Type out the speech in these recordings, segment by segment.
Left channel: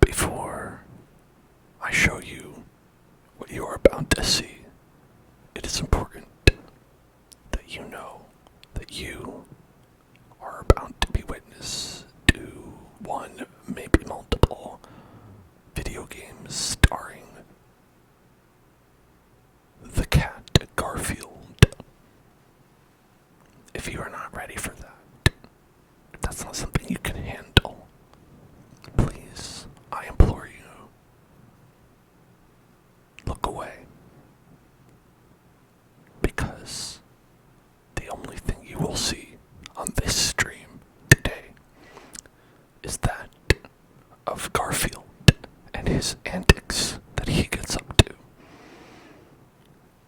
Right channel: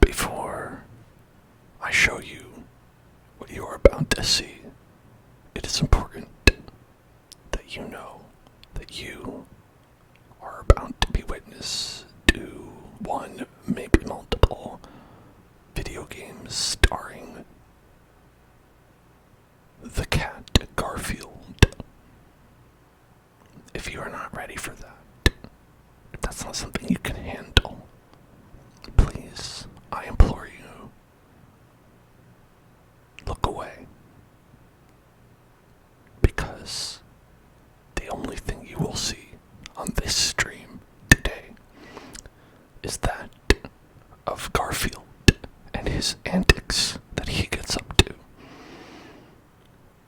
Before I show you what you are about to see, it is important that you know that you are about to be witness to one, maybe multiple, video games starring the cat Garfield. If you are not ready for that, if that's not something you can handle, please, I implore you, look away. Because the only thing you will see on this stream today is that of Garfield and his antics that he gets up to.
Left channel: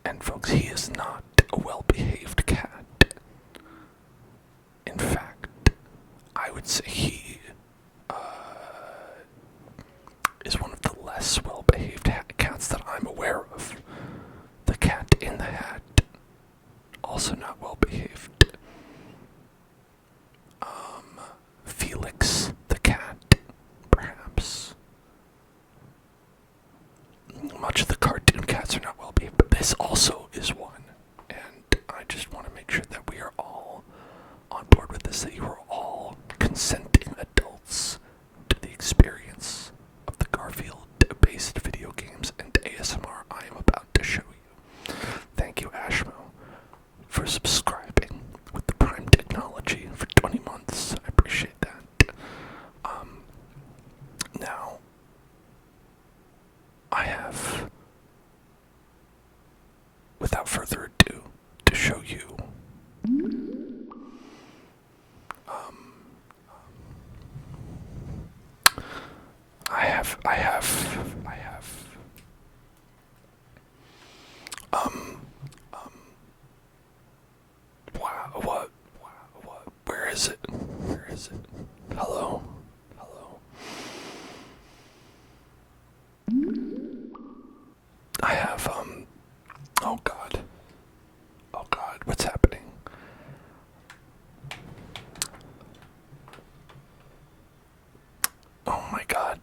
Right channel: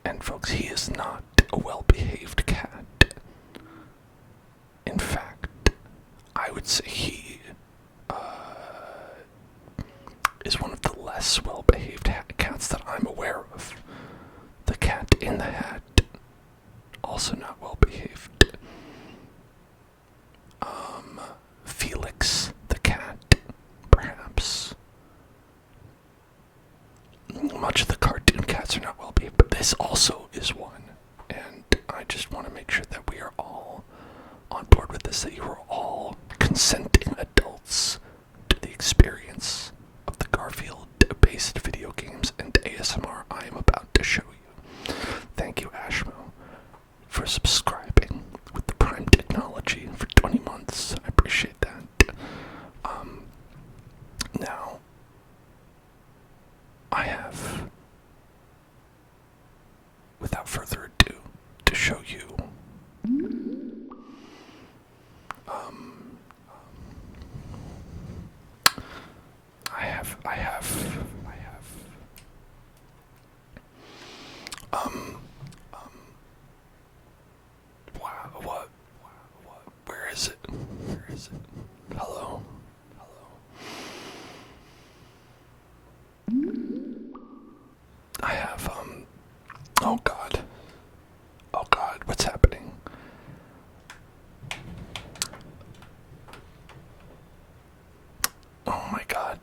And folks, he is not a well-behaved cat. In fact, I would say he is one of the less well-behaved cats that I'm aware of. The cat in the hat, also not well-behaved. Felix the cat, perhaps. Much of the cartoon cats are not well-behaved, but this also is one. And I just want to make sure that we are all on board with this, that you are all consenting adults to the experience of the Garfield-based video games and ASMR I am about to show you. Thank you, Ashmo, for subscribing with the Prime technology for 20 months. I appreciate that. Now, I have, without further ado, to show you where is it? Hello? I have, oh god, what's happening? Oh my god,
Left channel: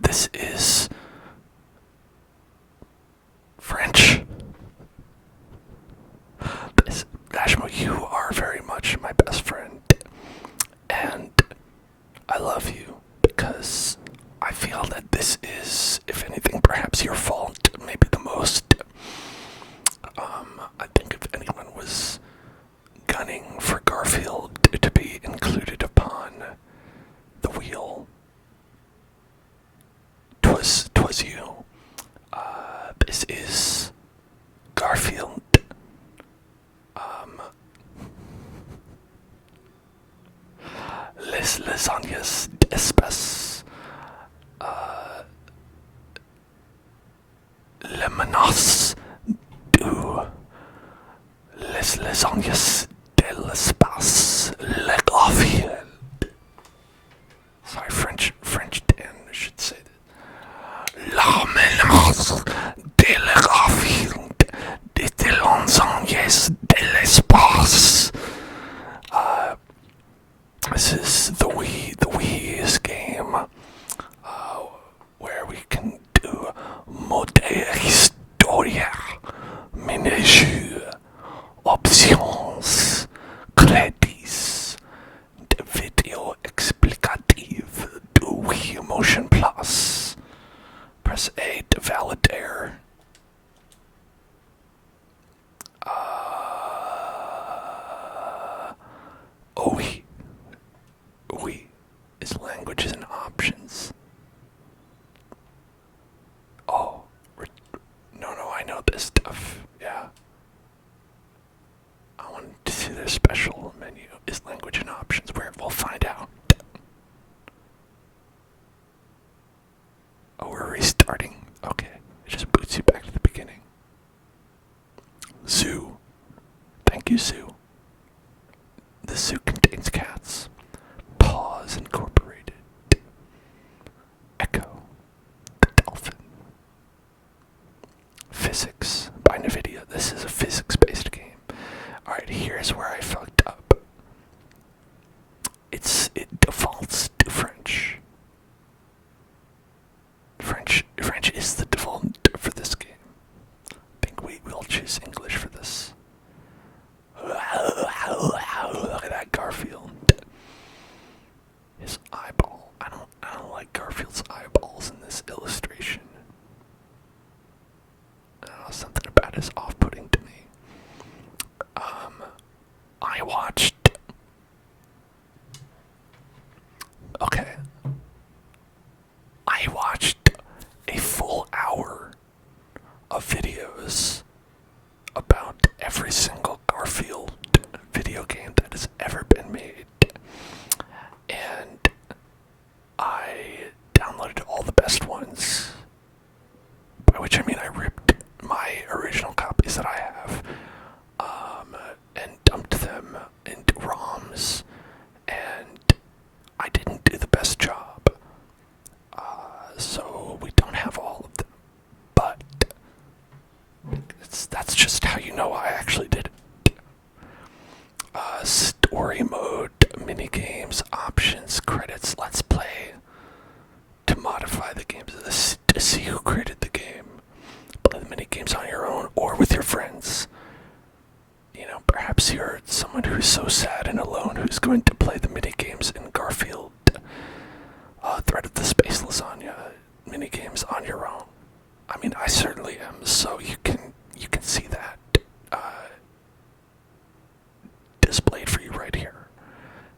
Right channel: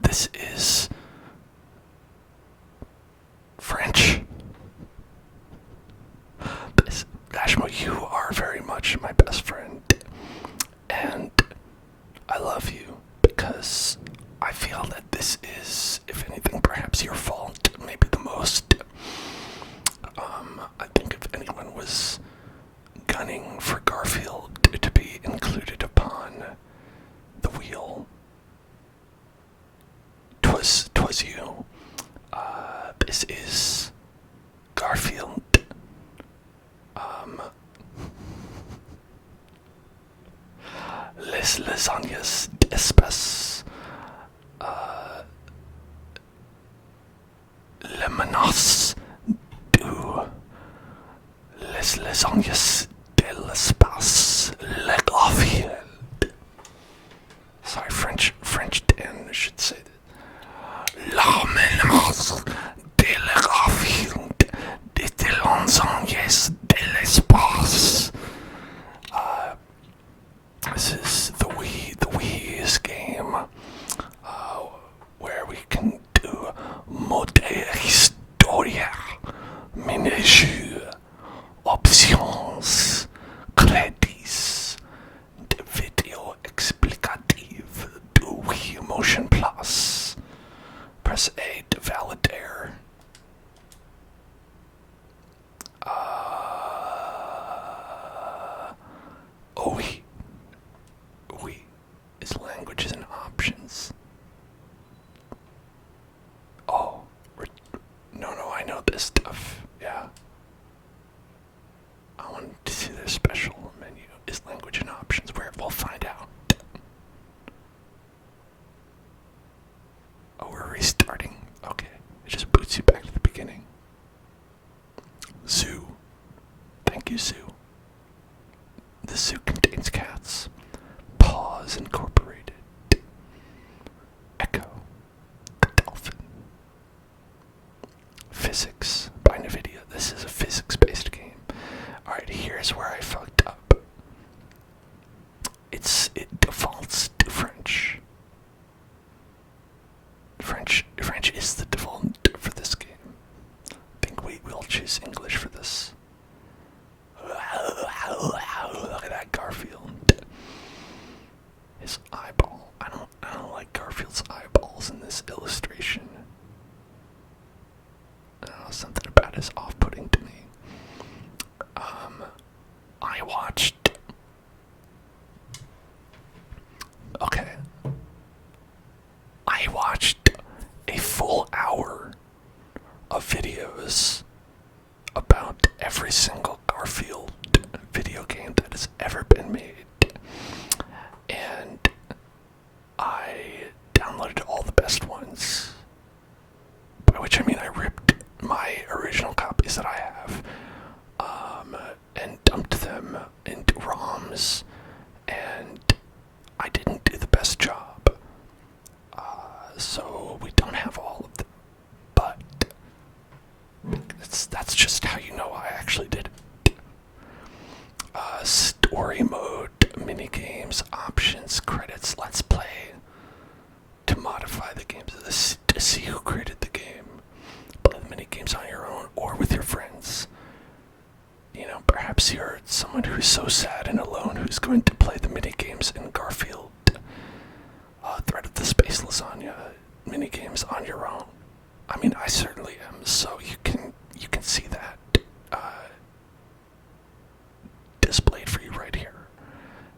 this is French. Ashmo, you are very much my best friend, and I love you because I feel that this is, if anything, perhaps your fault, maybe the most. I think if anyone was gunning for Garfield to be included upon the wheel, 'twas you. This is Garfield. Les lasagnes d'espèce. Le menace du les lasagnes de l'espace. Le Garfield. Sorry, French Dan should say that. La menace de le Garfield de lasagnes de l'espace. This is the Wii's game, where we can do mode historia, menu, options, credits, the video explicative, do Wii Motion Plus. Press A to validate. Oui is languages and options. Oh, no, I know this stuff. Yeah. I want to see the special menu is language and options, where we'll find out. Oh, we're restarting. Okay, it just boots you back to the beginning. Zoo. Thank you, Zoo. The zoo contains cats. Paws Incorporated. Echo. The dolphin. Physics by NVIDIA. This is a physics-based game. Alright, here's where I fucked up. It defaults to French. French is the default for this game. I think we'll choose English for this. Look at that Garfield. His eyeball. I don't like Garfield's eyeballs in this illustration. Something about it is off-putting to me. I watched. Okay. I watched a full hour of videos about every single Garfield video game that has ever been made. And I downloaded all the best ones. By which I mean I ripped my original copies that I have and dumped them into ROMs, and I didn't do the best job. So we don't have all of them. But that's just how you know I actually did it. Story mode, minigames, options, credits, let's play, to modify the games, to see who created the game. Play the minigames on your own or with your friends. You know, perhaps you're someone who's so sad and alone who's going to play the minigames in Garfield, Threat of the Space Lasagna minigames on your own. I mean, I certainly am, so you can see that displayed for you right here.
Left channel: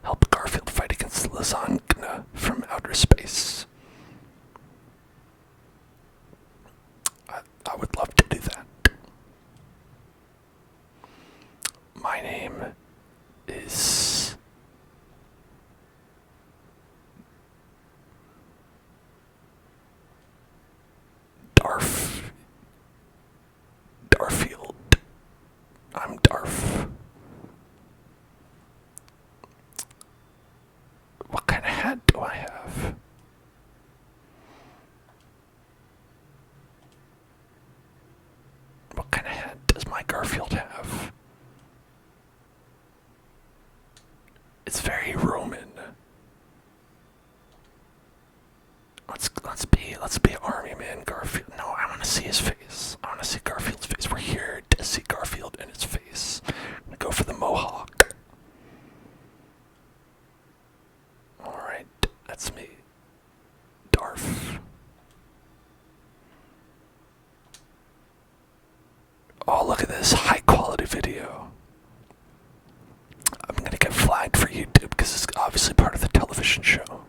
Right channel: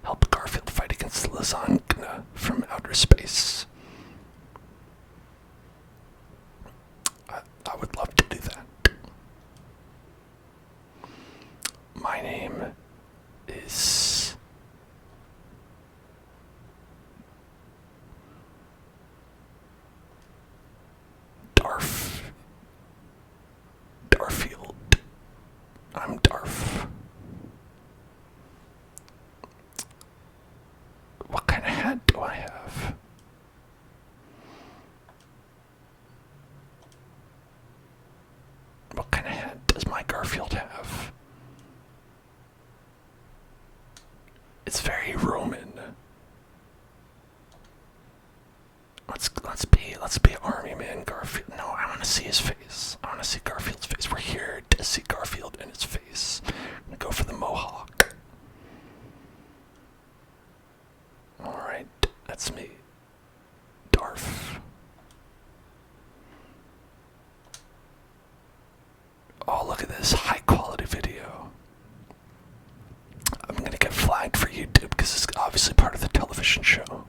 Help Garfield fight against the lasagna from outer space. I would love to do that. My name is Garfield. I'm Darf. What kind of hat do I have? What kind of hat does my Garfield have? It's very Roman. Let's be Army Man Garfield. No, I want to see his face. I want to see Garfield's face. We're here to see Garfield and his face. I'm gonna go for the mohawk. Alright, that's me. Darf. Oh, look at this high quality video. I'm gonna get flagged for YouTube because it's obviously part of the television show.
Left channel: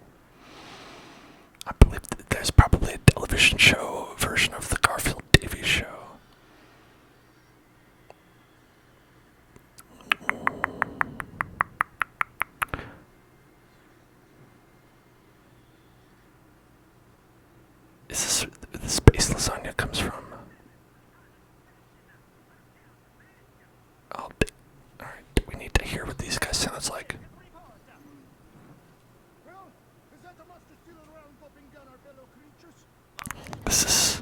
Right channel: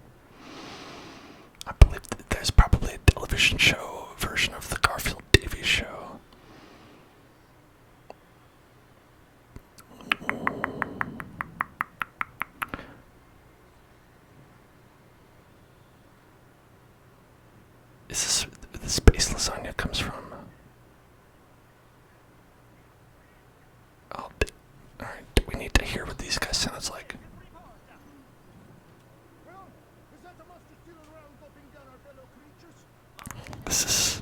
I believe that there's probably a television show version of the Garfield TV show. Is this where the space lasagna comes from? Alright, we need to hear what these guys sounds like. This is...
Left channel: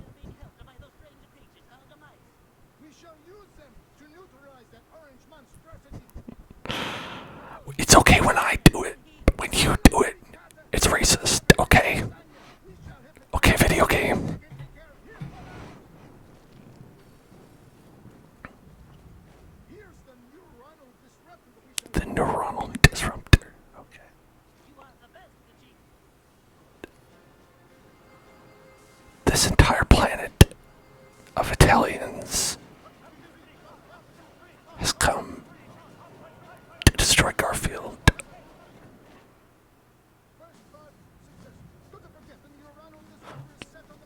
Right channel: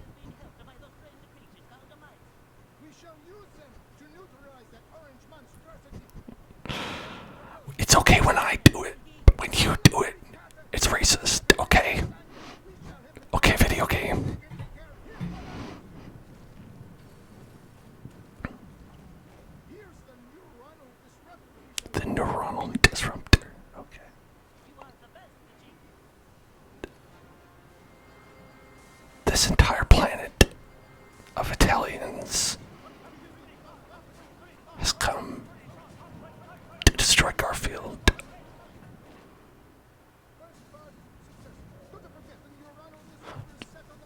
It's okay when I do it, but when you do it, it's racist, okay? Okay, video game. The neuronal disruptor, okay. This entire planet of Italians has come to destroy Garfield.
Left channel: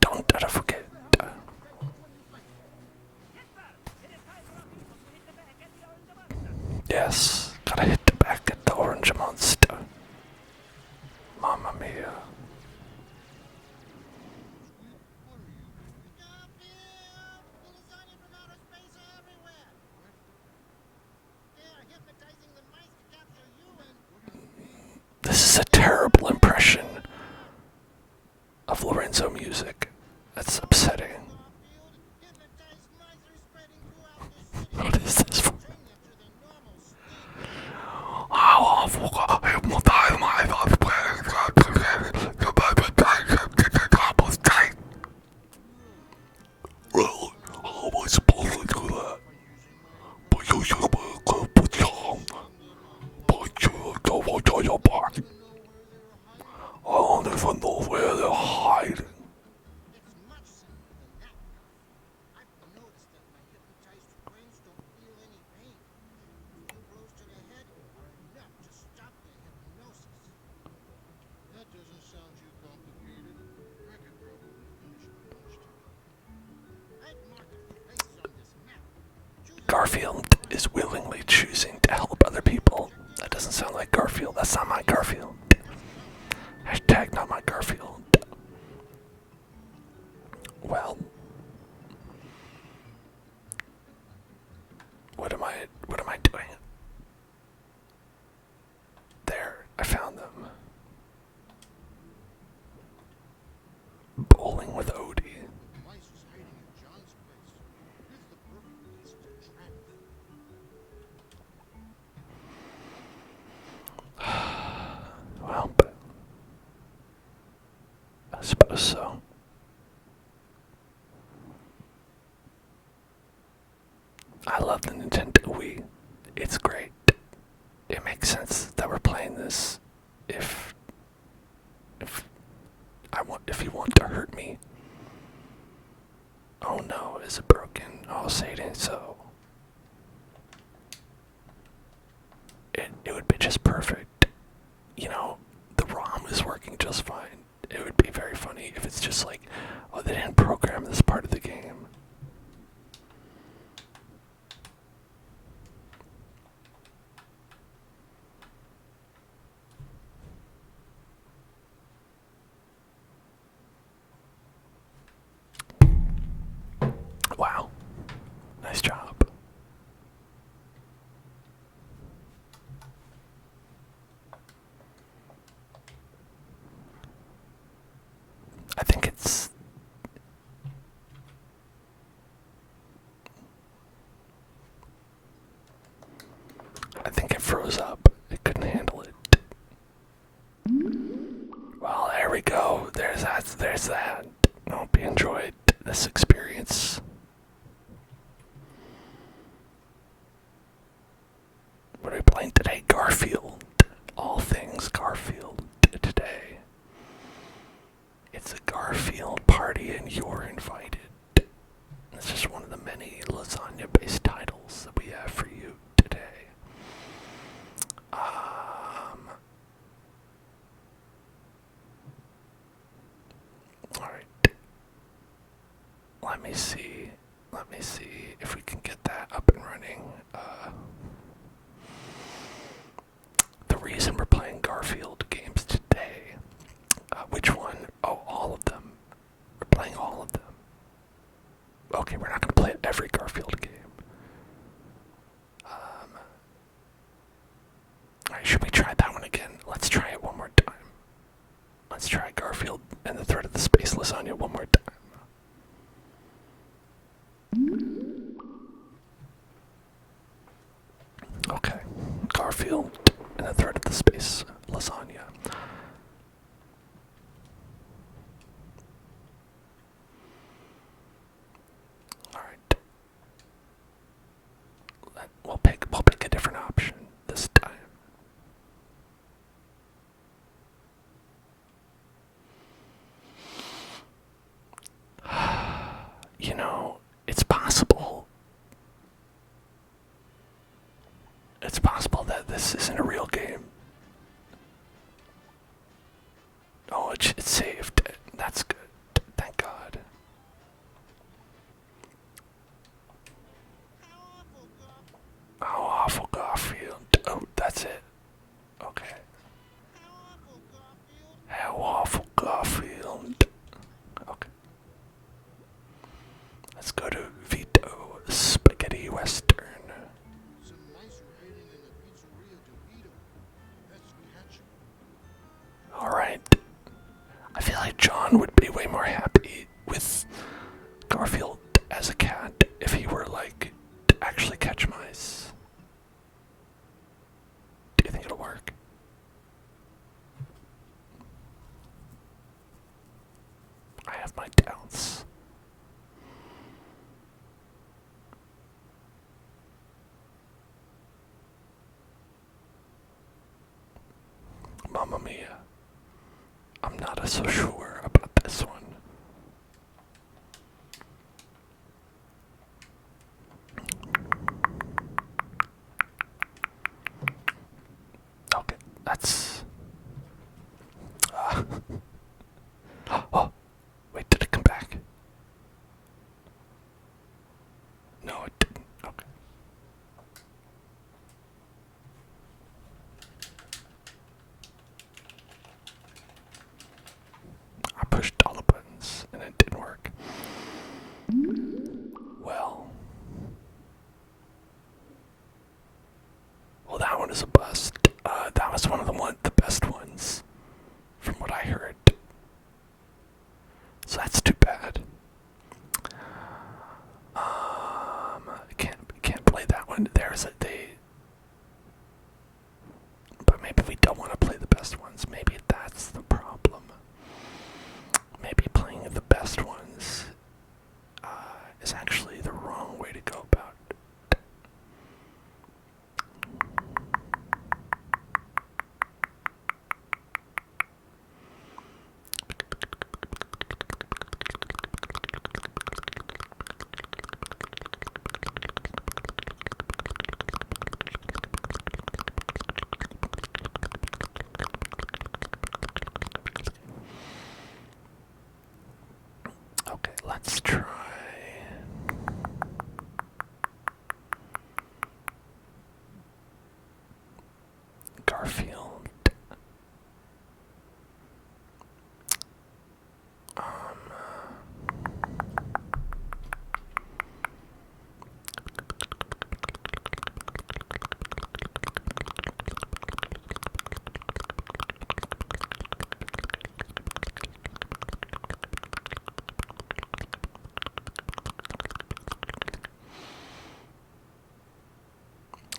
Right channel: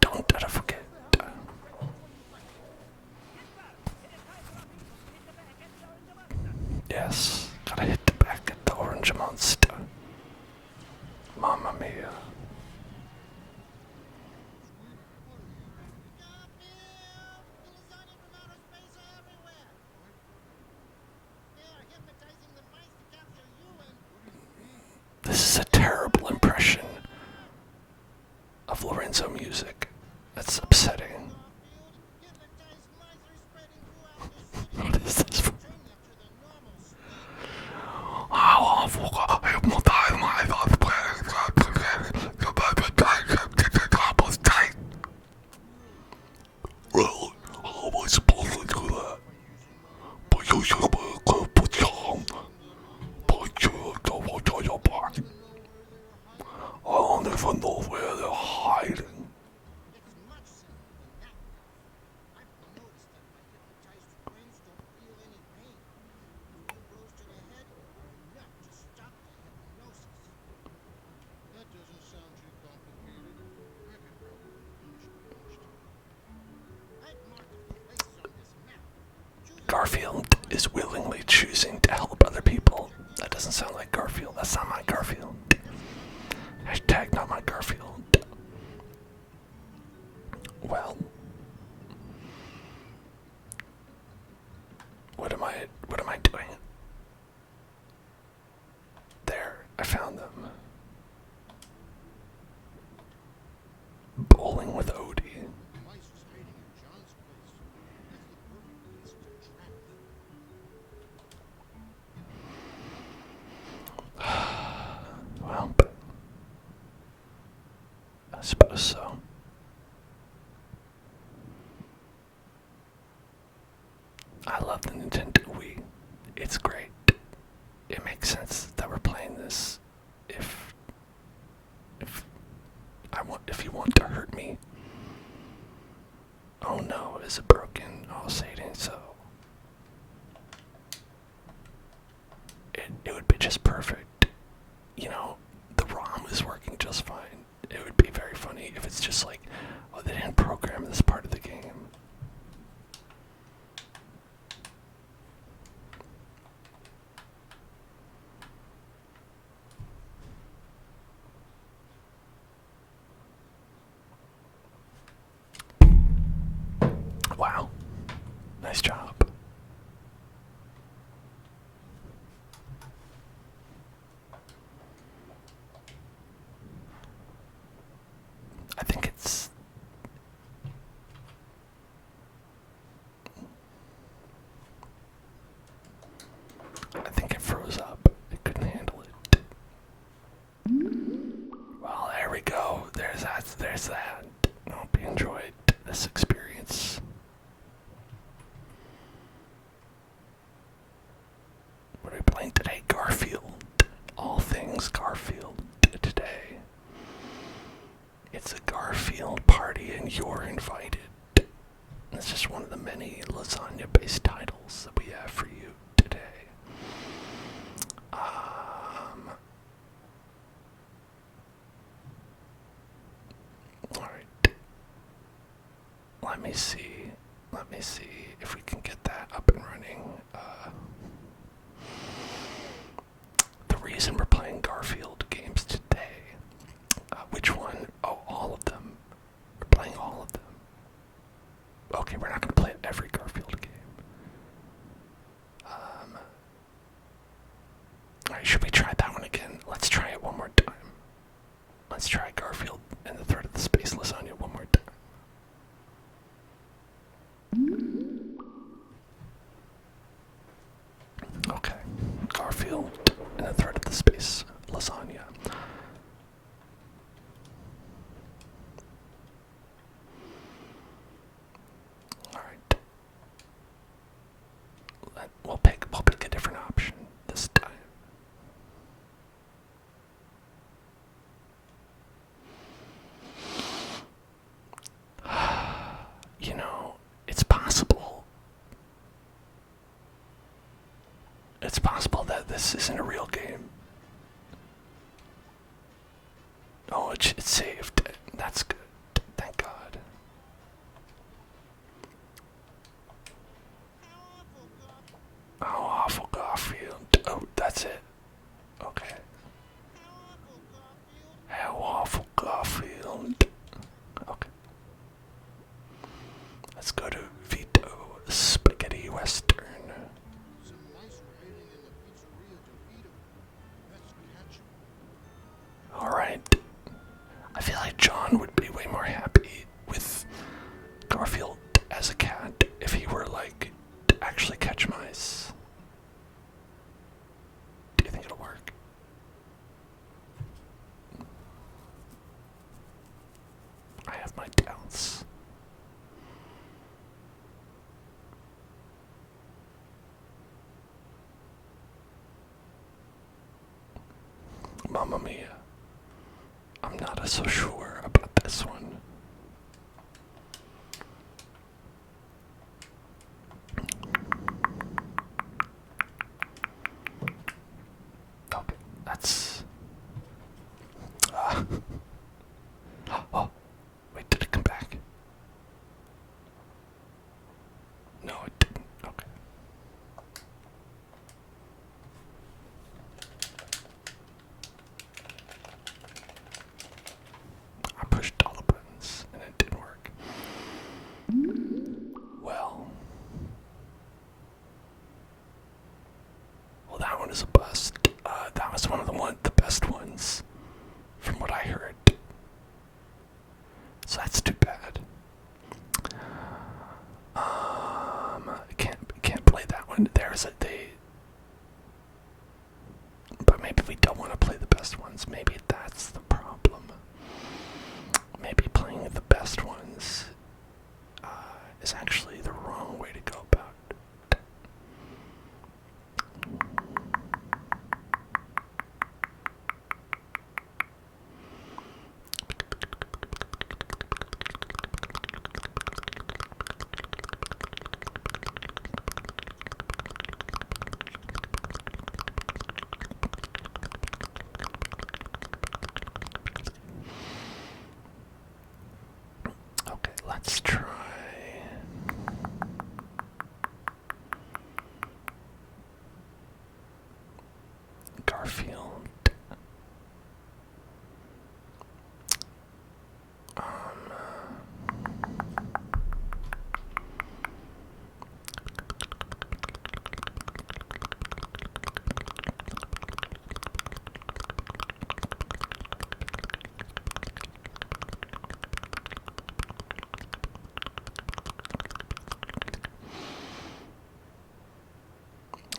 Don't ever forget. Yes, gotta hit the back at the orange monster. Mamma mia. This is a terrible impression of Lorenzo music. That's upsetting. What is this for? know where they're hiding. It's much simpler than that, Garfield. I've noticed that my hypnotized twins don't feel any pain. A few blows to the head are enough to stop the hypnosis. That doesn't sound too complicated. I could probably finish it most. I've marked a few places on this map. Garfield is willingly choosing to help other people. That doesn't sound like Garfield. That's not my Garfield. Hashtag not my Garfield. Well, what am I doing? There, I found them. Bowling with Odie. Mice is hiding in John's place. It's the perfect place to trap them. Well, but I suppose so. I love the Nintendo Wii. It's great. It makes sense that we're playing this if you want to hurt me. Oh no, is it broken? Oh, say it ain't so. It would be just perfect. You know, the ROM is working just fine. It would be very funny if it's just like, oh, they didn't program this part of the game. Wow. Nice job. I think it froze up. It couldn't handle it. Well, there we go. There's that. I hope you enjoyed this experience. What are we playing today? Garfield. All things Garfield today. It's a Garfield party and you're invited. It's just one of the many lasagna-based titles that we have for you today. Alright. Let me see if we can get that up and running. The reason we're playing Garfield games today, which one? Oh, all of them. We're playing all of them. Okay, we're not going to play every Garfield game. Alright, should we try that one again? Let's try it one more time. Let's try Garfield and the Threat of the Space Lasagna one more time. Okay, Garfield and the Threat of the Space Lasagna. Alright. We'll pick a different option this time. You know, it's possible. It's possible that this isn't a real game. Oh, it saved. That's good. Thank God. How awful, Garfield. Oh, that's it. Okay. How awful, Garfield. Okay. Let's go to Vito, Spaghetti Western. Some mice were hiding in the pizzeria DeVito. Let's catch them. Alright. I feel like John would be way more happy with Garfield as a cat if he were, like, to actually catch mice. Do you think it'll work? I have my doubts. Mamma mia. I'm not a so sure about this one. Okay, that's... Oh, wait, did it come back? No, it didn't. Okay. I pushed all the buttons and it didn't work. Well, that one is a bust. That was one of the best ones, from what I heard. So that's too bad. Can't play that one. But maybe we don't want to play the best ones. Maybe that's the problem. Maybe playing the best ones is actually the wrong way to go about it. Okay, let's try Garfield.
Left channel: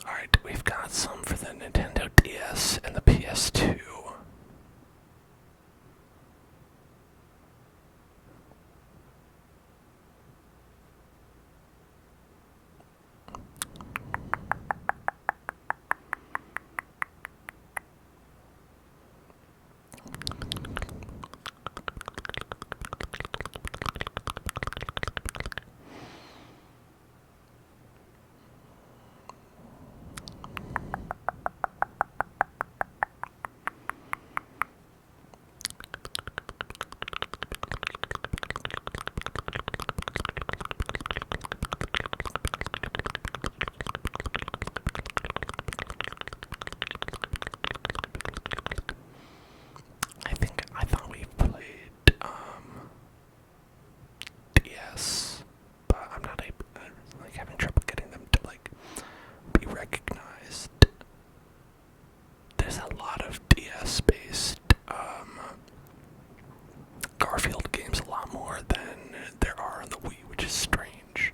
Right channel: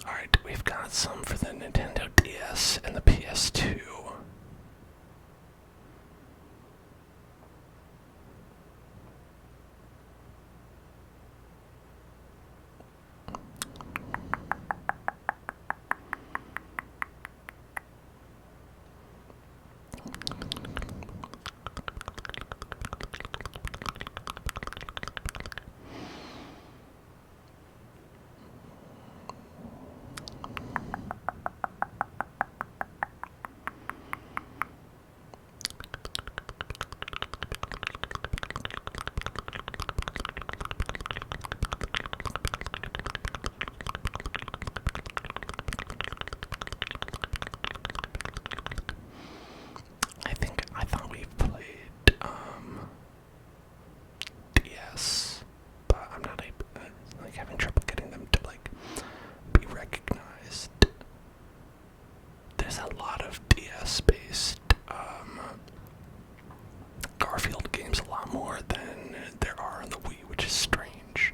Alright, we've got some for the Nintendo DS and the PS2. I thought we played DS, but I'm not having trouble getting them to be recognized. There's a lot of DS-based Garfield games, a lot more than there are on the Wii, which is strange.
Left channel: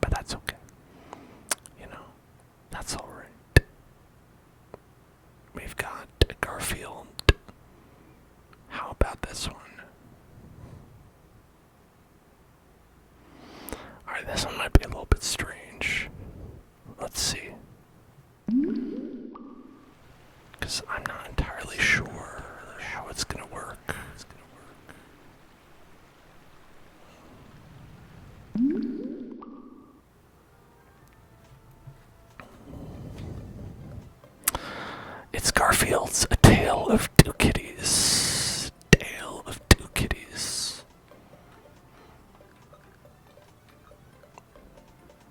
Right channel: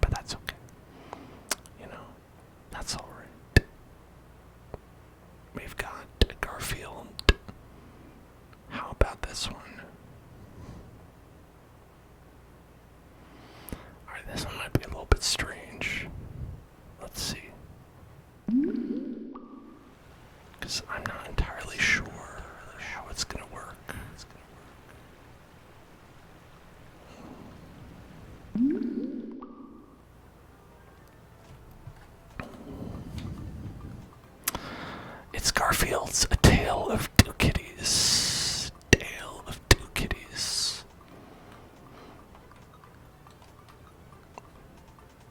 But that's okay. That's alright. We've got Garfield. How about this one? Alright, this one might be a little bit strange. Let's see. Because I'm not entirely sure how it's gonna work. It's Garfield's A Tale of Two Kitties. Tale of Two Kitties.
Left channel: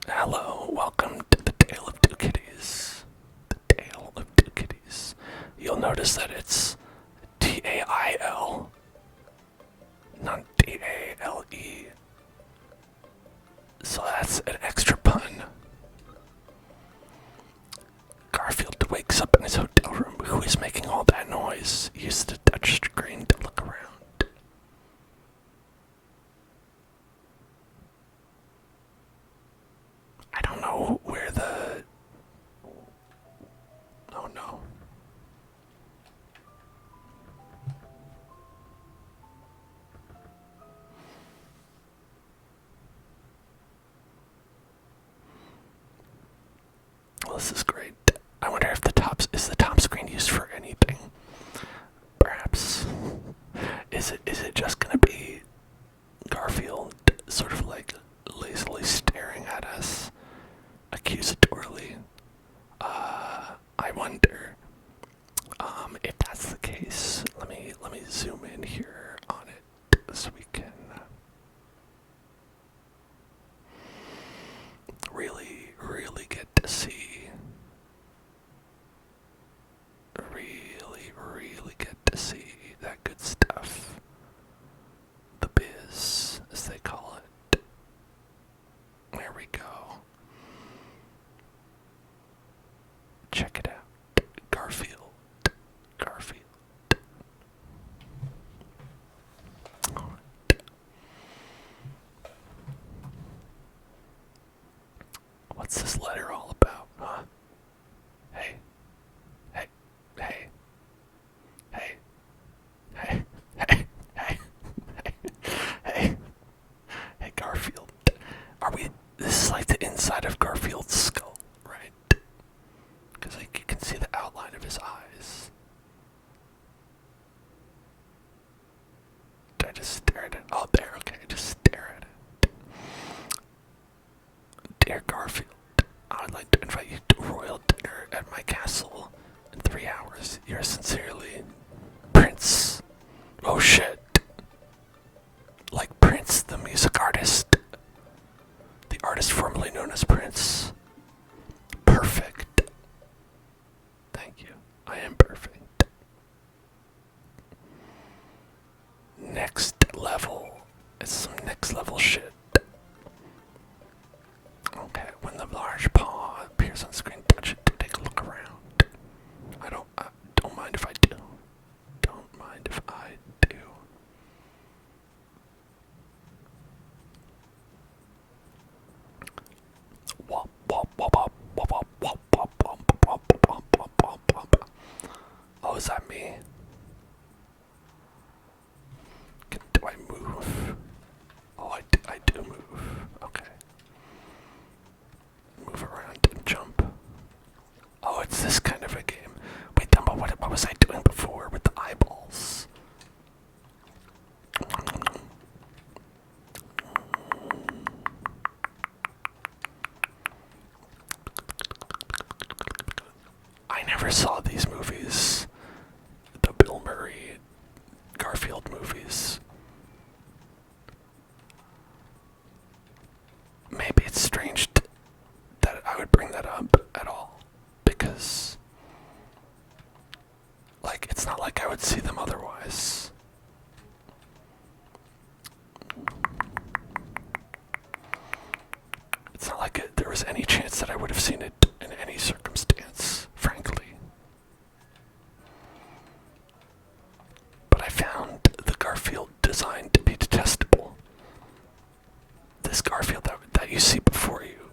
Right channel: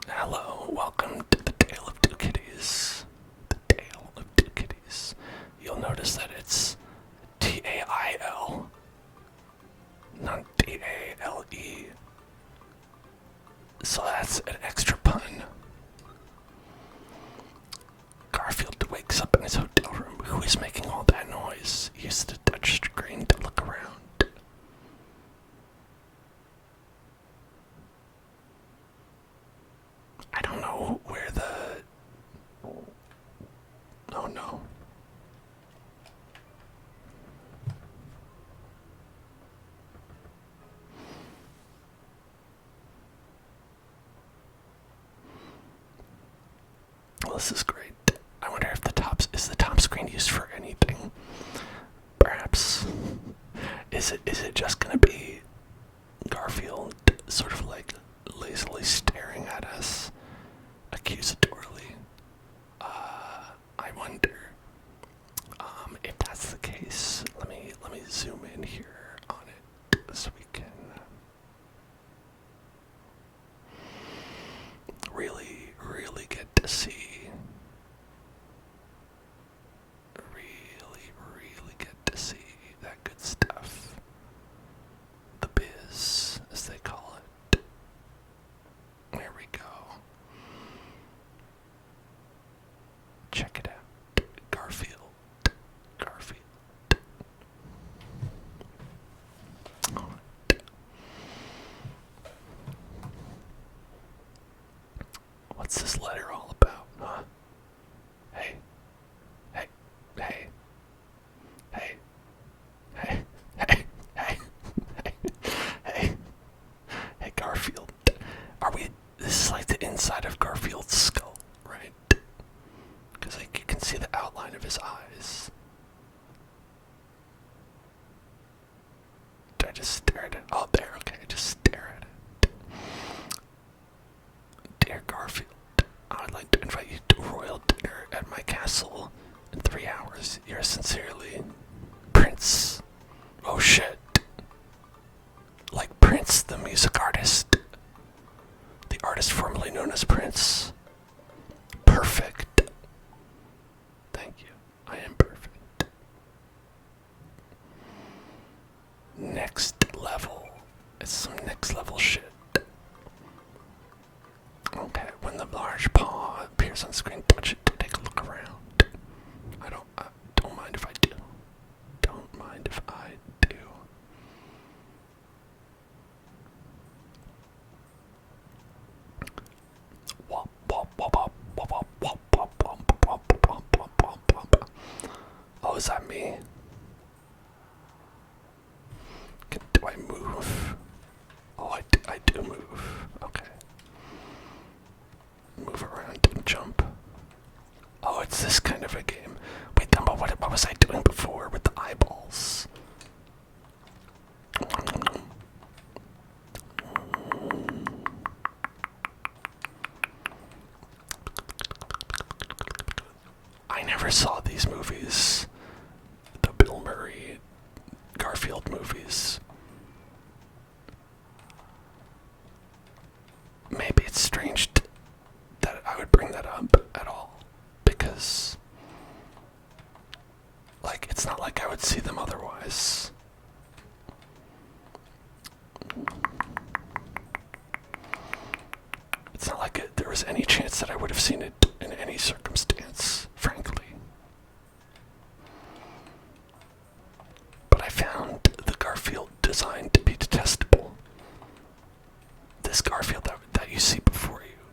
Hello, welcome to the Tale of Two Kitties. The Tale of Two Kitties. You'll notice that it's T-A-I-L, not D-A-L-E. So that's an extra pun. Garfield wakes up in his hotel room. Who is making all that noise? He uses the touch screen to look around. I don't know where the... Oh no. this is great. I wonder if is the top screen used for anything? Perhaps. Is it just gonna be Garfield sort of like lazily staring at us accusatorily? I wonder. If that's the case, let me zoom in here on it so we can really get to see. Really get to see that good stuff. The biz, as they call it. There we go. Check it out. Garfield. Alright. What's this letter all about, huh? Hey. Hey. Hey. Hey. Hey. Hey. Hey. Hey. Hey, Garfield. This is like the inside of Garfield's skull, right? Because you can see the outline of his eyes. Did I just stare at it? Oh, there, okay, just stare at it. Dear Garfield, I would like to invite you to a royal dinner at my castle in 3 hours. Yours sincerely, Prince. Oh shit. Like Prince, the music artist. The artist formerly known as Prince. Perfect. Thank you. I am perfect. Next level. It's some next level shit. Okay, when the large paw appears on screen, touch it to take a look around. I don't mind if I do. Don't mind if I do. Wop wop wop wop wop wop wop wop wop wop wop wop wop. Oh, is that me? Do I move? Oh, I do move. Okay. Move around and jump. Oh, it's this kind of a game. Wait, Dumbo, what was I doing before with the eyeballs? I never saw these movies. The Bill Murray, Garfield movies. Maybe it's strange that I would bring that up at all, because, like, it's not like I would see them otherwise. It's not like there was any chance that I would have seen it in any circumstance, frankly. But I found the Garfield design to be detestable. This Garfield that you see before you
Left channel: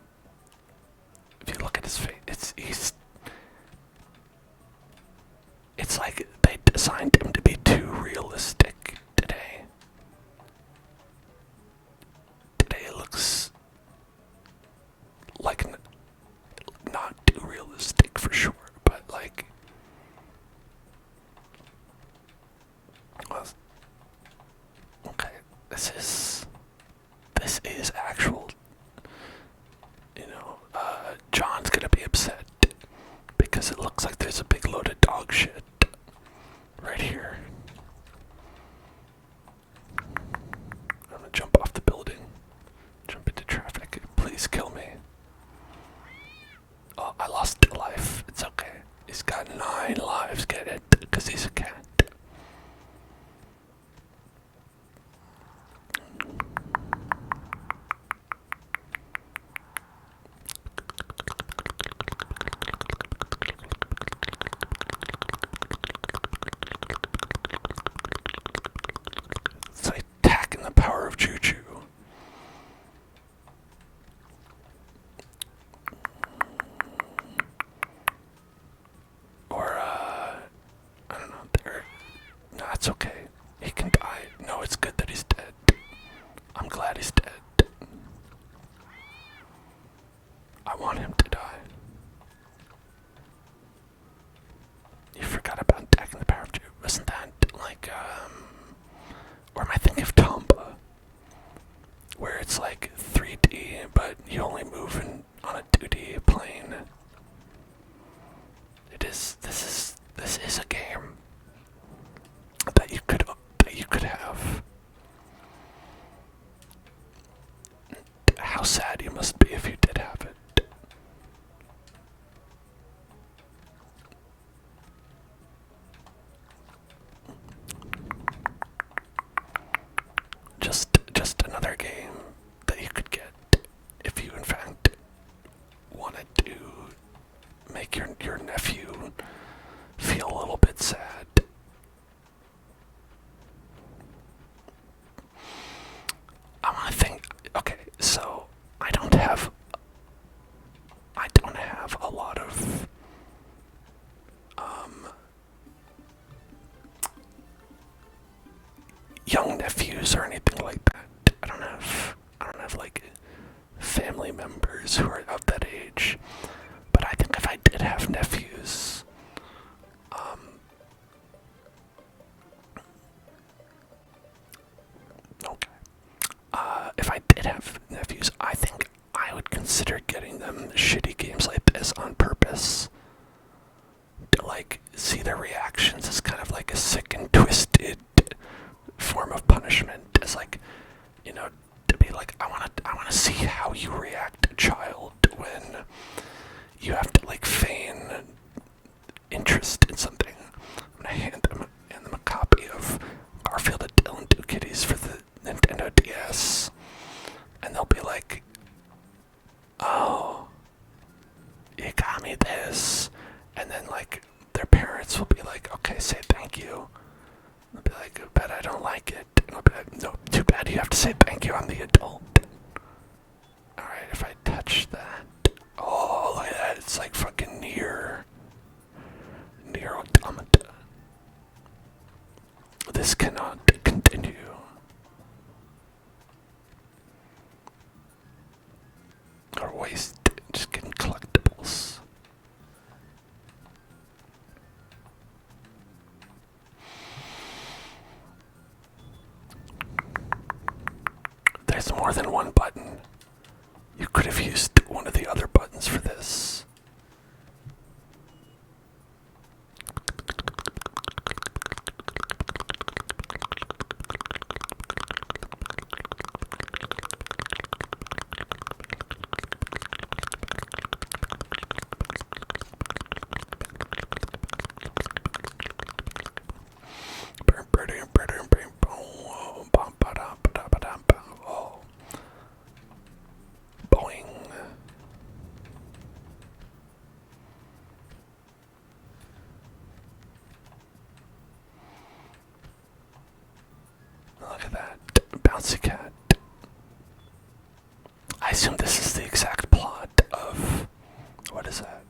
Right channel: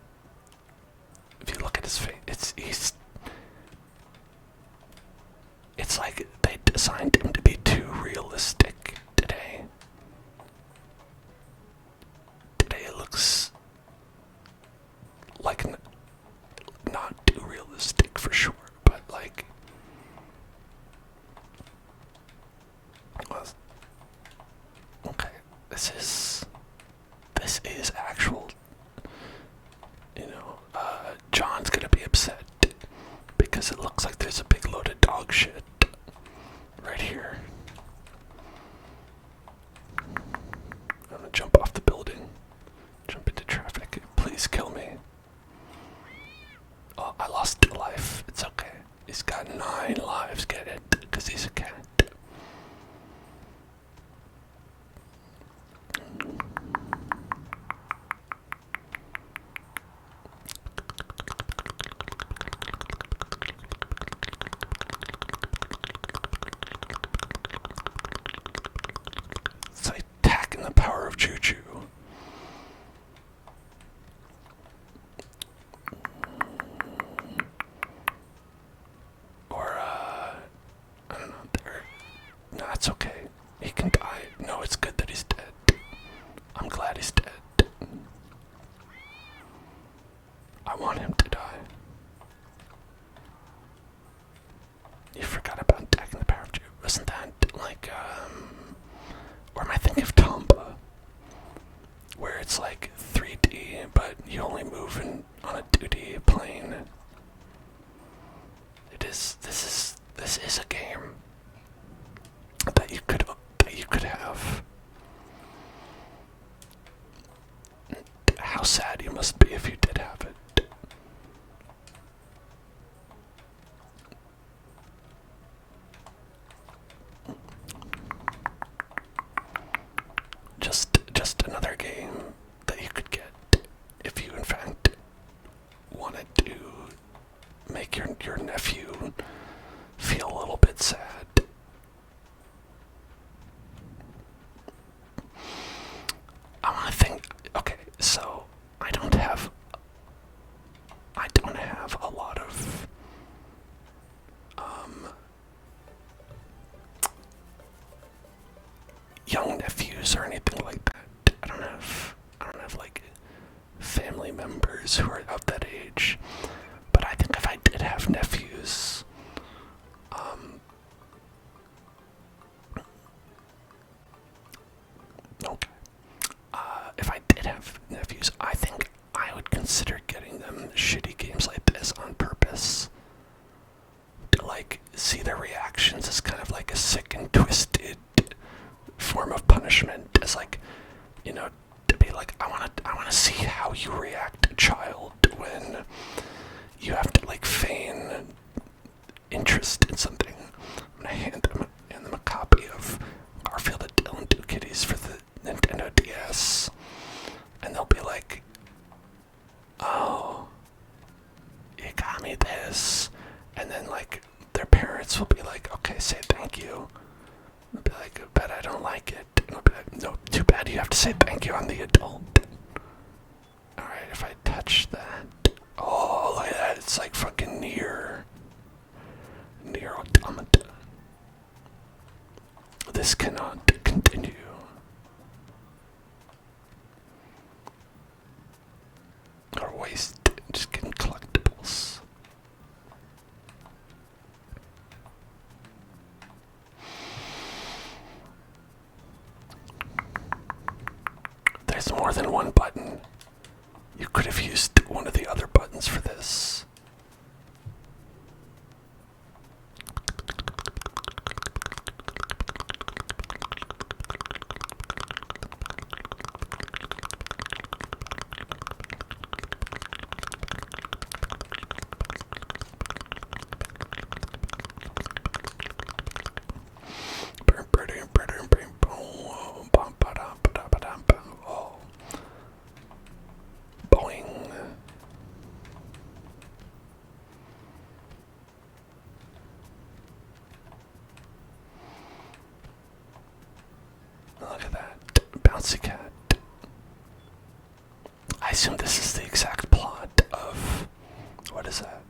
must be if you did have it. Just another game that you could get if you in fact wanted to make your nephew feel a little bit sad. I want to think. Okay, so I don't have a lot of young nephews or anything like that. I don't have like family members who are of that age. But I think if I did have nephews, okay. If I did have nephews, I think I would consider getting them shitty games like this on purpose. To like see their reactions as kind of like a sick and twisted form of punishment. As like, you know, to be like, I wanna see how you react, child, when you have to like feign interest in something. I'm gonna hand them a copy of Garfield and Dylan 2 Kitties for the Nintendo DS, and they'll be like, "Oh, you got me this," and then like their parents will be like, "Okay, say thank you." I'll be like, "Bet I don't like it." And I'll be like, "No, too bad. You have to say thank you. I'm the adult." All right, if I touch that, oh, look at that! It's like fucking near automata. This cannot continue. Or waste, just getting collectibles. There's more than one button. You could have used one of the other buttons for this. Boing. Look at that. Bouncy cat. I assume this is the exact plot of... What is that?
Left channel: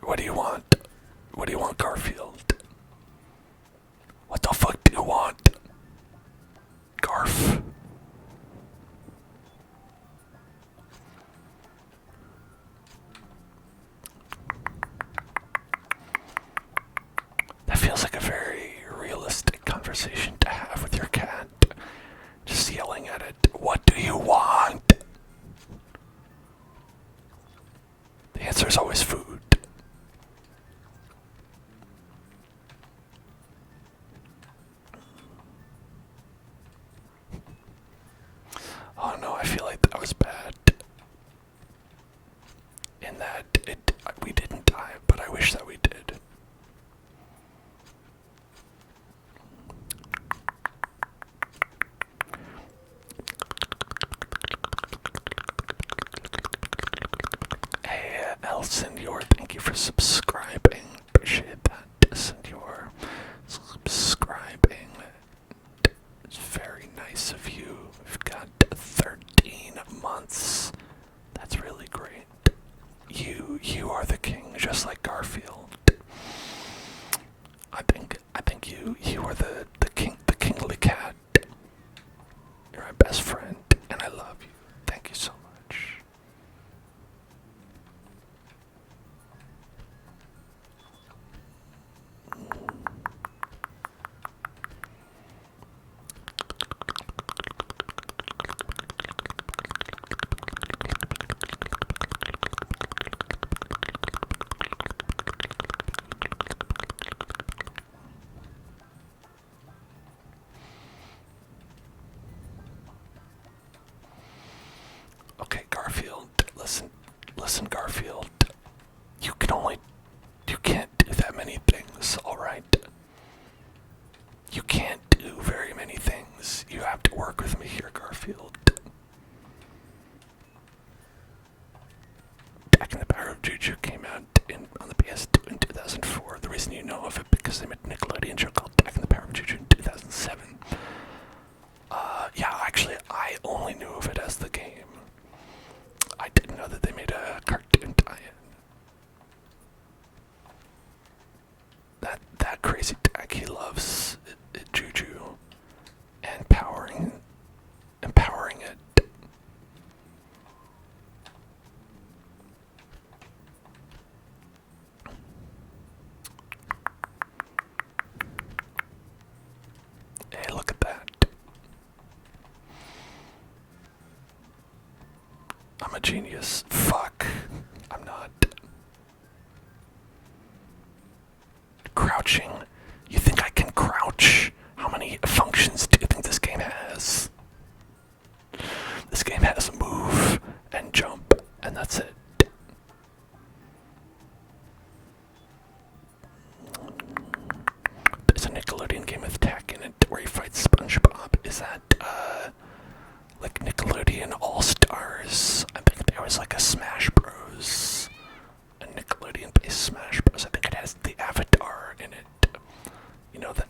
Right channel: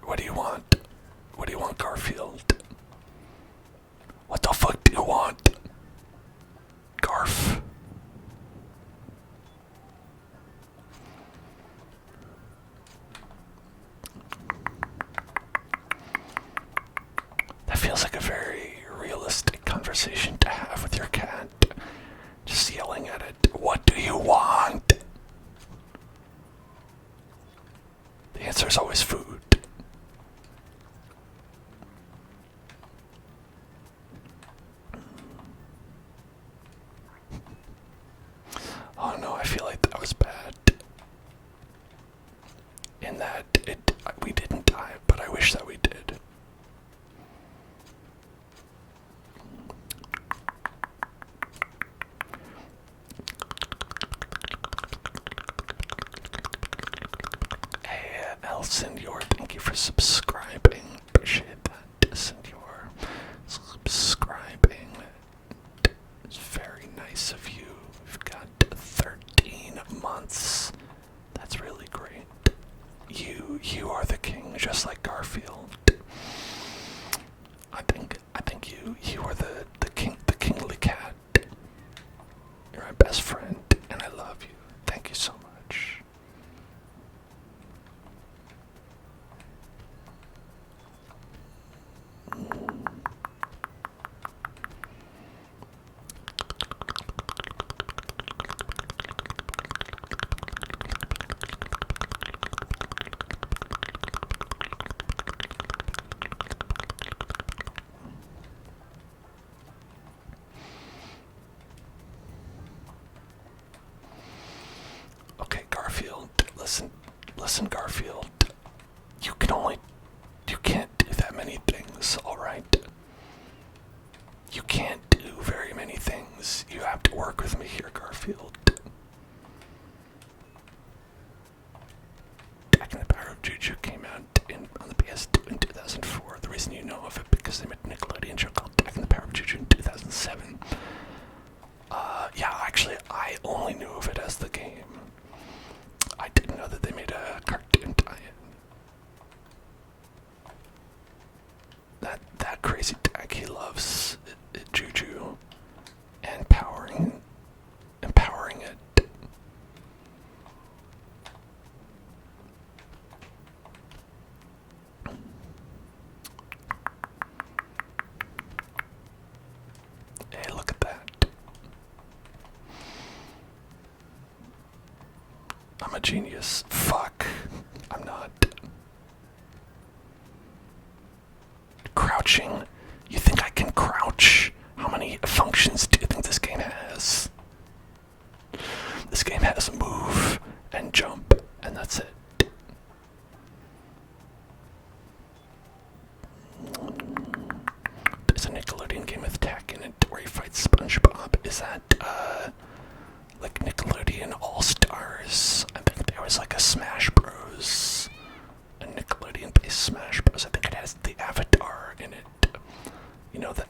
What do you want? What do you want, Garfield? What the fuck do you want? Garf. That feels like a very realistic conversation to have with your cat. Just yelling at it, "What do you want?" The answer is always food. Oh no, I feel like that was bad. In that we didn't die, but I wish that we did. Hey, El Senor, thank you for subscribing. Appreciate that, Senor. Subscribing. It's very nice of you. We've got 13 months. That's really great. You are the king, just like Garfield. I think you are the king, the kingly cat. You're my best friend, and I love you. Thank you so much. Listen, Garfield. You can't do that many things, alright? You can't do very many things. You have to work with me here, Garfield. Back in the Power of Juju came out on the PS2 in 2004. The reason you know of it because they made a Nickelodeon show called Back in the Power of Juju in 2007. Yeah, actually, I only knew of it as the game. I didn't know that they made a cartoon tie-in. That crazy tag, he loves Juju and empowering it. Hey, look at that. I'm a genius. Fuck. I'm not. Crouching. You think I can crouch? How many functions do you think this game has? This game has move and jump, and that's it. There's a Nickelodeon game with tech in it where he fights SpongeBob. Is that, like Nickelodeon All-Stars? I think there was like a Smash Bros. A Nickelodeon-based Smash Bros. I think it has the Avatar in it. You know, the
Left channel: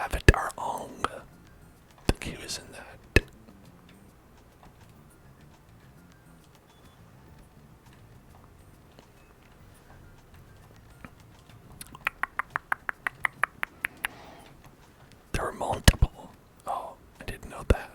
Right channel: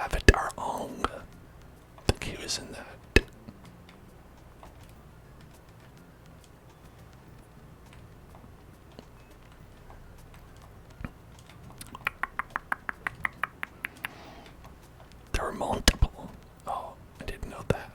Avatar Ong. I think he was in that. There were multiple. Oh, I didn't know that.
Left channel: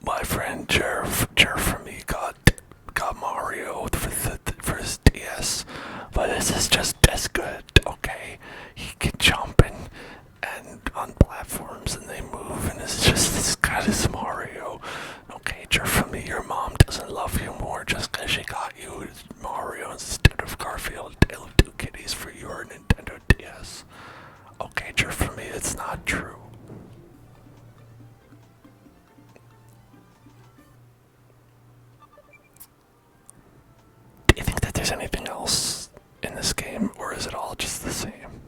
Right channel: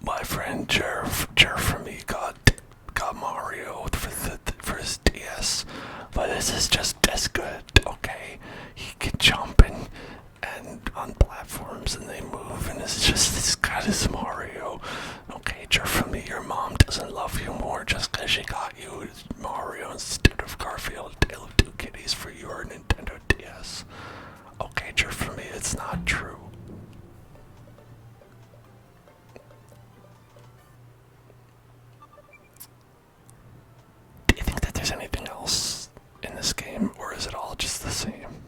My friend Jer from me got Mario for his DS, but this is just as good. Okay, he can jump and on platforms and they move, and it's just as good as Mario. Okay, Jer from me, your mom doesn't love you more just because she got you Mario instead of Garfield, Tale of Two Kitties for your Nintendo DS. Okay, Jer from me, it's not true. There's anything else in this game, or is it all just the same?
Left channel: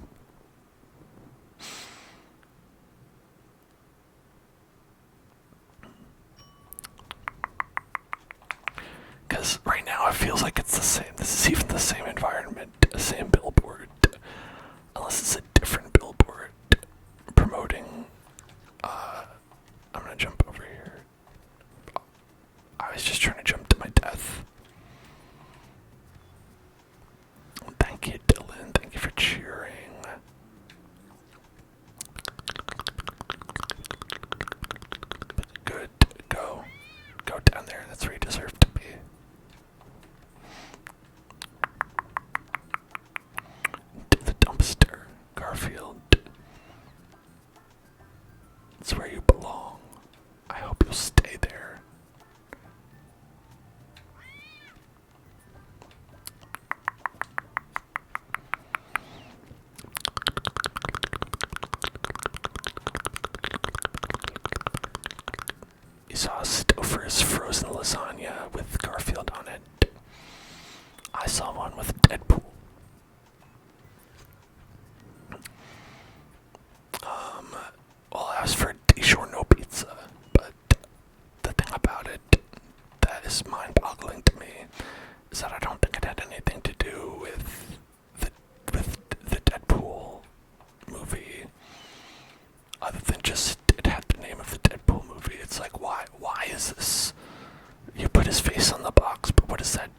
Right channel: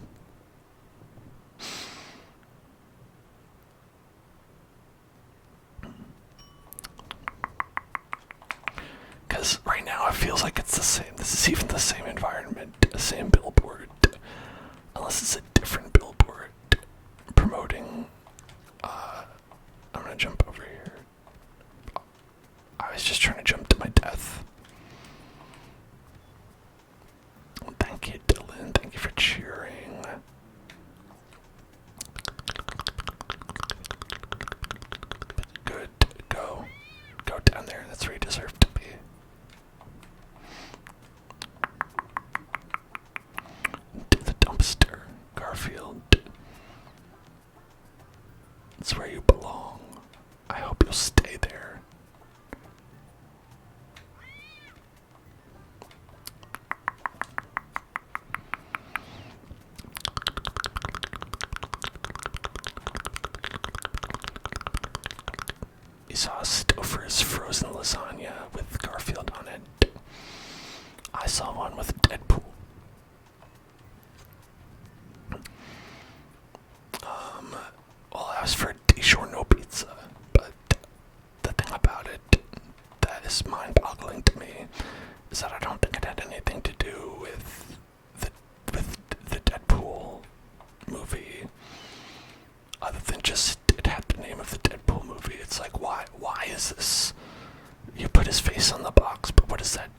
Because right now it feels like it's the same. This is even the same environment, the same billboard. Unless it's a different billboard promoting. I'm gonna jump over here. I was just trying to jump to my death. Thank you, Dylan. Thank you for cheering. Good. Go. Go down there. That's where you deserve to be. To the dumpster, Garfield. It's where you belong. I hope you'll stay there. You saw Stouffer's frozen lasagna with Garfield on it. I saw one with Deadpool. Well, I asked for DiGiorno pizza, but the thing about it that is mind-boggling to me is that I don't think it had anything to do with the Deadpool movie, other than just it had the name of the Deadpool movie. It's like, why is this? You put his face on the box, but what does that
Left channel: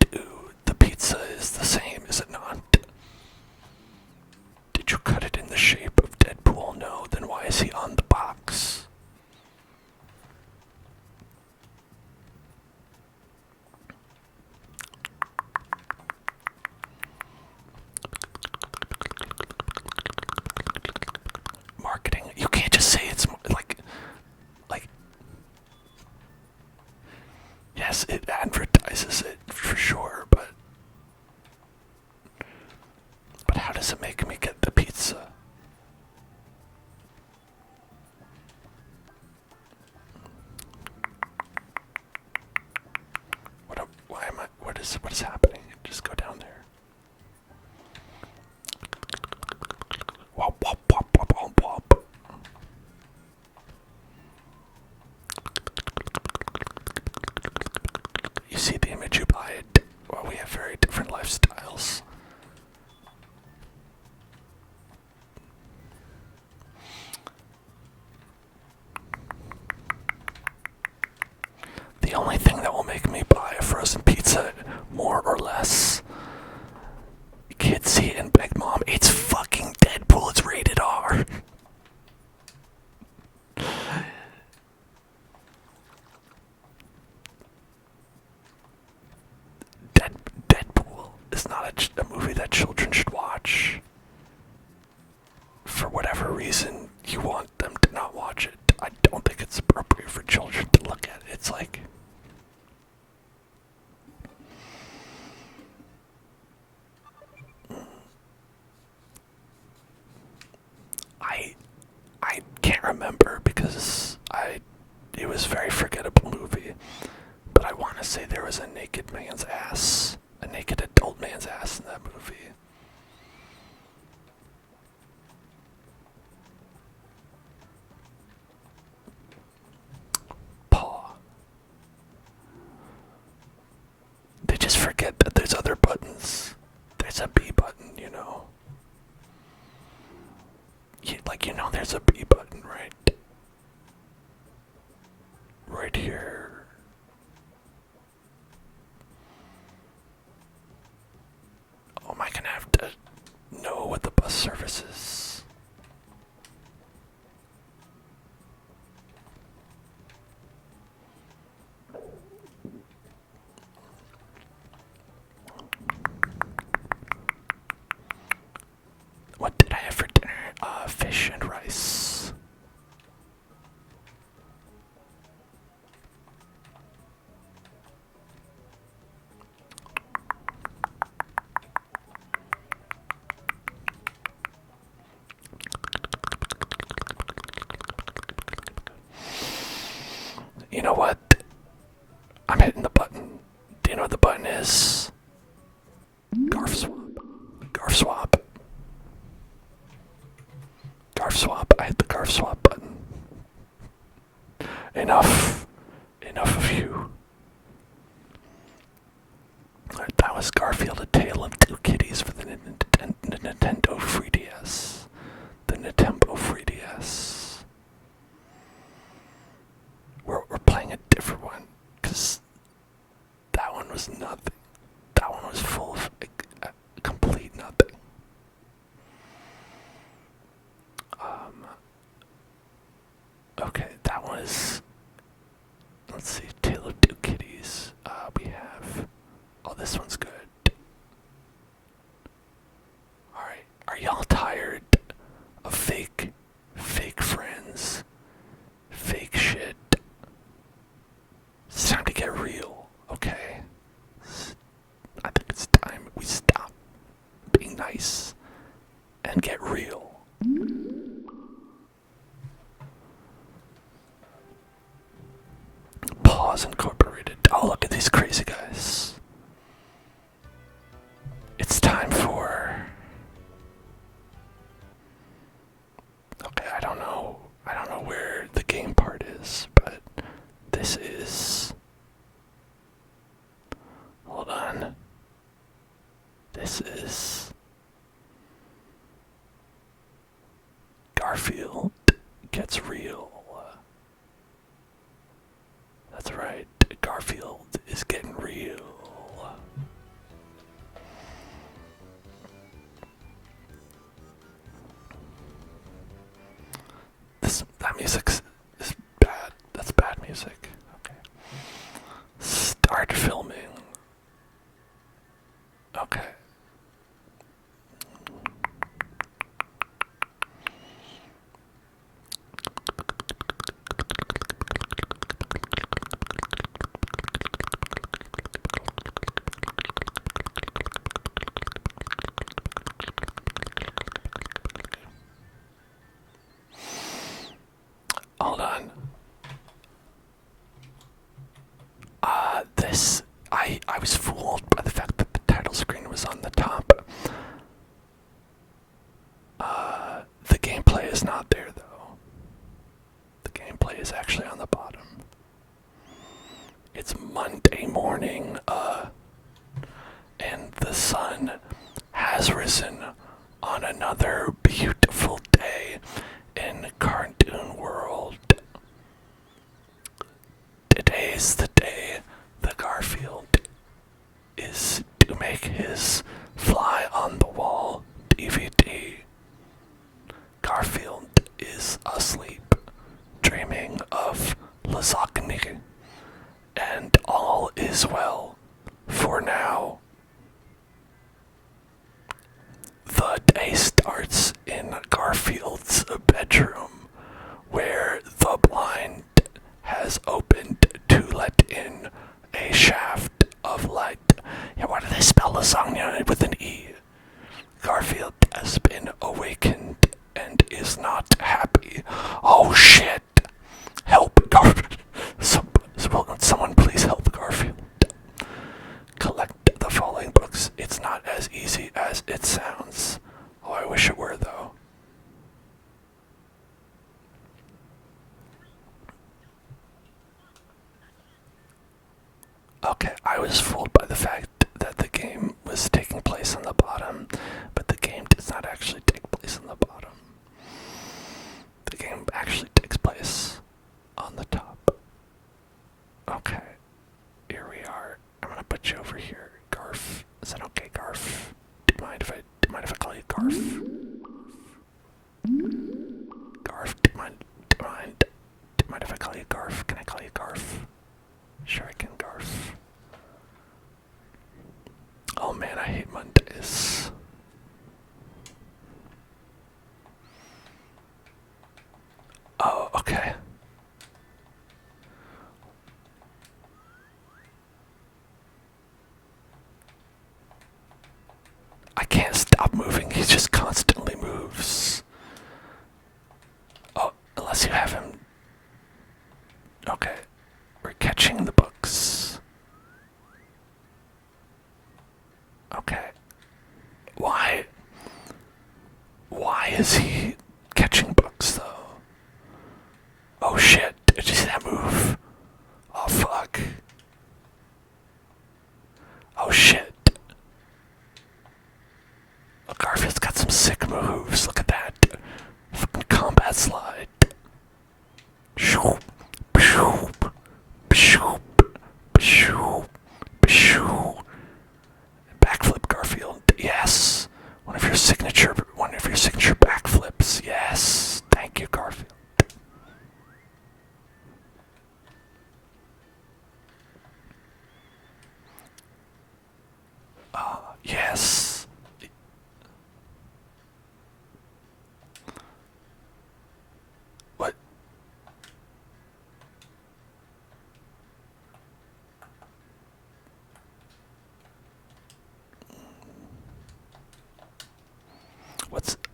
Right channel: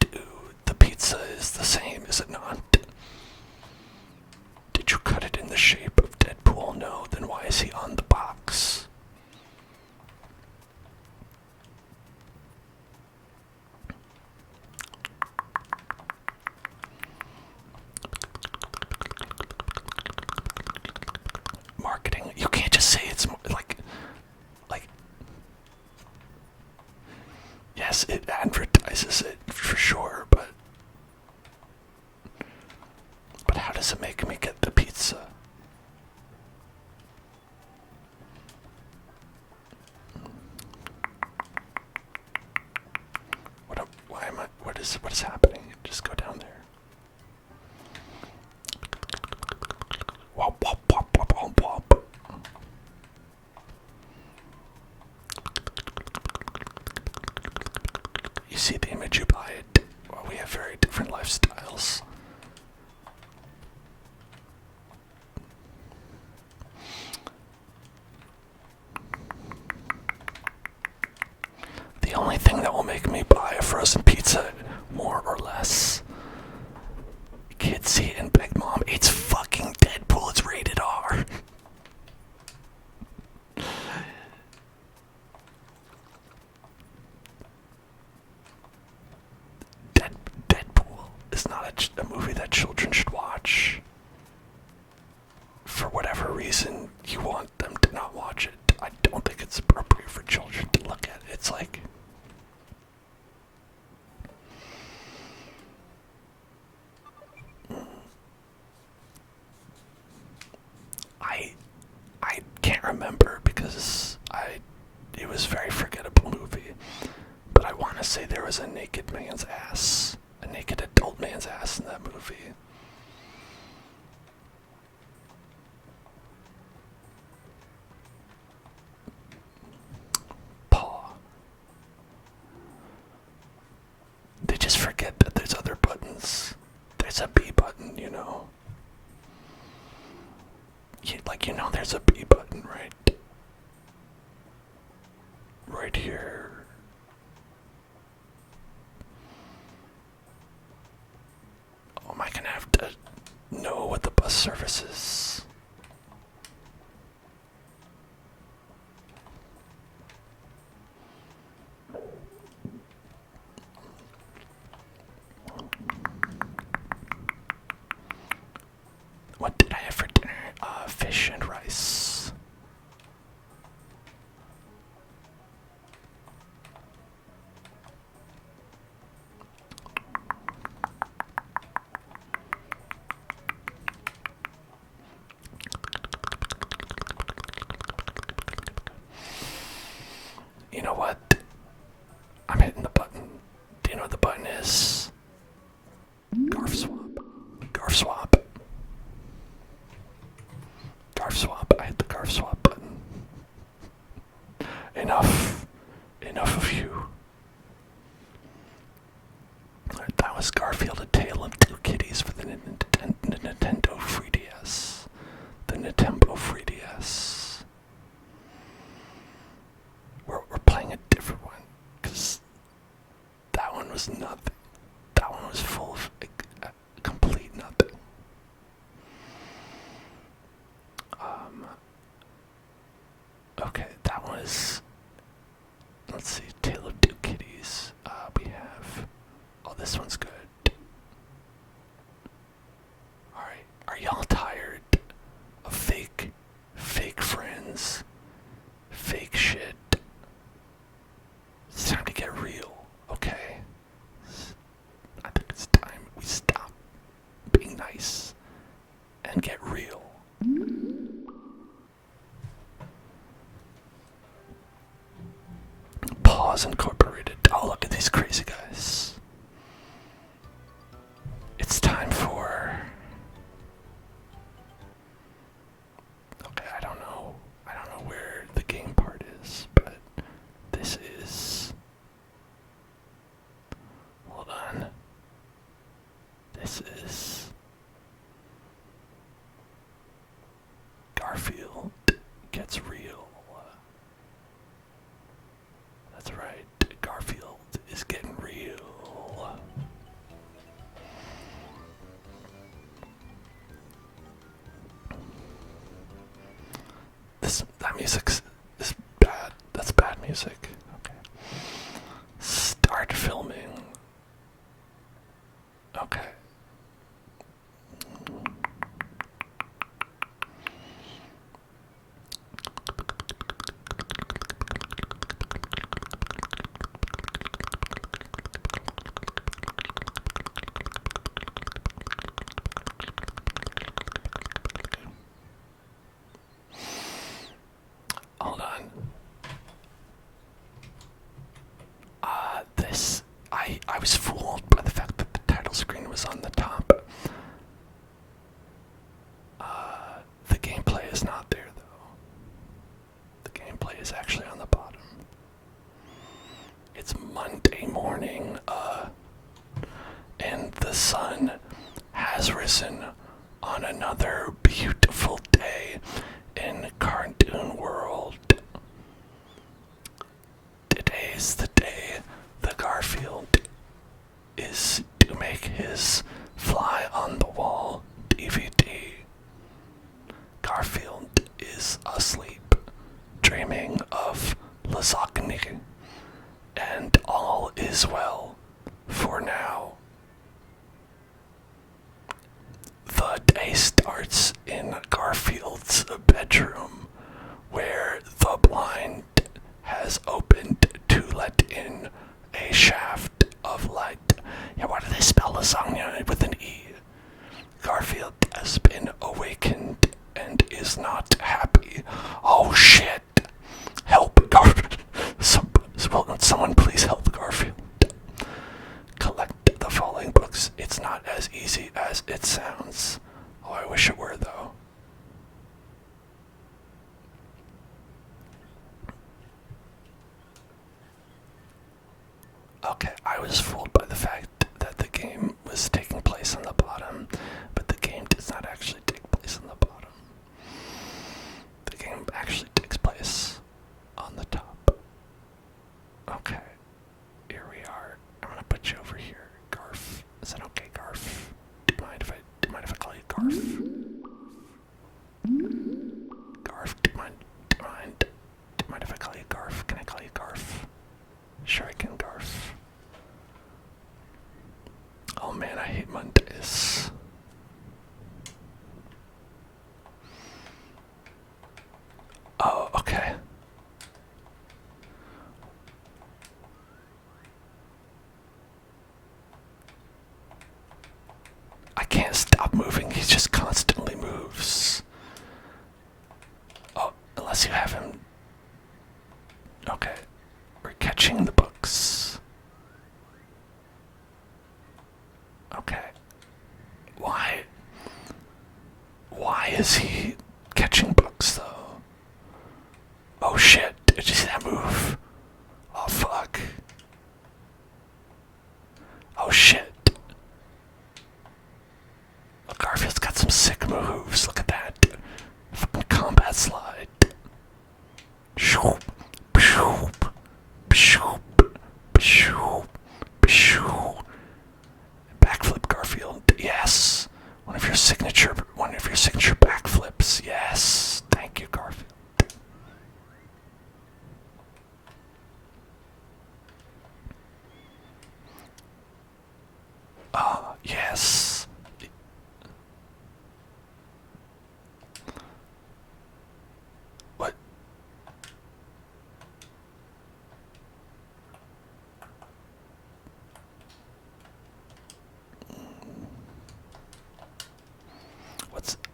do? The pizza is the same, is it not? Did you cut it in the shape of Deadpool? No, then why guess it advertises it for sure, but how does it make me get the pizza? What is happening? Just go down there. Wop, wop, wop, wop, wop, wop. You see the image, you buy it. Well, we have very different lifestyles. The only thing that will make me buy a frozen pizza, more or less, kids see it and beg, Mom, it's fucking Deadpool, it's rated R. Deadpool is not a movie that children should watch. For whatever reason you want them to not watch it, I don't think it's appropriate for children to look at it. It's like... I can't remember because it was a very forgettable movie, but I want to say there was a naked man's ass, a naked adult man's ass in that movie. Paw. They just forget that there's other buttons. There's a B button, you know. There's a B button, right? Right here. Oh, am I gonna have to know what the bus service is? What did I have for dinner? Fish and rice. You know what? I'm hitting the button. Do you know what the button is? Garf swap. Garf swap. Garf swap. I hit the garf swap button. Enough. Enough of you. That was Garfield, A Tale of Two Kitties for the Nintendo 3DS. The Nintendo 3DS. We're playing a different one, because that one was nothing. That one was full of complete nothing. Okay, that was, let's see, Tale of Two Kitties. We have, oh, this one's good. Alright, are y'all tired of fake friends, fake shit? It's time to get real, okay? I think it's time we stop being nice and get real. Pause Incorporated. Oh, look at these crazy guys. It's time for... Okay, I don't know where the game part is, but this is... Hold on. This is... Garfield Gets Real. That's right, Garfield is getting real. That music is bad. That's bad music. Okay. Start filming. Okay. I was fooled by the fact that the title screen was on the top. The gameplay is not there, though. The gameplay is actually on the bottom. It's Monday morning, and the sun has risen on another beautiful day in Cartoon World. Today's the day the Garfield is to make his Fly on the Wall DVD. Garfield is asleep, dreaming of lasagna, and all is well for now. The day starts in Garfield's bedroom, where the blind has opened to let in a shaft of light. Yeah, why do they spell lasagna with an E? Garfield has been awakened and is not happy. Oh shit! Help, Garfield! Someone please help Garfield. Collect the falling books. It's not as easy as it sounds. Oh, I wish it were, though. Okay, I was fooled by the fact that the game was taking place on the bottom, but the game does not actually take place on the bottom. The game actually takes place on the top. Okay, here we are. I'm gonna put you over here, Garf. Is that okay, Garf? Do you mind if I call you Garf? Garf, do you mind if I call you Garf? Can I call you Garf? Sure I can, Garf. Oh man, I hate Mondays. Oh, okay. I can't stop moving, he just constantly moves. Oh, unless you have him. Okay, we're catching the books. Okay. Why is he catching books, though? Oh shit, did you see that move? Oh fuck. Oh shit. Oh, Garfield's got some sick moves, look at that. Fucking combat slide. Shoop, shoop, shoop, shoop, shoop. Backflip, Garfield. Yes. One of your signature backflips. Yes. Thank you, Garfield. Yes. What?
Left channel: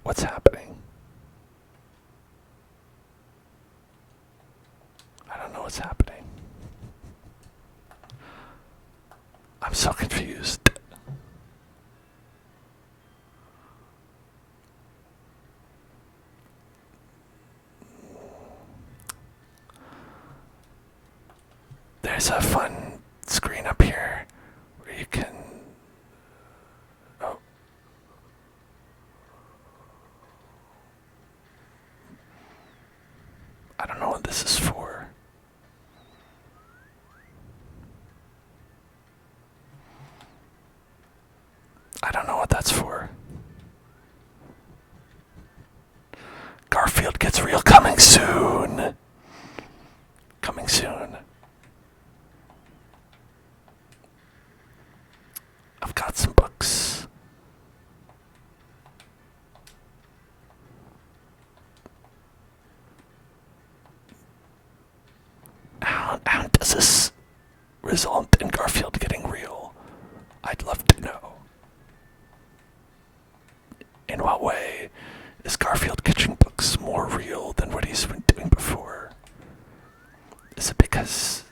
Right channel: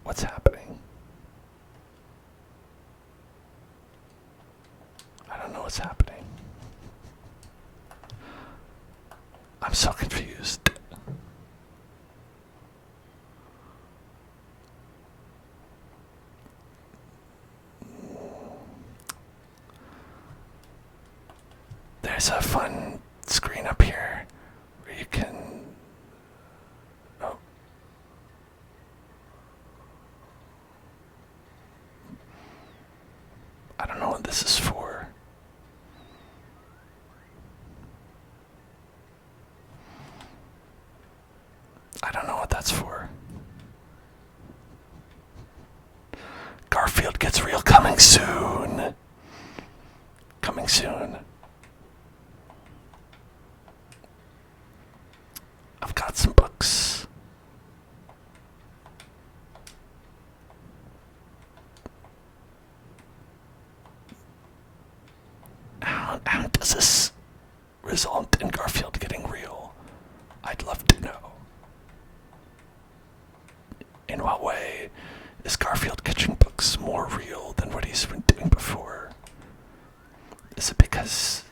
What's happening? I don't know what's happening. I'm so confused. There's a fun screen up here where you can... Oh. I don't know what this is for. I don't know what that's for. Garfield gets real coming soon. Coming soon. I've got some books. How does this result in Garfield getting real? I'd love to know. In what way is Garfield catching books more real than what he's been doing before? Is it because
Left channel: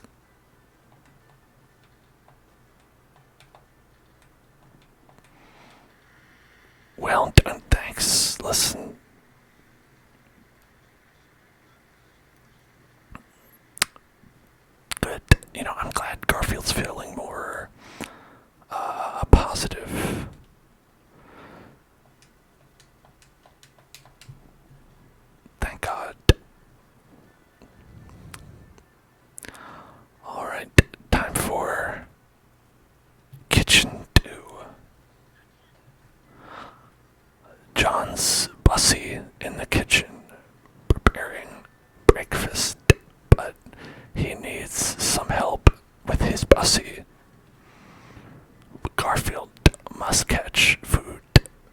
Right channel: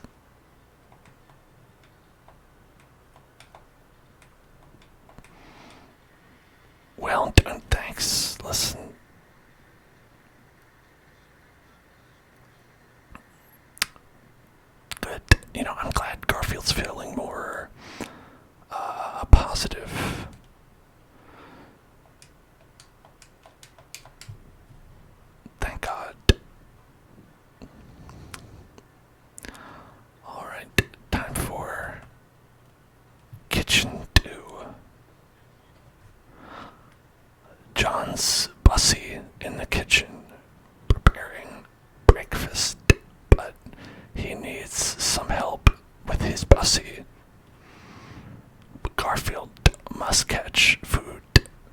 Garfield must catch food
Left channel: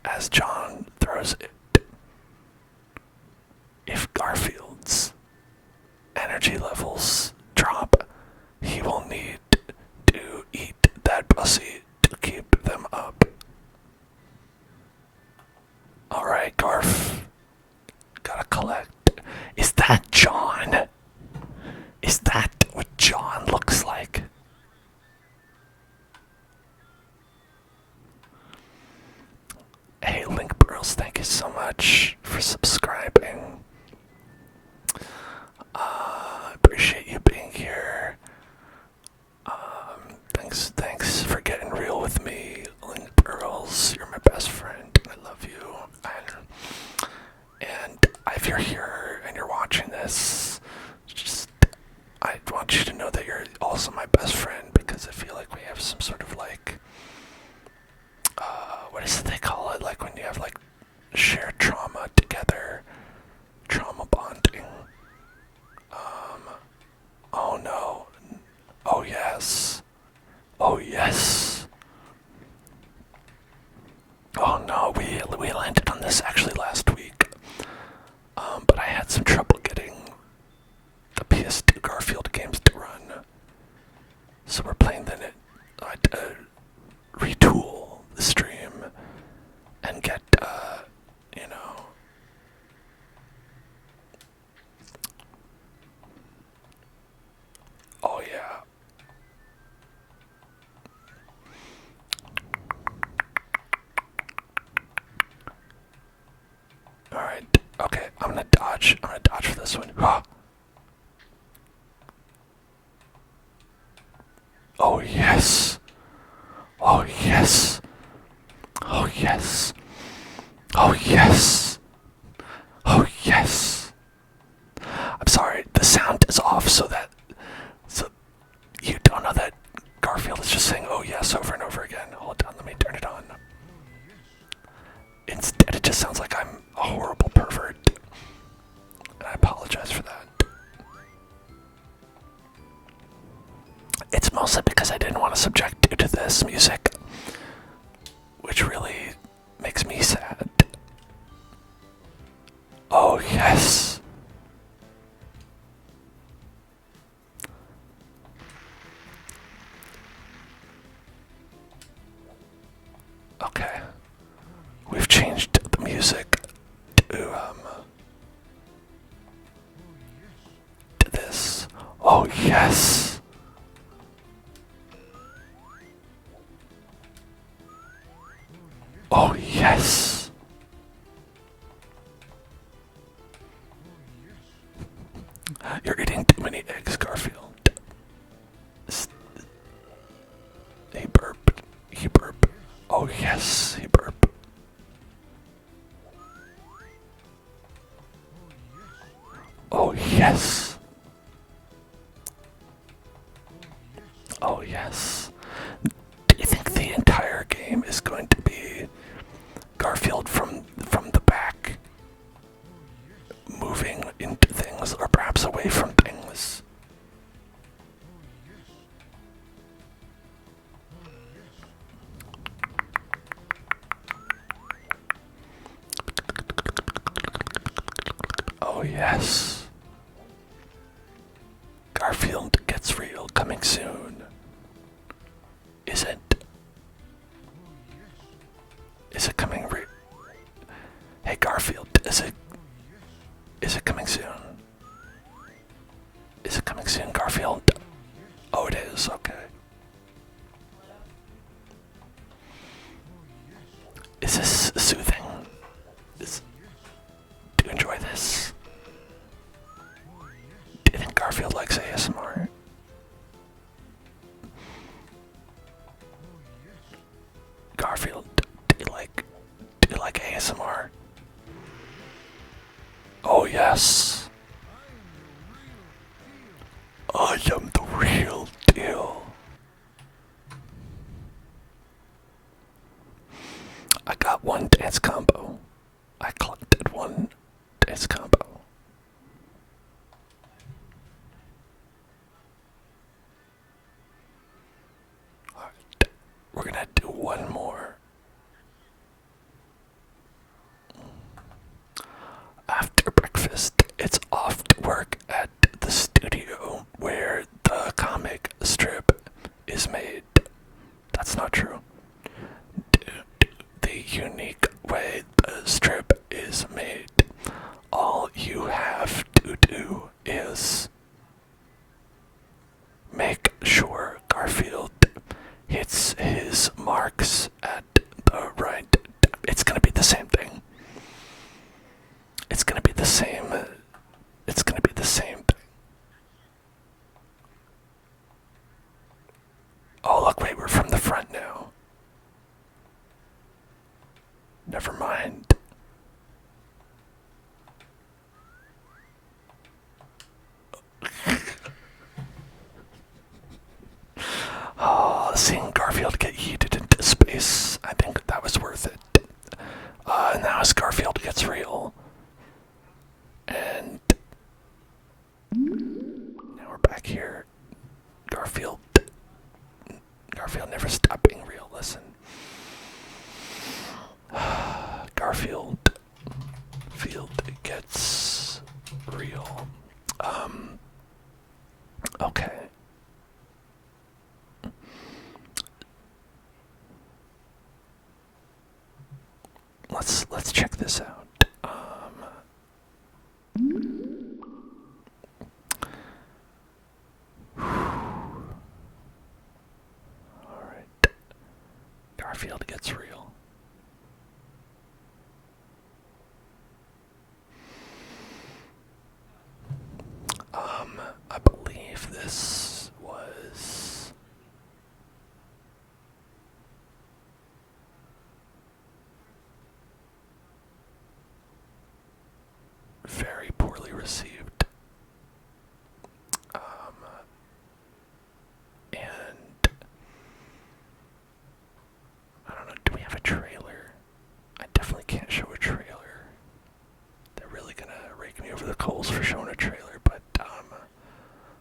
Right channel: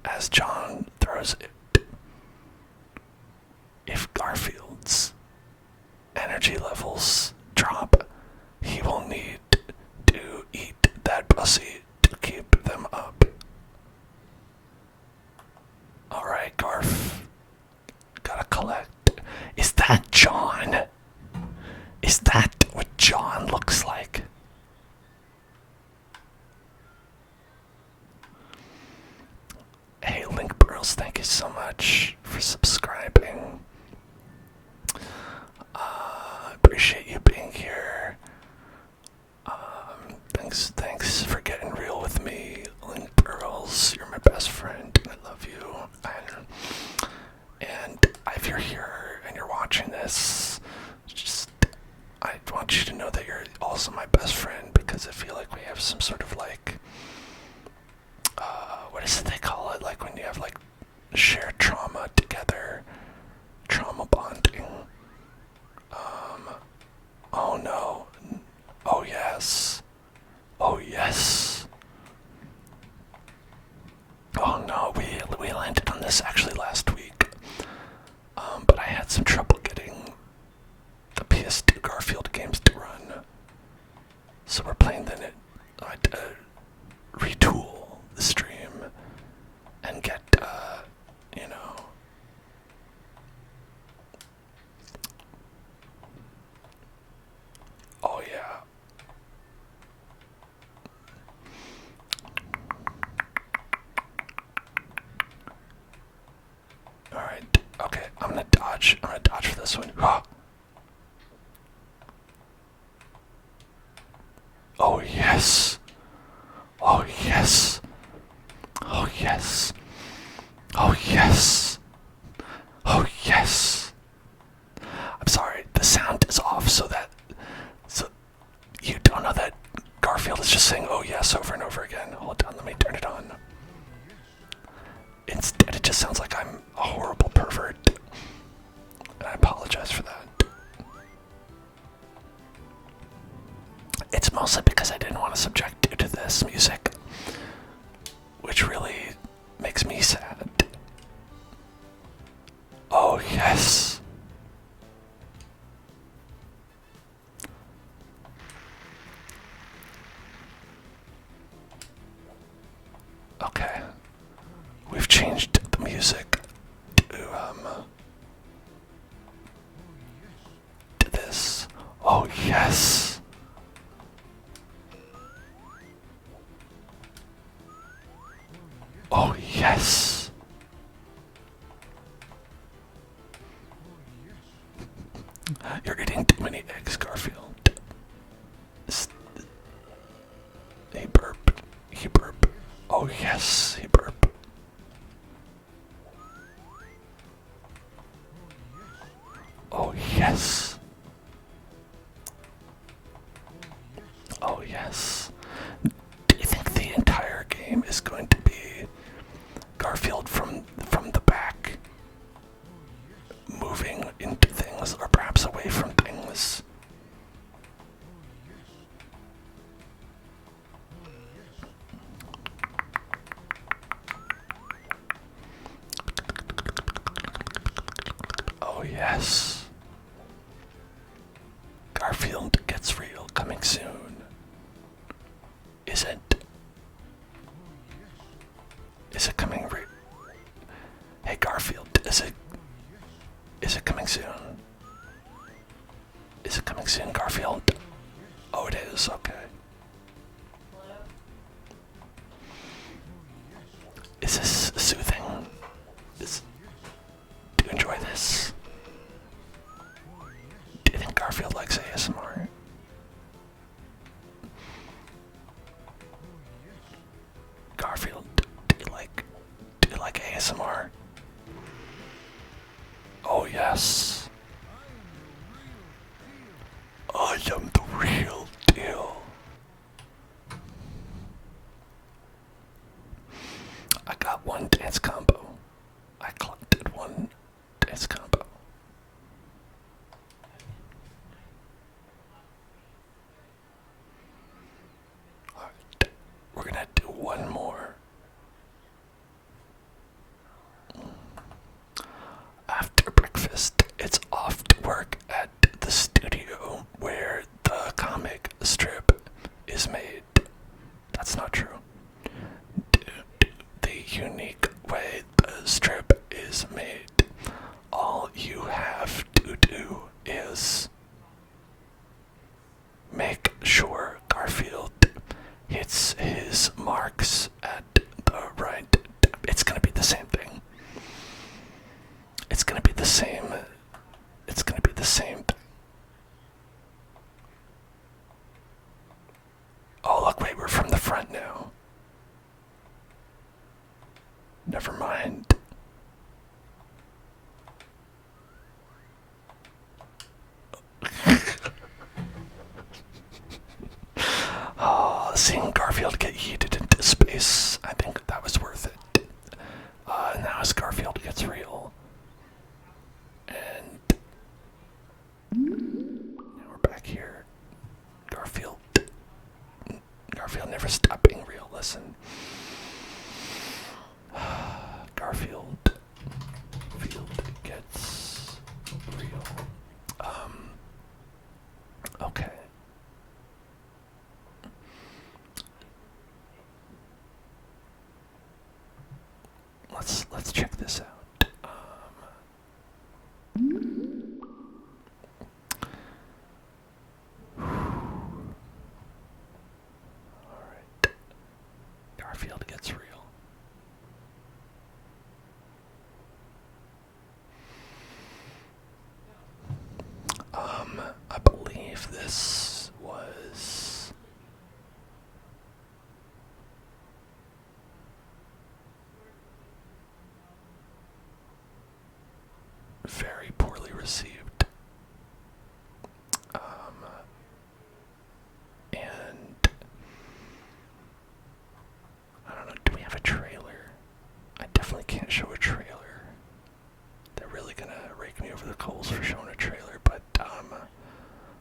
as John throws it. If Garfield's energy levels drop, he will need to eat that pussy to keep them up. Alright, Garf. Gotta collect. Is that John? Is that what John looks like? Hey, Link Burls, thank you so much for subscribing. I appreciate you being here. Thanks for getting real with me, Link Burls. You're my best friend, and I love you. And if you're here and you're watching this, I want you to know that you're also my best friend, because I feel like we have some sort of like, what is it they call it? Like when you have like shared trauma together, trauma bonding. Oh no. Oh yes. Oh yes. Oh no, we landed on this actually last week. But I had some trouble getting the PS2 Garfield games to run. So we're playing I had to retool the stream and get, you know, oh yeah. Alright, okay, I'm gonna dodge for this one. Ah. Oh yes. Oh yes. Oh yes. Oh yes. Oh yes. I'm sorry, the sound is off so you don't know that Garfield is just saying oh yes over and over again. Hold on, let me turn it on. Instead it just sounds like I'm a horrible pervert. And I apologize for that. It's mostly because I didn't want to subject you to this music, which really makes me sad. Oh yes. Okay. We've changed the music to this. Oh yes. Oh yes. You're eating too many eggs, Garfield. He burped. He burped. Oh yes, he burped. Oh yes. Oh yes. Do you think the entire game is going to be Garfield from the back, moving into things, or perhaps away from things? Oh yes. Garfield gets real, coming soon. Is it? Is it coming real? Hey Garfield, is it coming soon? Is it coming soon, Garfield? Oh, it is, okay. Is this soothing? Do you enjoy this? Do you think Garfield likes ASMR? Garfield, do you like ASMR? Oh yes. I am the real deal. I got one dance combo. I collected one dance combo. Alright, we're gonna do one more. After breakfast, it's off to work at the studio where the comic strip is made. That's not true. The unique way the strip is made, all you have to do is make sure Garfield hits his marks at the right. It's gonna be the same thing. It's gonna be the same. It's gonna be the same thing. Oh, look, wait, we're from the front now. Never mind. Oh, seeing Garfield get yeeted into space, I think that was worth it. Now as Garfield gets real. And now we're back here. Garfield never stopped being real, listen. Garfield gets real. Okay. Let's check this out. Alright. Garfield gets real. I believe this was very poorly received. And I don't know, do we have a trailer? I definitely can't show a trailer. They're really gonna rake me over the coals for showing a trailer, but I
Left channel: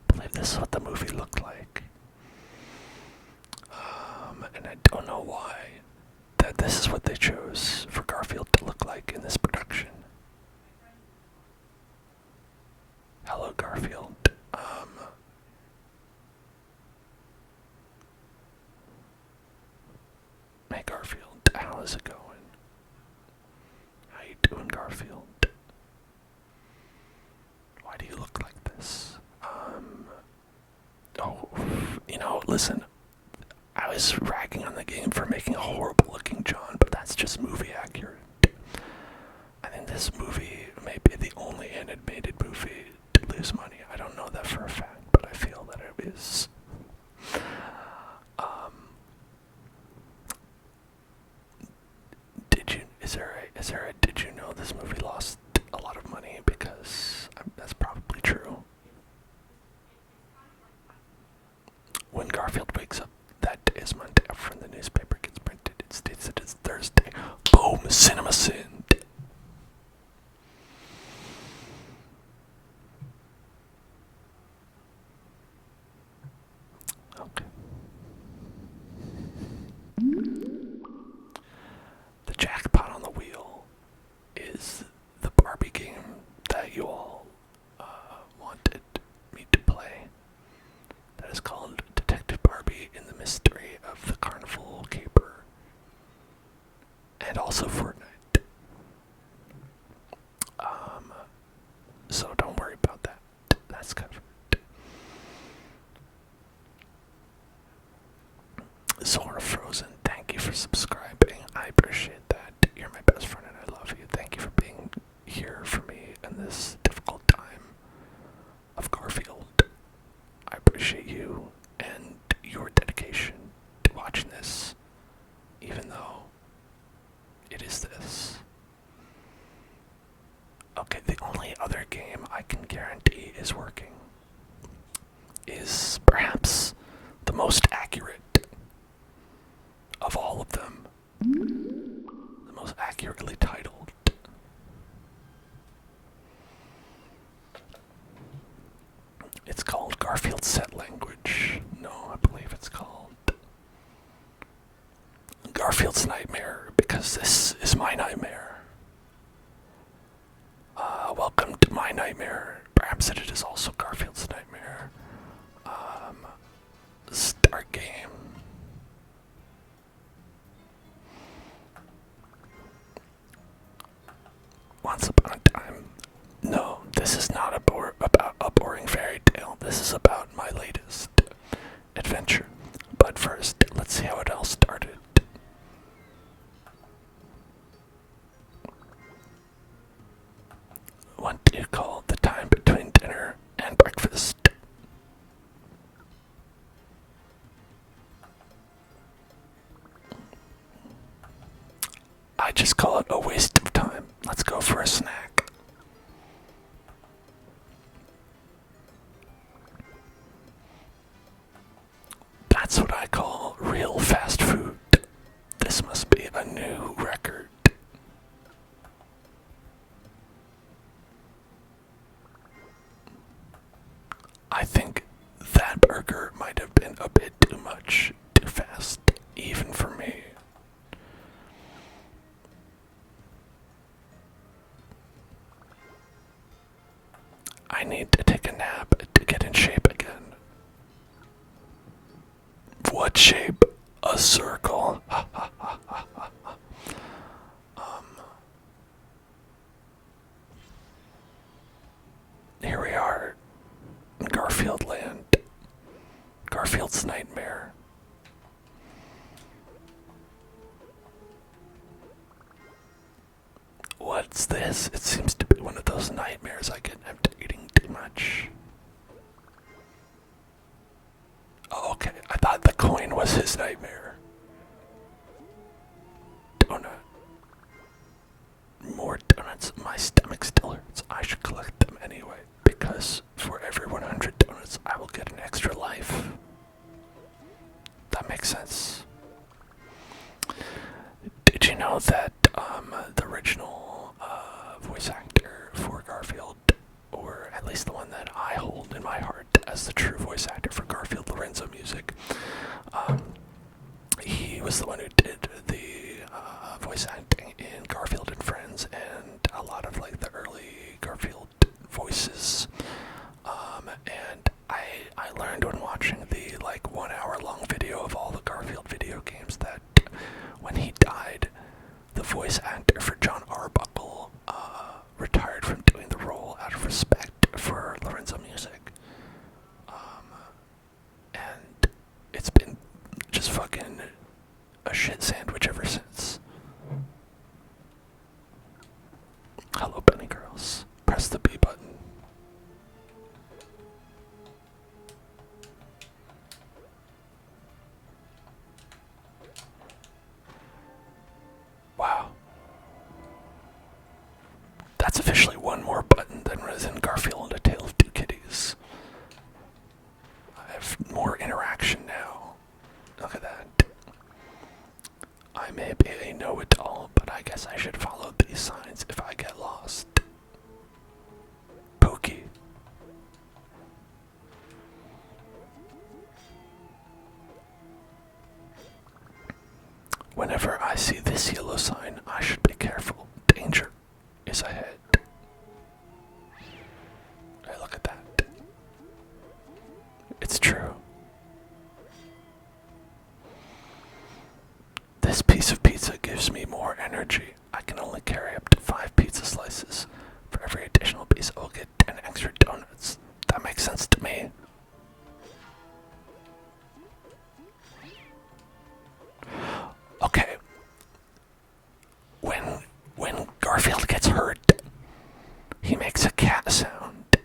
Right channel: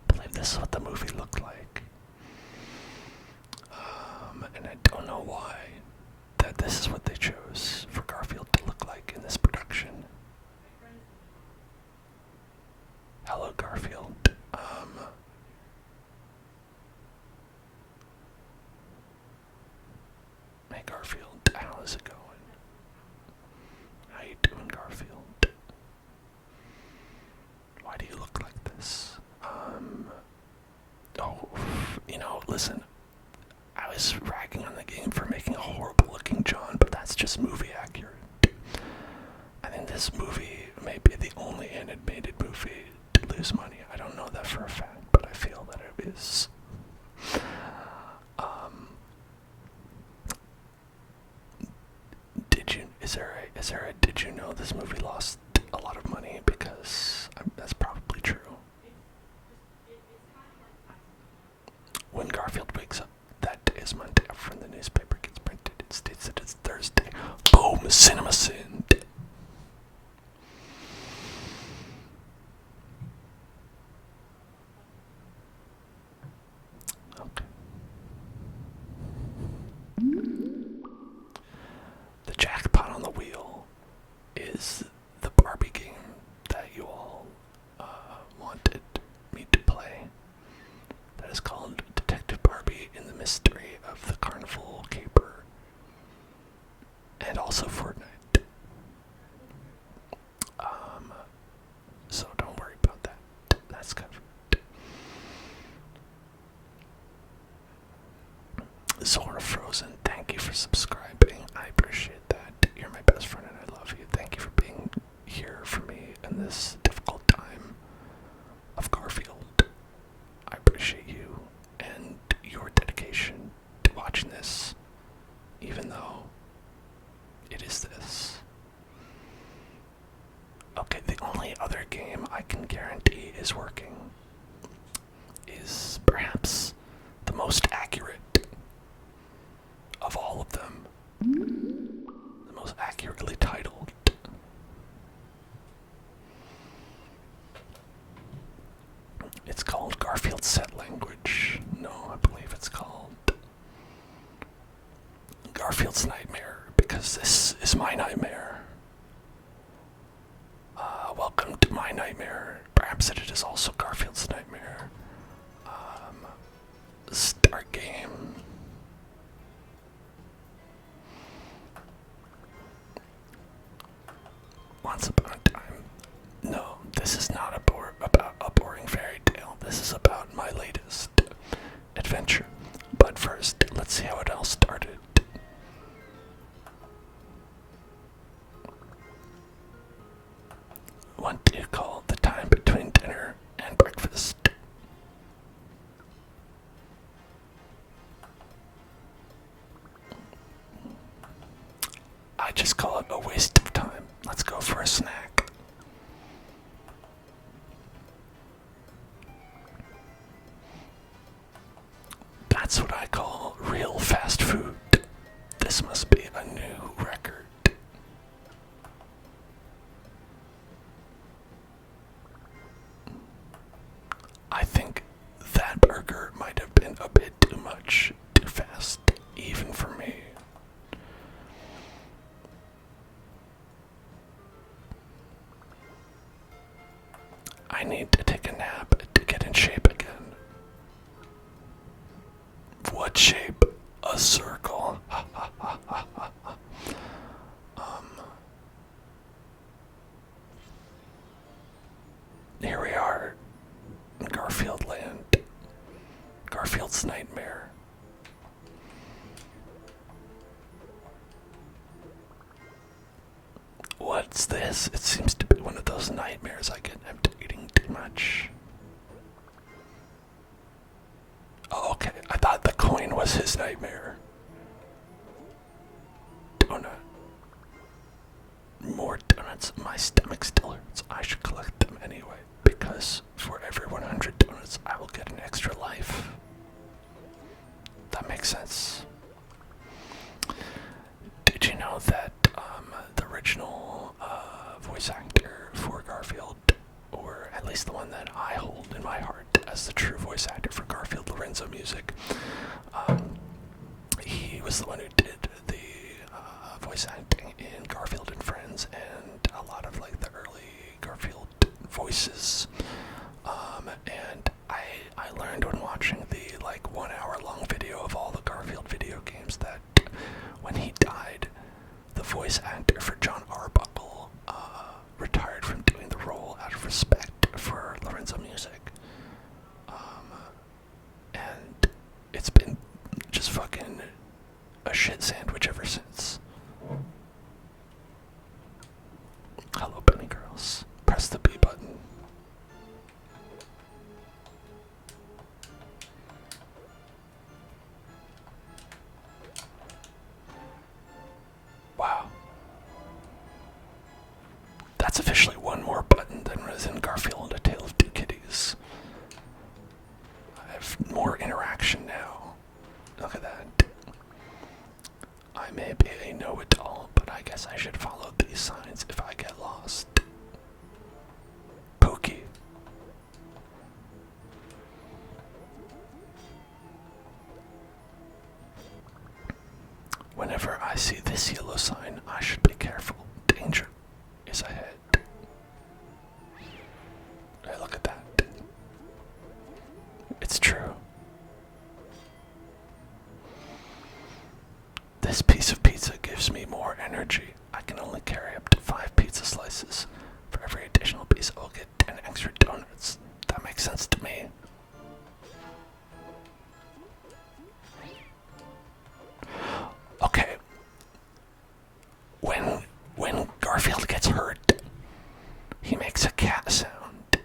believe this is what the movie looked like. And I don't know why that this is what they chose for Garfield to look like in this production. Hello, Garfield. Hey, Garfield, how's it going? How you doing, Garfield? Why do you look like this? Listen, I was ragging on the game for making a horrible looking John, but that's just movie accurate. I think this movie may be the only animated movie to lose money. I don't know that for a fact, but I feel that it is. Did you know this movie lost a lot of money? Because that's probably true. When Garfield wakes up, that day is Monday. When the newspaper gets printed, it states that it's Thursday. Boom! Cinema sin. Okay. The jackpot on the wheel is the Barbie game that you all wanted me to play. That is called Detective Barbie in the Mystery of the Carnival Caper. And also Fortnite. So don't worry about that. That's covered. Zora Frozen, thank you for subscribing. I appreciate that. You're my best friend and I love you. Thank you for being here for me in this difficult time of Garfield. I appreciate you and your dedication to watching this, even though it is this. Okay, the only other game I can guarantee is working is perhaps the most accurate of all of them. The most accurately titled. It's called Garfield Set Language. No, I believe it's called Garfield's nightmare, because this is my nightmare. Welcome to my nightmare. Perhaps it is also Garfield's nightmare. Start game. Once upon a time. No, this is not about a boring fairy tale. This is about my latest adventure. But first, let's see how it all started. What do you call the time between dinner and breakfast? I just call it a waste of time. Let's go for a snack. That's what I call real fast food. This must be a new record. I think that burger might have been a bit too much, too fast, even for me. I need to take a nap to get in shape again. What shape? A circle. Here we are in Garfield land. Garfield's nightmare. What's this? It seems to be one of those nightmares I get after eating too much. Oh, okay. I thought the coin was his nightmare. Donut. More donuts. My stomach still hurts. I should collect them anyway, because for every 100 donuts, I will get an extra life. That makes sense. Did you know that the original voice actor for Garfield, or at least the one that I hold in my heart as the true voice actor for Garfield, Lorenzo Music, he was the one who did the voice acting in Garfield and Friends, and a lot of like the early Garfield voices. And I learned when watching the like 1 hour long video of all the Garfield video games that when he died, the voice actor for John Arbuckle retired from doing the role out of respect for Lorenzo Music. And it's been just fucking a shit sandwich ever since. Hello, Bunny Girls. Press the B button. Wow. That's officially one more button than was in Garfield, A Tale of Two Kitties. I have more interaction now. Look at that. I may be a know-it-all, but I guess I should follow these signs if I get lost. Pokey. Whenever I see this yellow sign, I should be careful. Danger is ahead. Hey, look at that. It's true. This piece of pizza gives me more energy. I can only carry up to 5 pizza slices. For every additional piece, I'll get 10 extra donuts. That makes sense to me. Okay. When Garfield gets hurt, he makes a cat sound,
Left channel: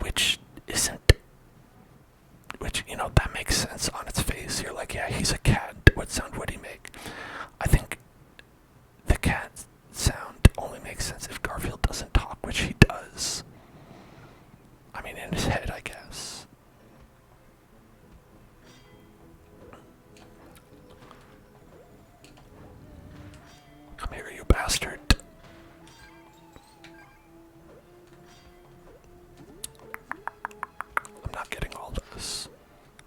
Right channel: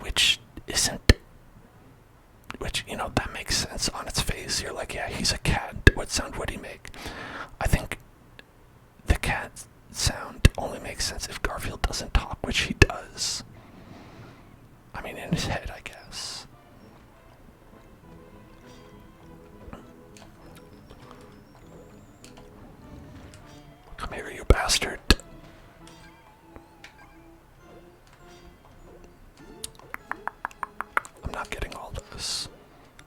which, that makes sense on its face. You're like, yeah, he's a cat. What sound would he make? I think the cat sound only makes sense if Garfield doesn't talk, which he does. I mean, in his head, I guess. Come here, you bastard. I'm not getting all this.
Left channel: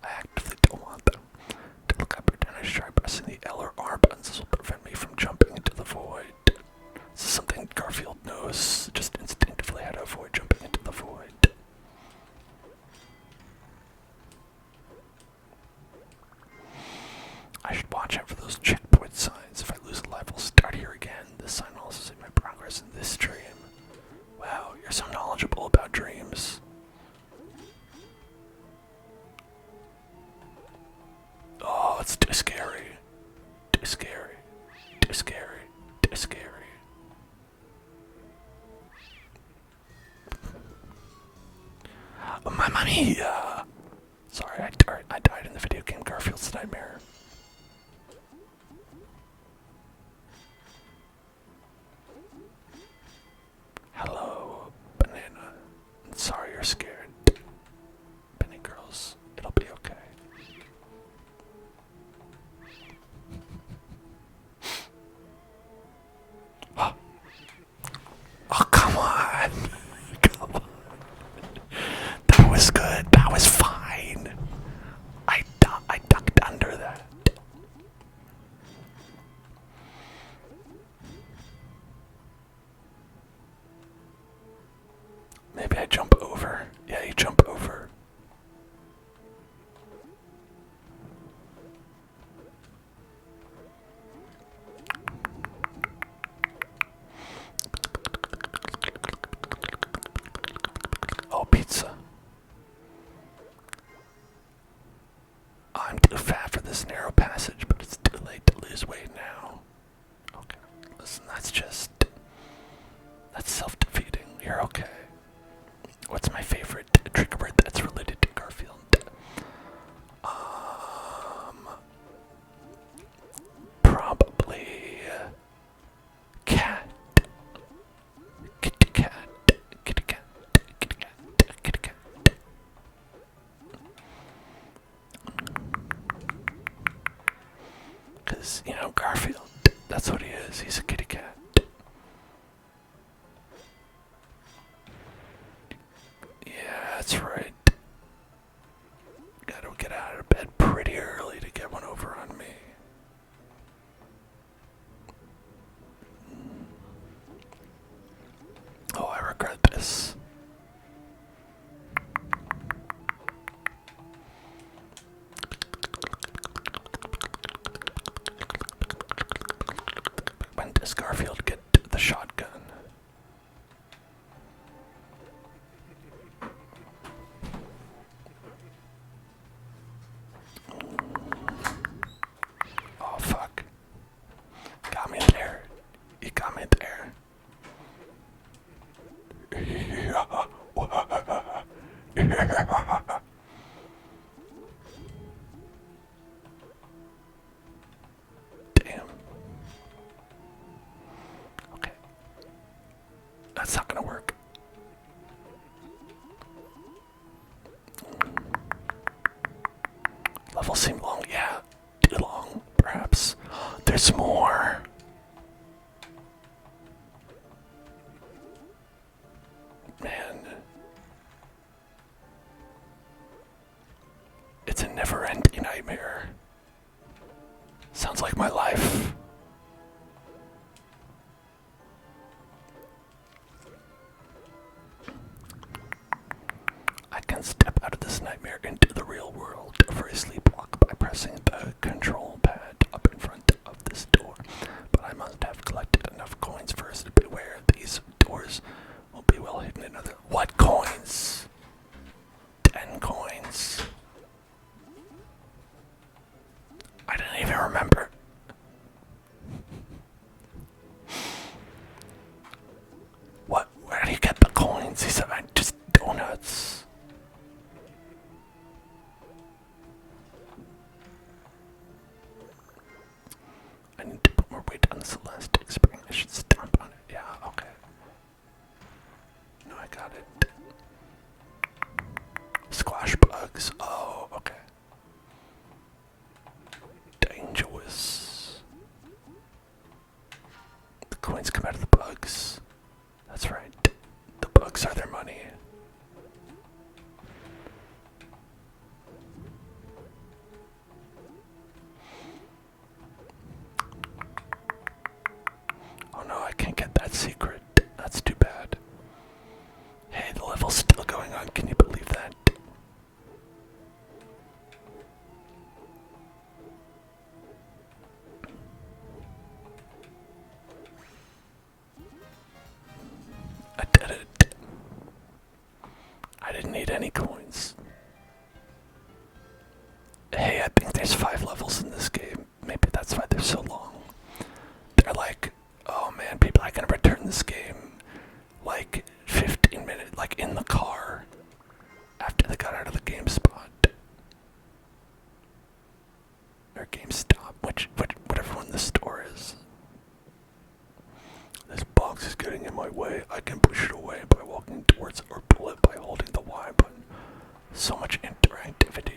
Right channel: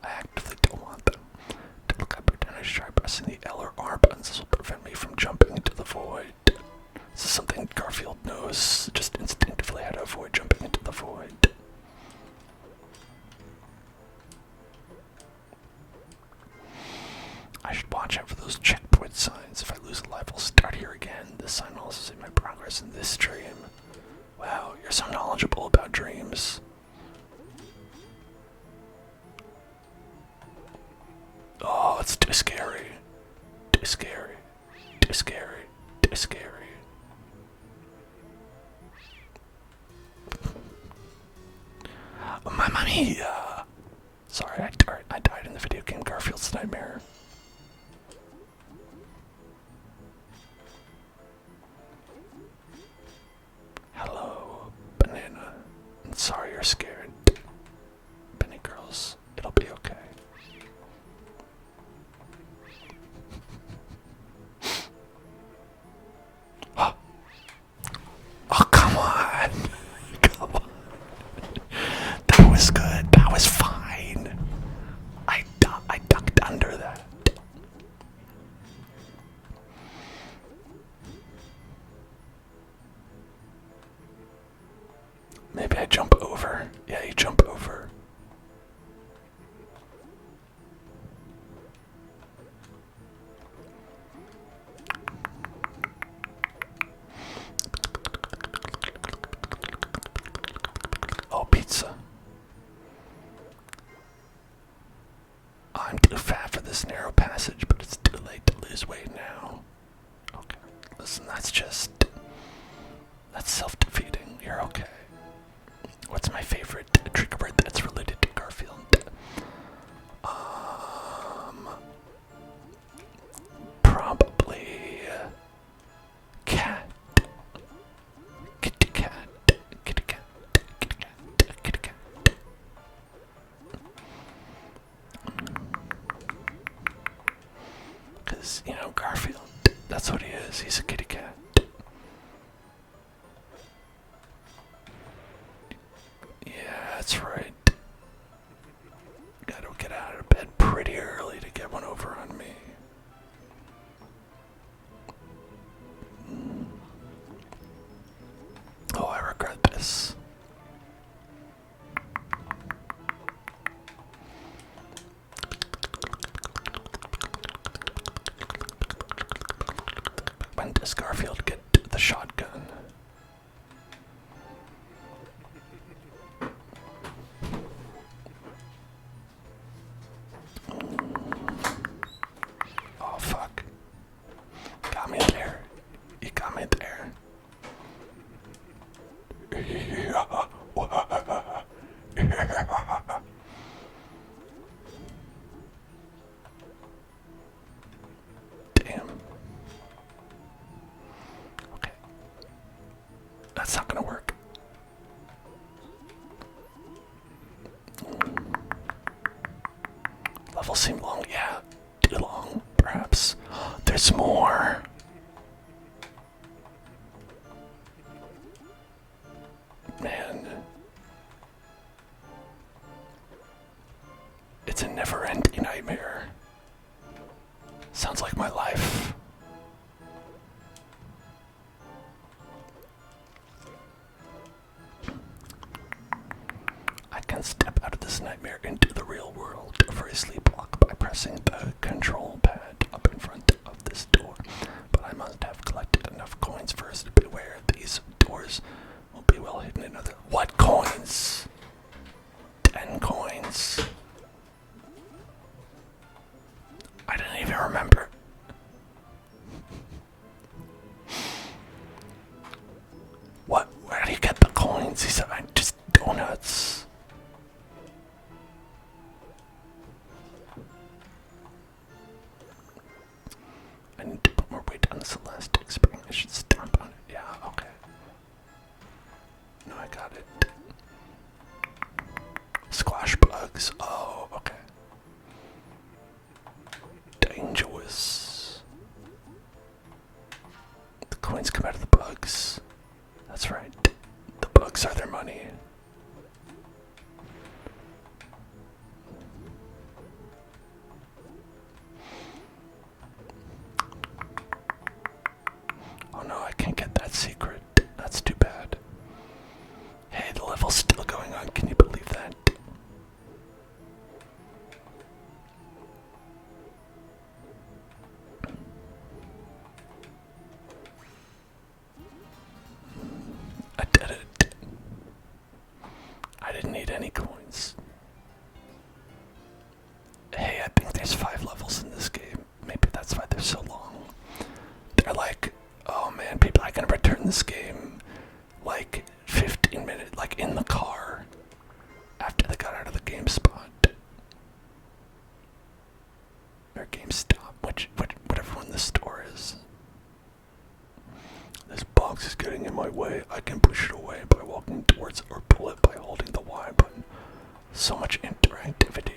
I actively don't want them. To look up your dinner, try pressing the L or R buttons prevent me from jumping into the void. This is something Garfield knows, just instinctively how to avoid jumping into the void. I should watch out for those checkpoint signs. If I lose a life, I'll start here again. This sign will also see my progress in this dream. Wow, you're so knowledgeable about dreams. Oh, it's too scary. Too scary. Too scary. Too scary. Oh, Mamma Mia! Sorry, I died in the video game Garfield's Nightmare. Hello, banana. I'm sorry you're scared. Benny girls, it'll be okay. Oh, come on! Come on. That was good. That was fine. I ducked under that. Maybe I jump over. Yeah, you jump over. Oh, pizza. I'm too fat for this narrow passage, but it's too late to lose weight now. Okay, listen, that's self-defeating. You're okay. What's my favorite trigger word that's related to Garfield? Probably cat. Kitty cat. Kitty cat. Kitty cat. Kitty cat. Because, Garfield, that's what he is. He's a kitty cat. Yeah, that's right. Gotta get out of bed pretty early to get one over on me. Oh, I regret this. When does Garfield get the shotgun? Oh, fuck. Got me there. You got me there. Damn. Okay. That's not gonna work. Levels seem long, yeah. Too long, perhaps. There's more. Man. It's a never-ending nightmare. Sounds like my life. I can step out of this nightmare into the real world for a sleepwalk by pressing the control pad up in front of this door. But I must have collected enough coins first. Beware, these doors will be well hidden in other... What coins? 10 coins. I didn't even remember. What? Where do you get the coins? He said, just donuts. I need to put more weight on this elastic spring. I should stomp on it. Yeah, okay. No, I got it. Squash bugs. Oh, okay. Dangerous. The coins come out of the bugs. That's right. The bugs are their money. that secret. That's too bad. Hey, the level's still going on. Can you believe that? I did it. I didn't need any coins. Hey, I think there's 5 levels in this game. Maybe that's why they're so long. They're like, oh man, people are gonna return this game like 15 minutes, like in the car after they got out of the game spot. Or GameStop, whatever one the store is. This box is getting in my way. I can push it away by walking towards it or pull it by holding the Y button. So much interactivity.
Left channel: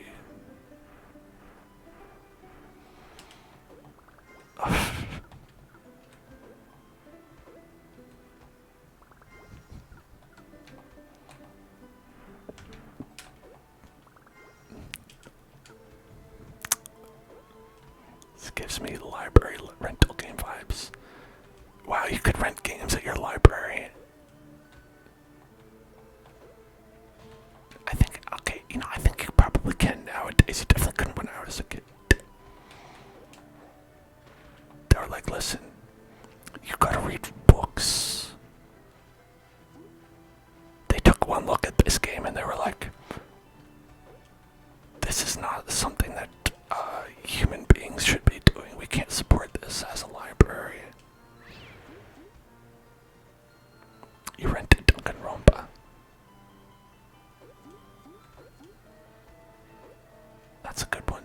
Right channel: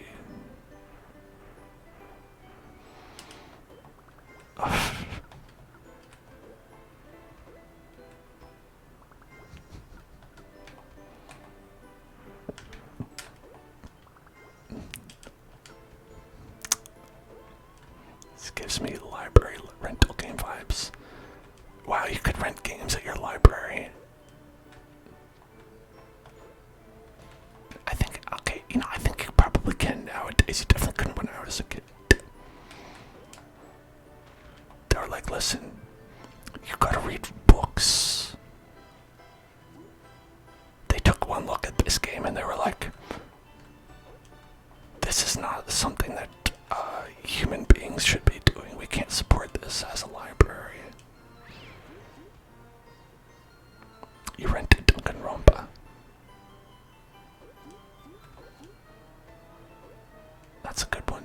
This gives me library rental game vibes. Wow, you could rent games at your library. I think, okay, I think you probably can nowadays. You definitely couldn't when I was a kid. They were like, listen, you gotta read books. They took one look at this game and they were like, this is not something that human beings should be doing. We can't support this as a library. You rented Danganronpa. That's a good one.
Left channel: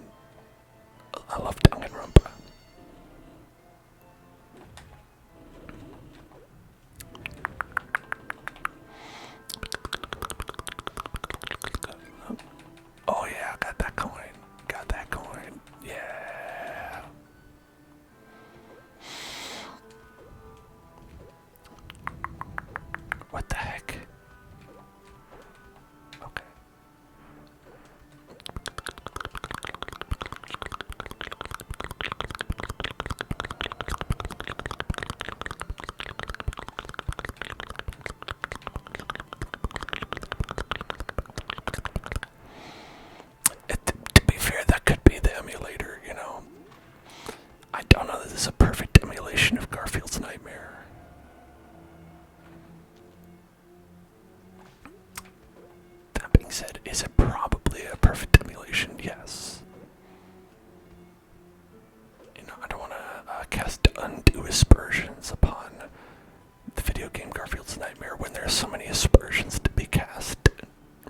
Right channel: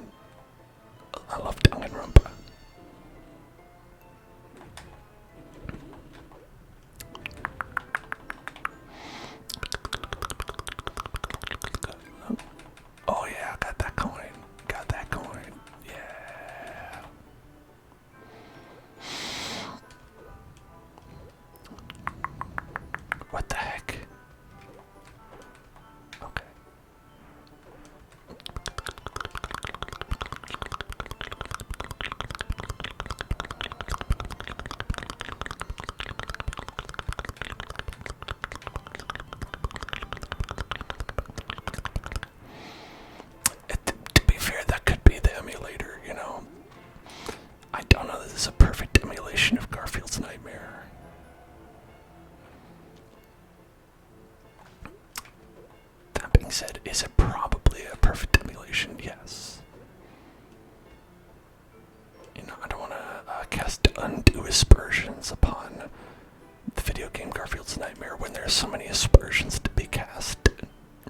I love Danganronpa. Oh yeah, got that coin. Got that coin. Yeah. What the heck? Okay. To be fair, that could be the emulator, I don't know that this is a perfect emulation of Garfield's Nightmare. That being said, is it probably a perfect emulation? Yes. I don't want to cast undue aspersions upon the video game Garfield's Nightmare when there are so many aspersions to be cast,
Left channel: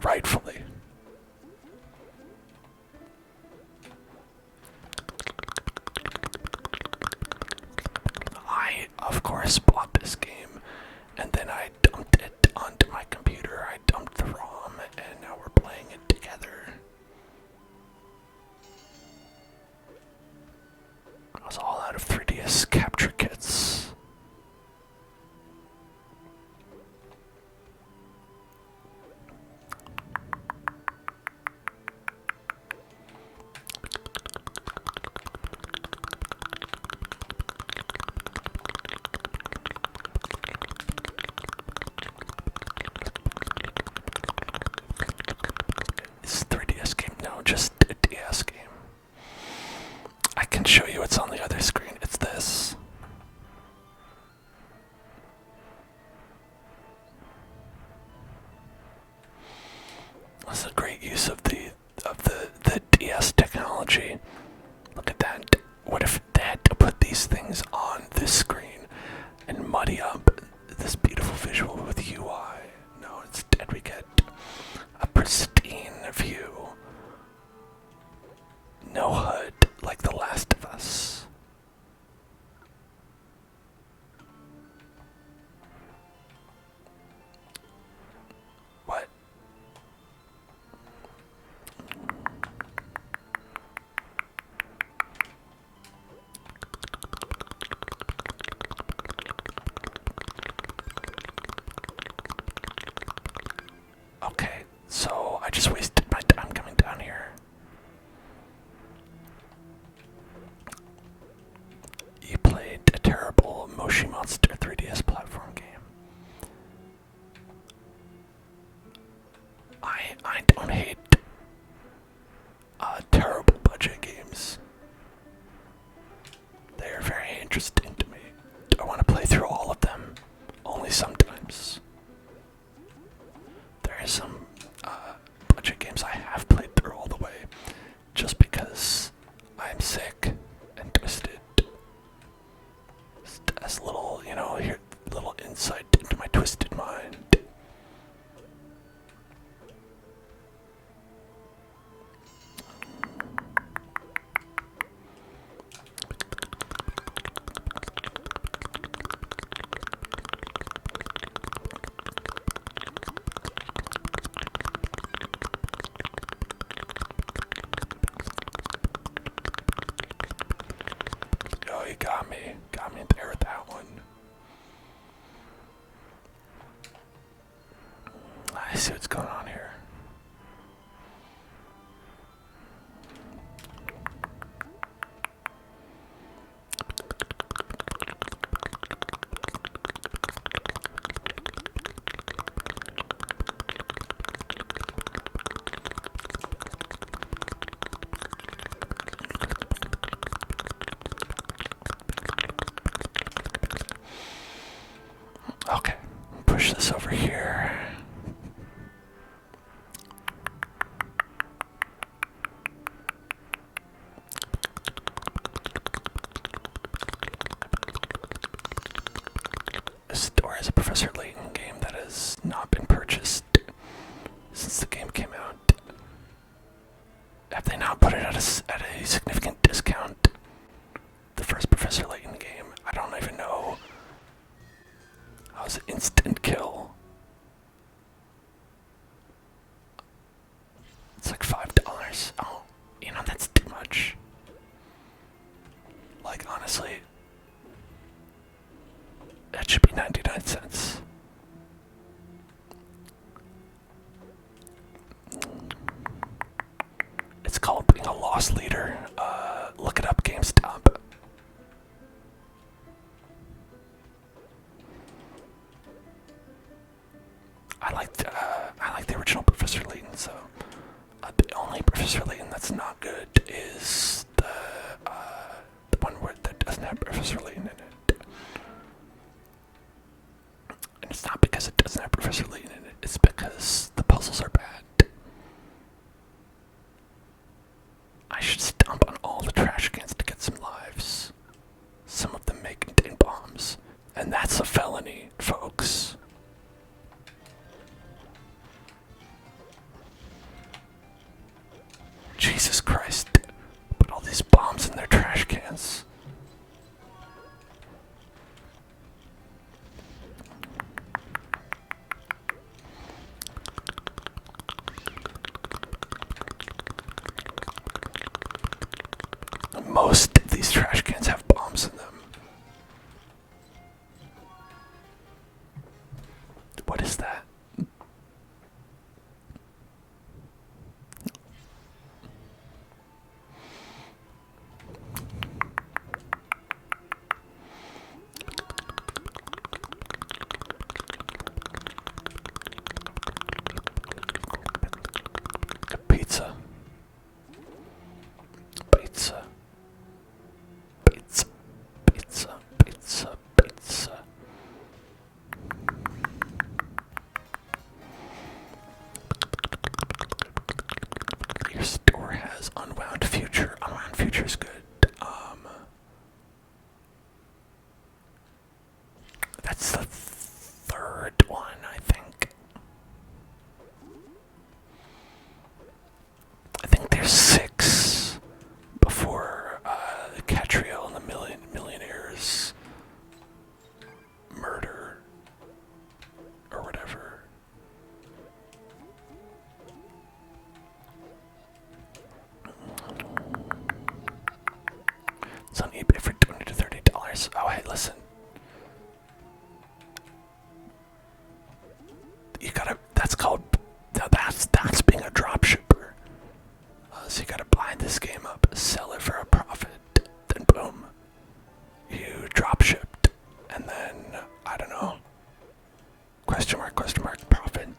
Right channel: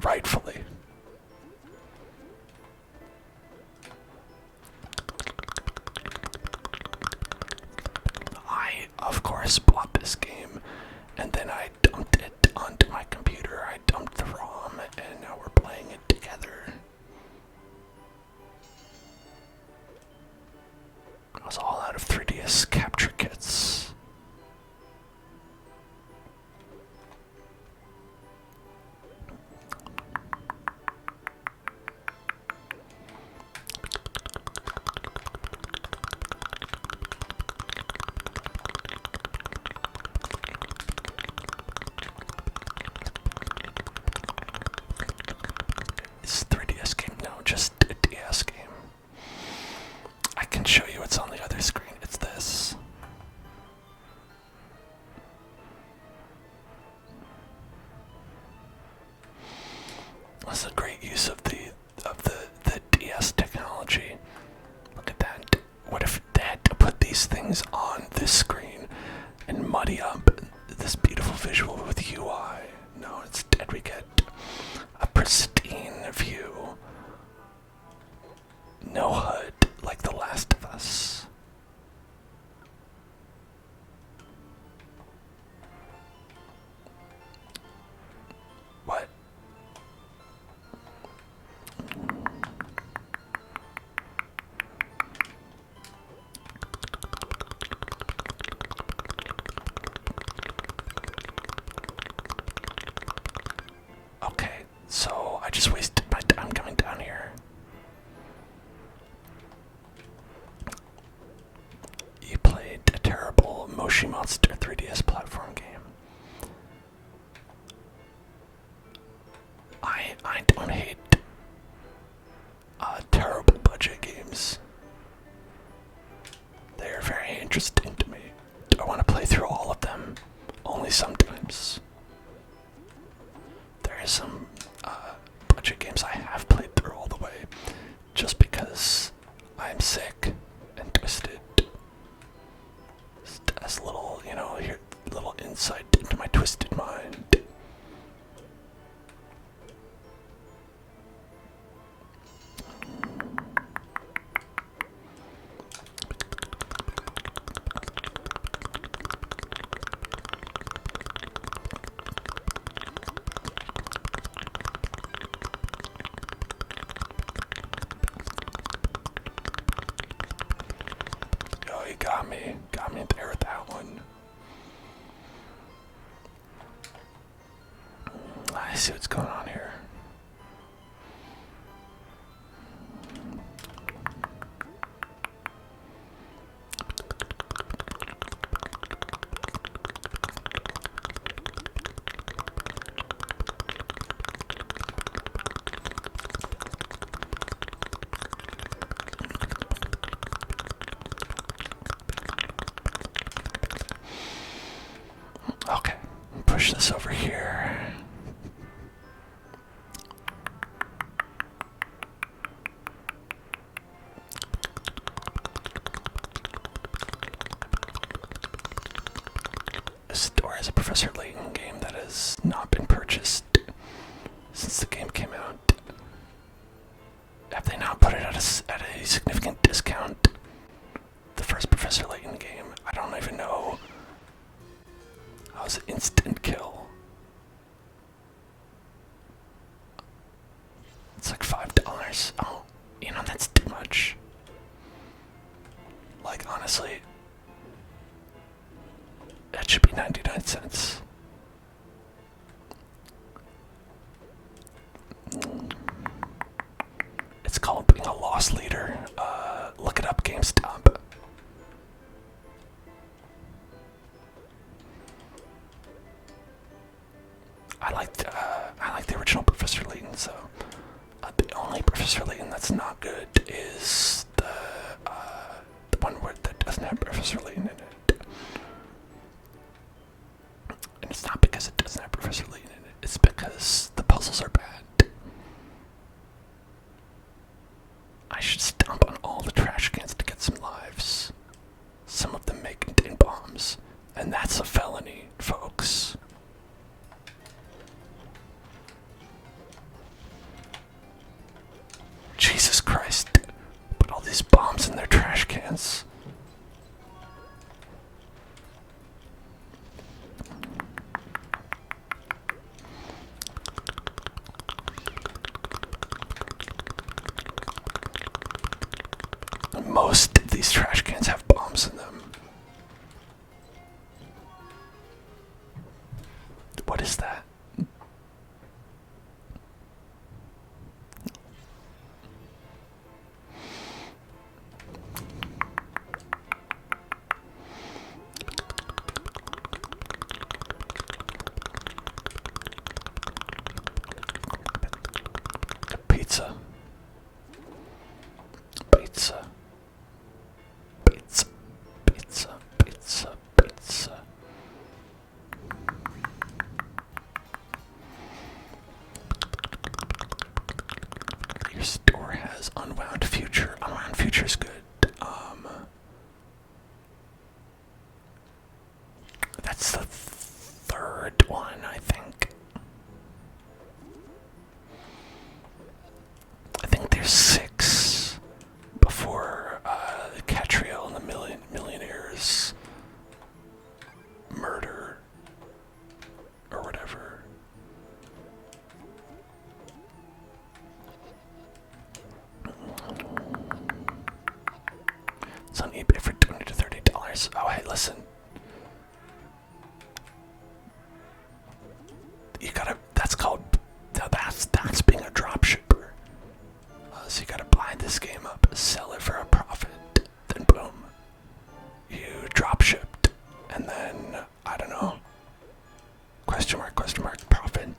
rightfully. I, of course, bought this game, and then I dumped it onto my computer. I dumped the ROM, and now we're playing it together. I was all out of 3DS capture kits. It's a 3DS game? No, just a DS game. I can show you what's on the other screen. It's this. That's a great use of the DS technology. Look at that. What if they had to put these things on this screen and muddy up this beautiful visual with UI? No, instead we get a pristine view. No HUD, like The Last of Us. What? Okay, so I just wasted my time coming down here. You played a terrible Moshi Monster 3DS platform game. interesting to me. Do I want to play through all of them? Only sometimes. There is some bunch of games I have played through all the way, just because I'm sick and twisted. Just as a little, here, little insight into my twisted mind. Oh, you got me there with that one. I see what's going on here. Okay, push this over here. This door is a Professor Layton game that has not been purchased since the game came out. Have they not put it at a significant discount? The first Professor Layton game, I don't even know. That was an instant kill. It's like $5. Oh, that's too much. Like, honestly, that should be 99 cents. It's called being a loss leader. Look it up, GameStop. I like the original Professor Layton, so the only Professor Layton that's not good is the one that doesn't have Professor Layton in it. And it's not because it doesn't have Professor Layton in it, it's because the puzzles are bad. I should stomp on all the trash cans to get some lives. Some of them may contain bombs, and that's a felony, folks. Jesus Christ. Put all these bombs in their trash cans. Most of these trash cans have bombs in them. What is that? Pizza. Pizza. Pizza. Pizza. Pizza. Pizza. Your store has unwound future. Unwound future is good. That's the third one, I think. I think there's 6 before Catriel and the Millionaires murder or whatever. It's on eBay for $20 to $30. Oh, hey, listen. That's called, that's being a drop shipper. So you gotta buy this game up, sell it for a profit, then boom, you drop shipped, and then, I don't know, question mark, profit.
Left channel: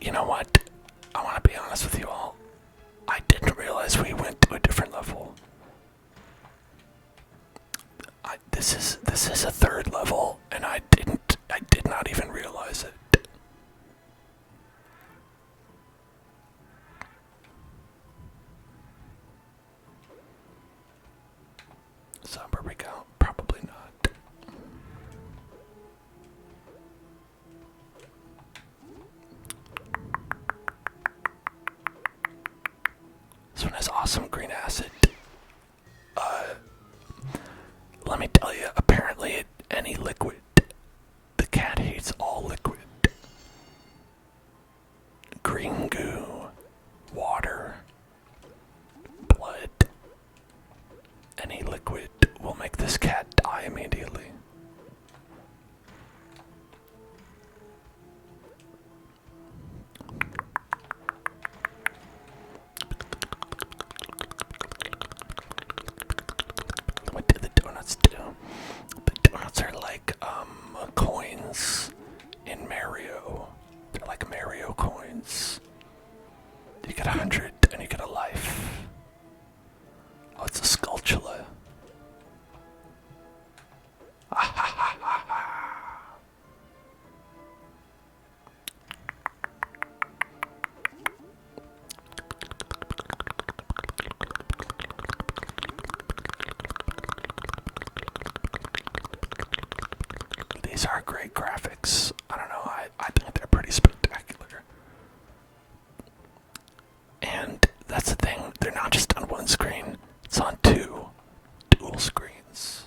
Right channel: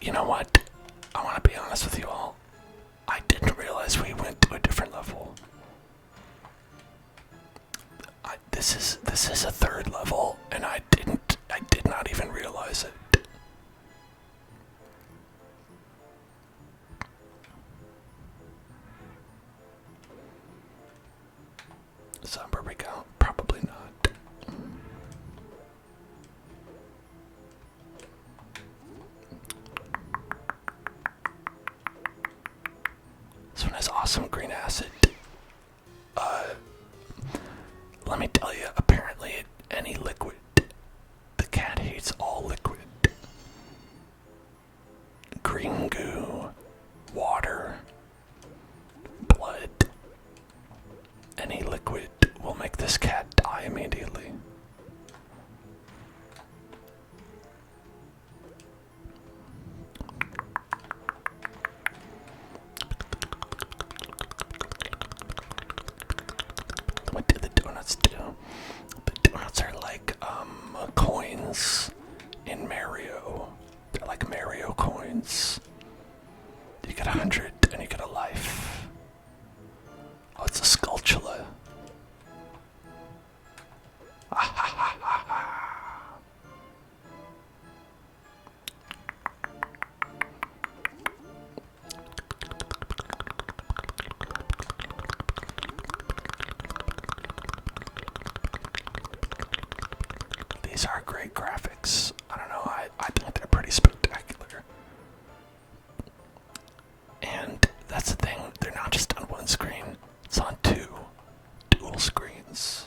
You know what? I want to be honest with you all. I didn't realize we went to a different level. This is a third level, and I did not even realize it. So where we go? Probably not. This one has awesome green acid. Let me tell you, apparently any liquid, the cat hates all liquid. Green goo, water, blood, any liquid will make this cat die immediately. What do the donuts do? The donuts are like coins in Mario. They're like Mario coins. You get 100 and you get a life. Oh, it's a sculptula. These are great graphics. I don't know, I think they're pretty spectacular. And that's the thing, they're not just on one screen, it's on two dual screens.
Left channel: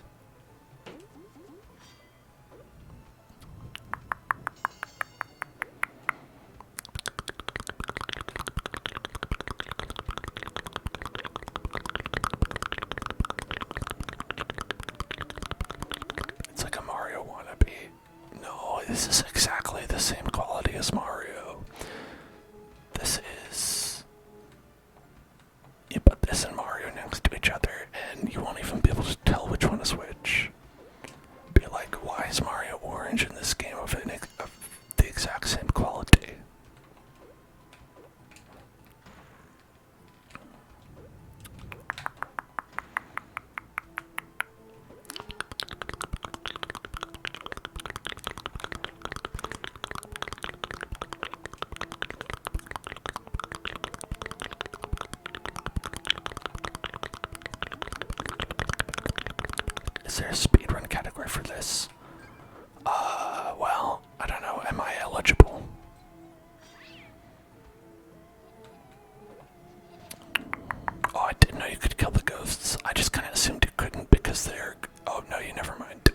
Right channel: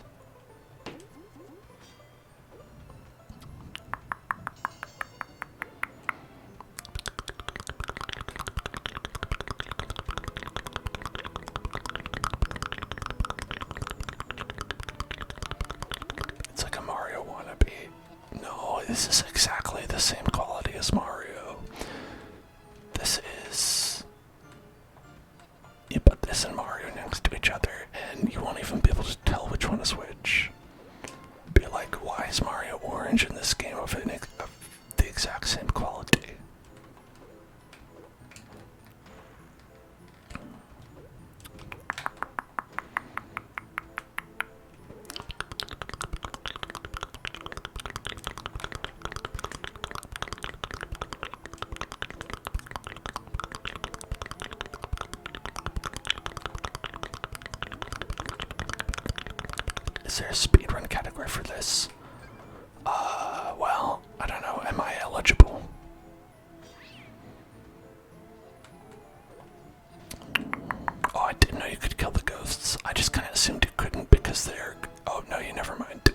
It's like a Mario wannabe. No, this is exactly the same quality as Mario. This is... You put this and Mario next to each other, and you won't even be able to tell which one is which. Be like, why is Mario orange in this game of the exact same quality? Is there a speedrun category for this? Well, I don't know. Am I eligible? Oh, I didn't know you could kill the ghosts. I just kind of assumed you couldn't because they're... Oh, no, you never mind.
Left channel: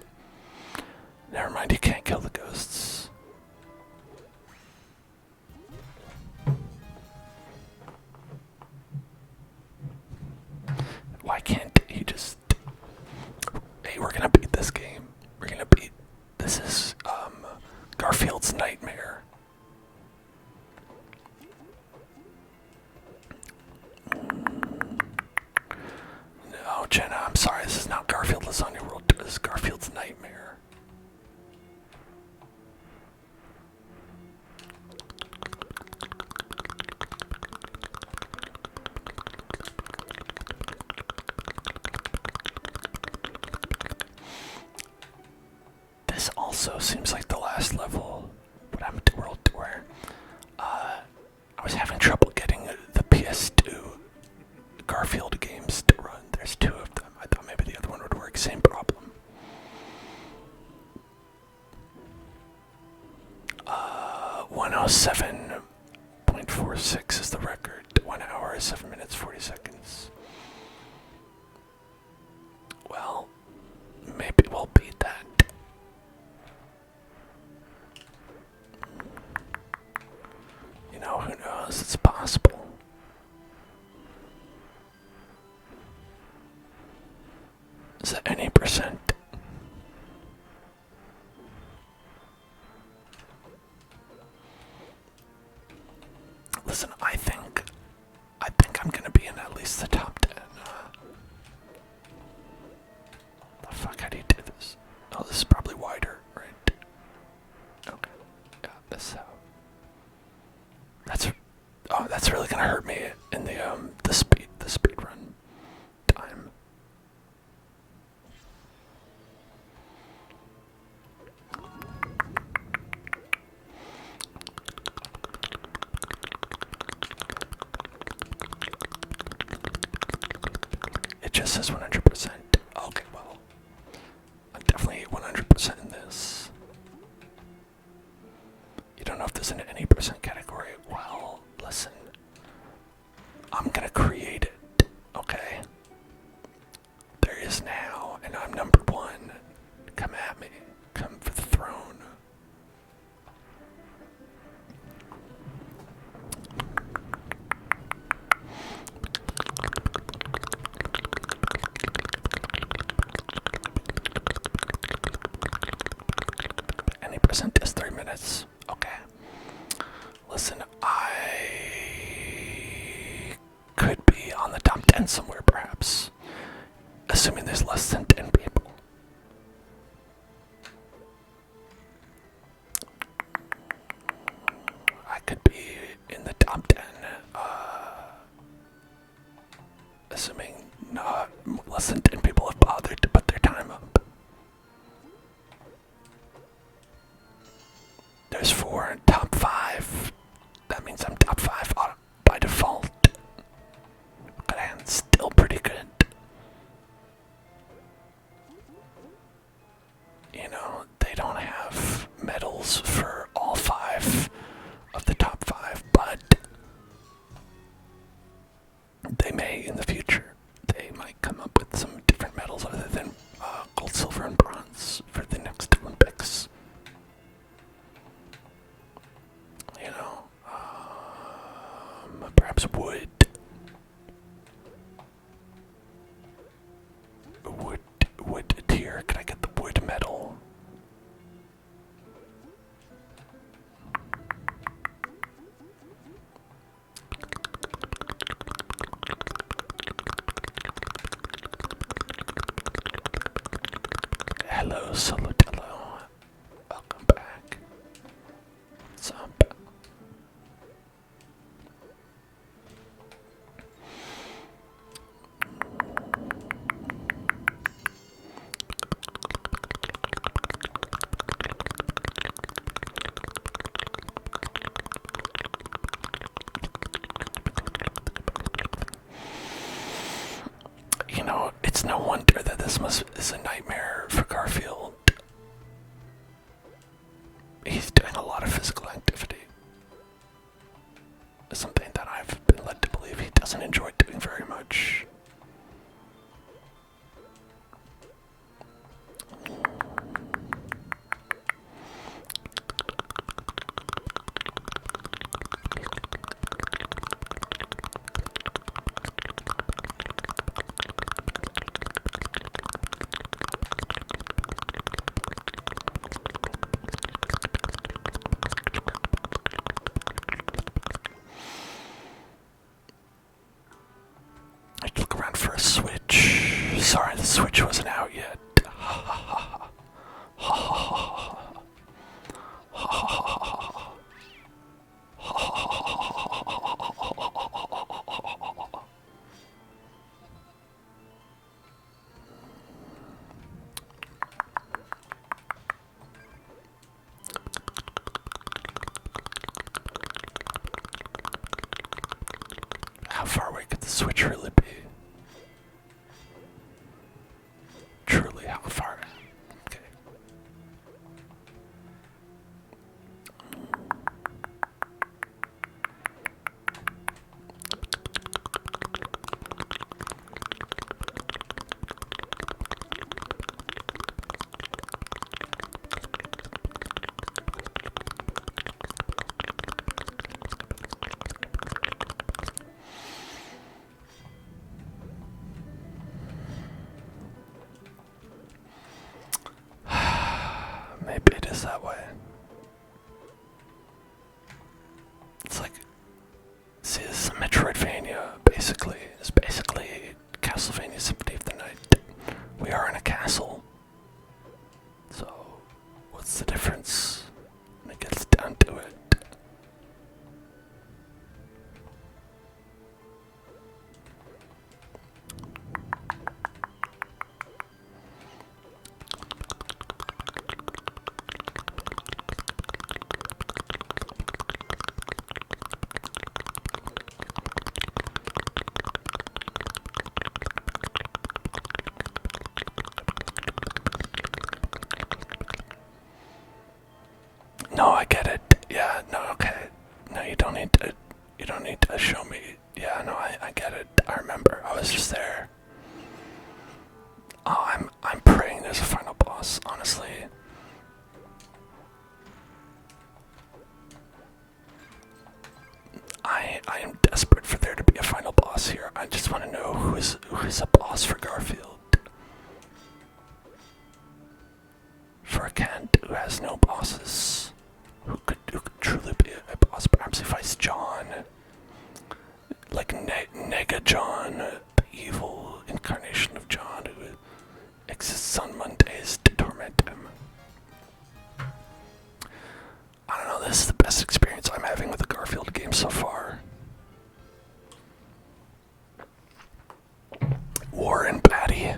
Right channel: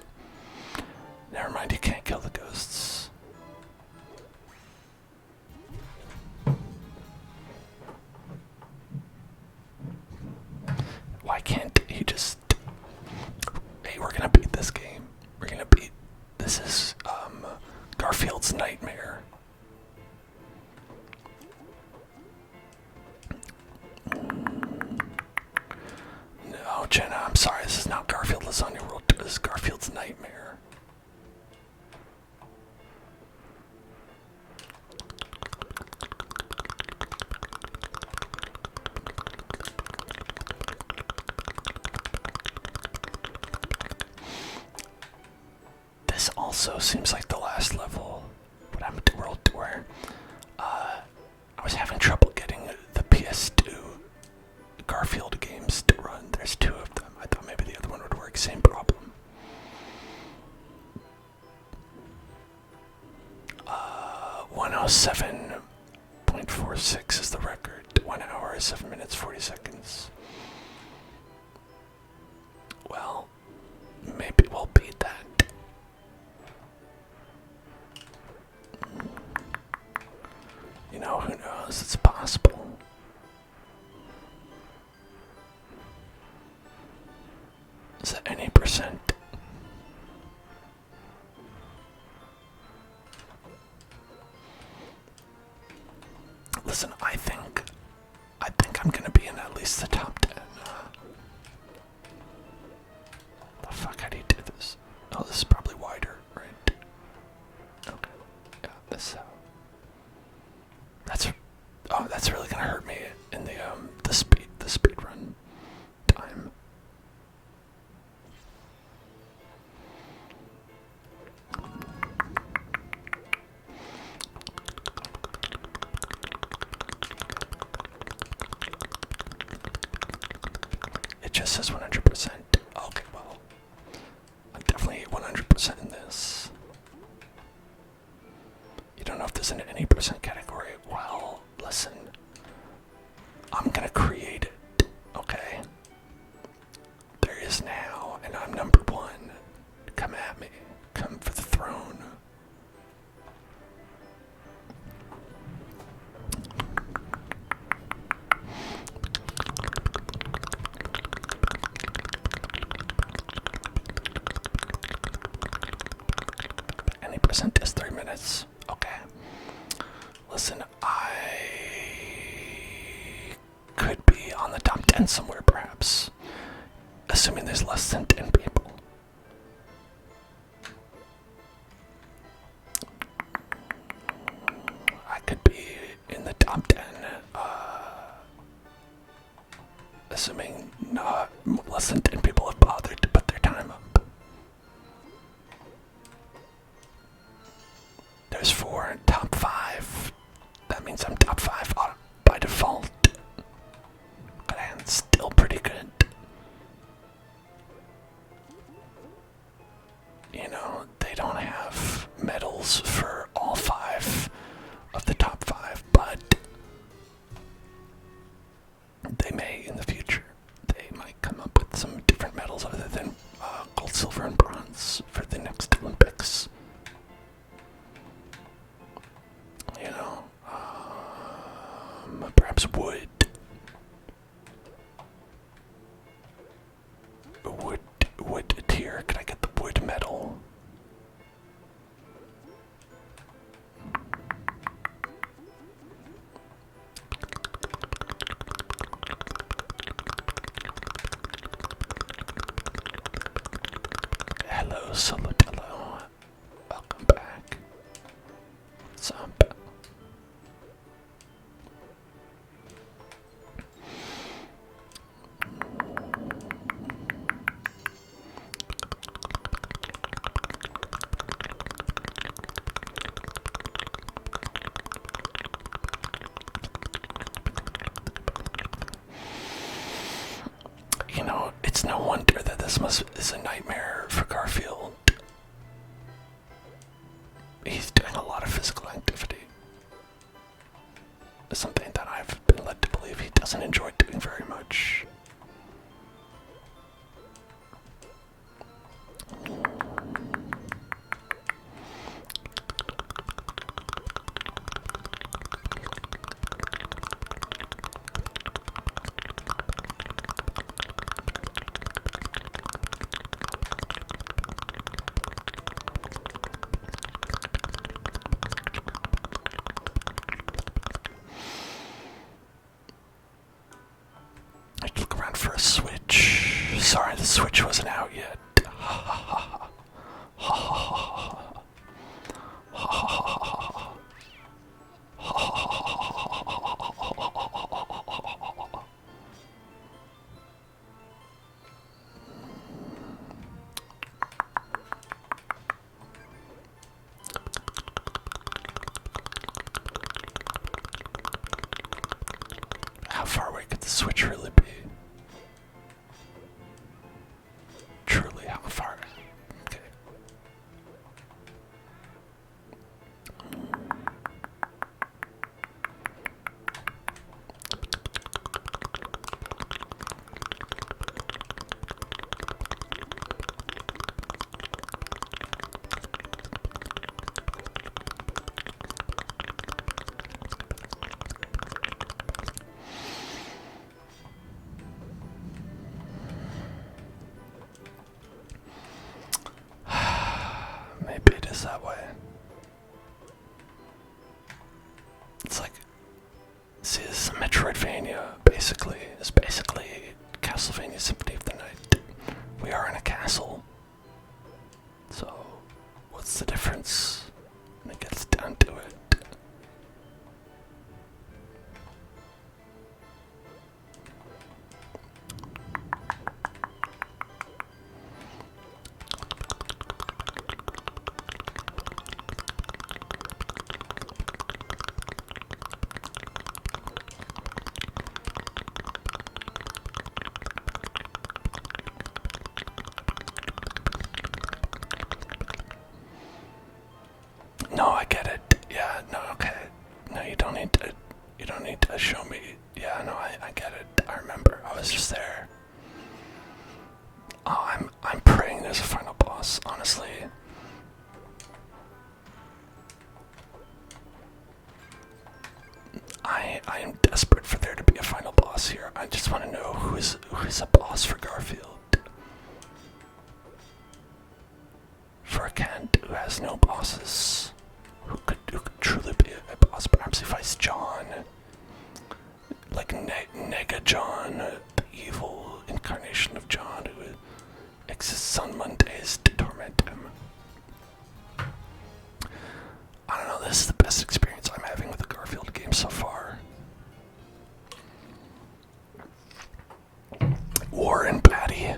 Never mind, you can't kill the ghosts. Why can't he just... Hey, we're gonna beat this game. We're gonna beat... This is, Garfield's nightmare. No, Jenna, I'm sorry. This is not Garfield Lasagna World. This is Garfield's nightmare. This also seems like the last level. What happened to World Tour? I was having trouble getting the PS2 Garfield games to run. There's two of them. I thought maybe the other one would work. Same problem. 107.46 is the record. 1 hour, 7 minutes, 40 seconds. Well, maybe we'll beat that. You know, who knows? It's possible. Is that any percent? Listen, I think I'm gonna be in at least the top 10. The fuck, how do you do this? Oh, this is probably wider, right? Okay. Yeah, this how. Oh, that's really gonna hurt me in the speed run time. It just says 100%. Okay, well, I'm definitely 100% in this. You don't know if there's an any percent category. Well, listen. I'm gonna create it, okay? There is now, and I'm number one. Come at me. Come for the throne. Any percent is 3 minutes. Okay. Listen, I could be on the top 10 somewhere, perhaps. Assuming there's less than 10 people. I could be in the top 10, assuming not less than 10 people have bothered to put their time up. There's 4 in top 5. That means I'm top 5 by default. But I'm still pretty good. You know, they don't have medals for all 5 of the top 5, but they may in the future. They might come up with some different medals other than gold, silver, and bronze for the next Olympics. You know, perhaps wood. Wood tier. Can I get the wood medal? Hello, Solotello. Welcome back. What's up? You know, it's no wonder that this is a nightmare for Garfield. He's doing a lot of physical activity. It's something that I've been led to believe he doesn't enjoy doing very much. I look around for a switch. Sorry, the switch wasn't out yet. How far away could the switch really be? Truly, how far? Okay. Maybe it is that way. It's like, see, this is a Metroidvania, basically. It's basically Castlevania Symphony of the Night. We are in a castle. So, what's the difference when it gets down to it? No, I get it. Yeah, no, okay. No, you don't need to. You don't need to show me. Yeah, no, I get it. I remember. I was just there. Oh, I'm praying there's a final boss. Honestly. I am desperate for there to be a final boss here. I just want to know who is a boss for Garfield. For a cat who has no bosses, who could truly be a boss. Perhaps he fights John, like Nega John, the evil incarnation of John who exists on Mondays to torment him. I don't know, this is the best experience I'm having with the Garfield game so far. Warren Batty.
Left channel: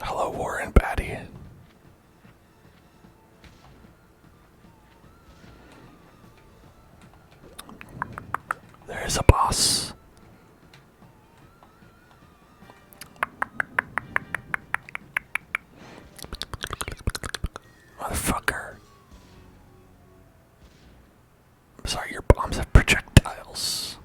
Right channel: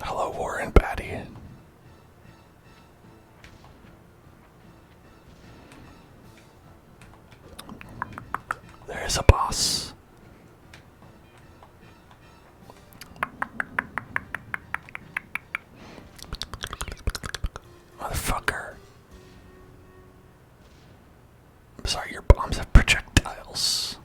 Hello, Warren Batty. There's a boss. Motherfucker. I'm sorry, your bombs have projectiles.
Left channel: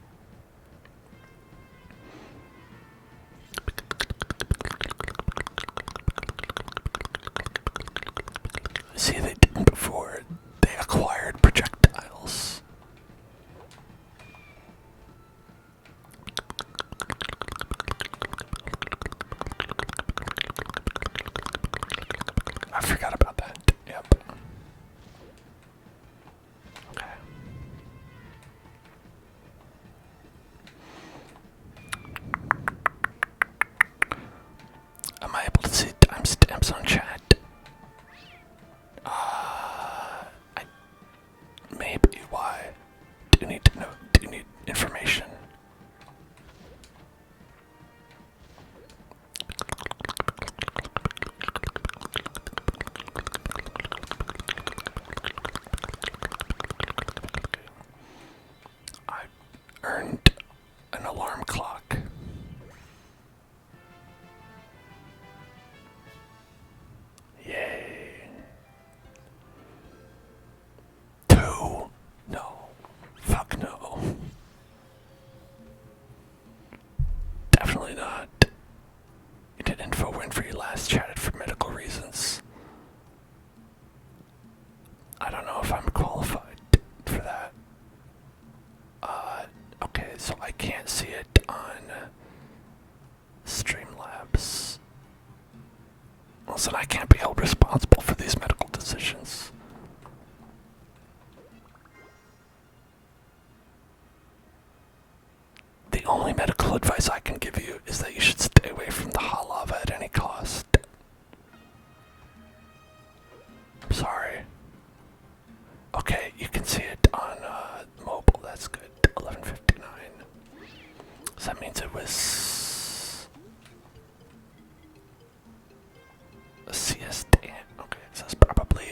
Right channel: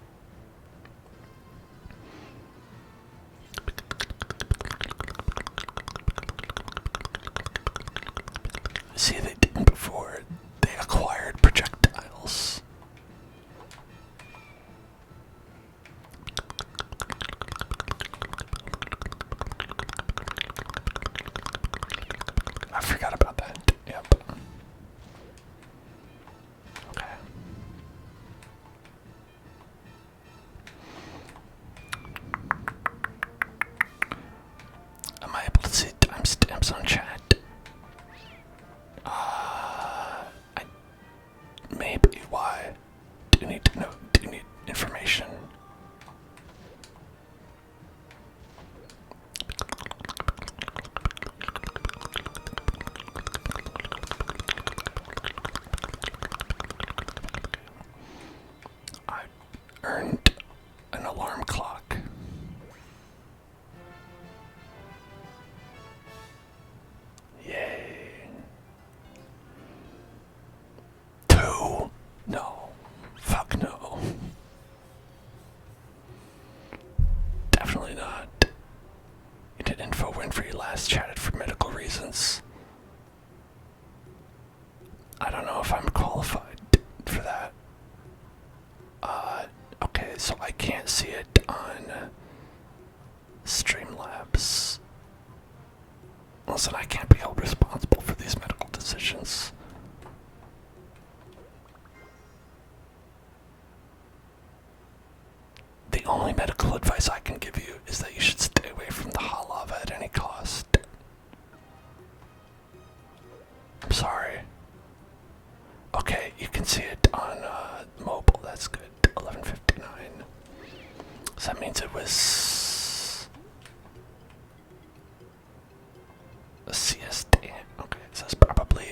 See, they didn't before. They acquired projectiles. I forgot about that. Yep. Okay. Am I able to see timestamps on chat? Maybe. Why? Do you need to know? Do you need information? I earned an alarm clock. Yay. 2? No. Fuck no. Definitely not. You did info when for you last chatted for medical reasons. I don't know if I'm qualified for that. Okay, so I can't see it on Streamlabs. Listen, I can't be held responsible for these medical decisions. The only medical advice I can give you is that you should stay away from the hot lava at any cost. I'm sorry. Okay, you can see it on mobile, that's good. 11:59. So that means it was a siesta. Okay, so it's probably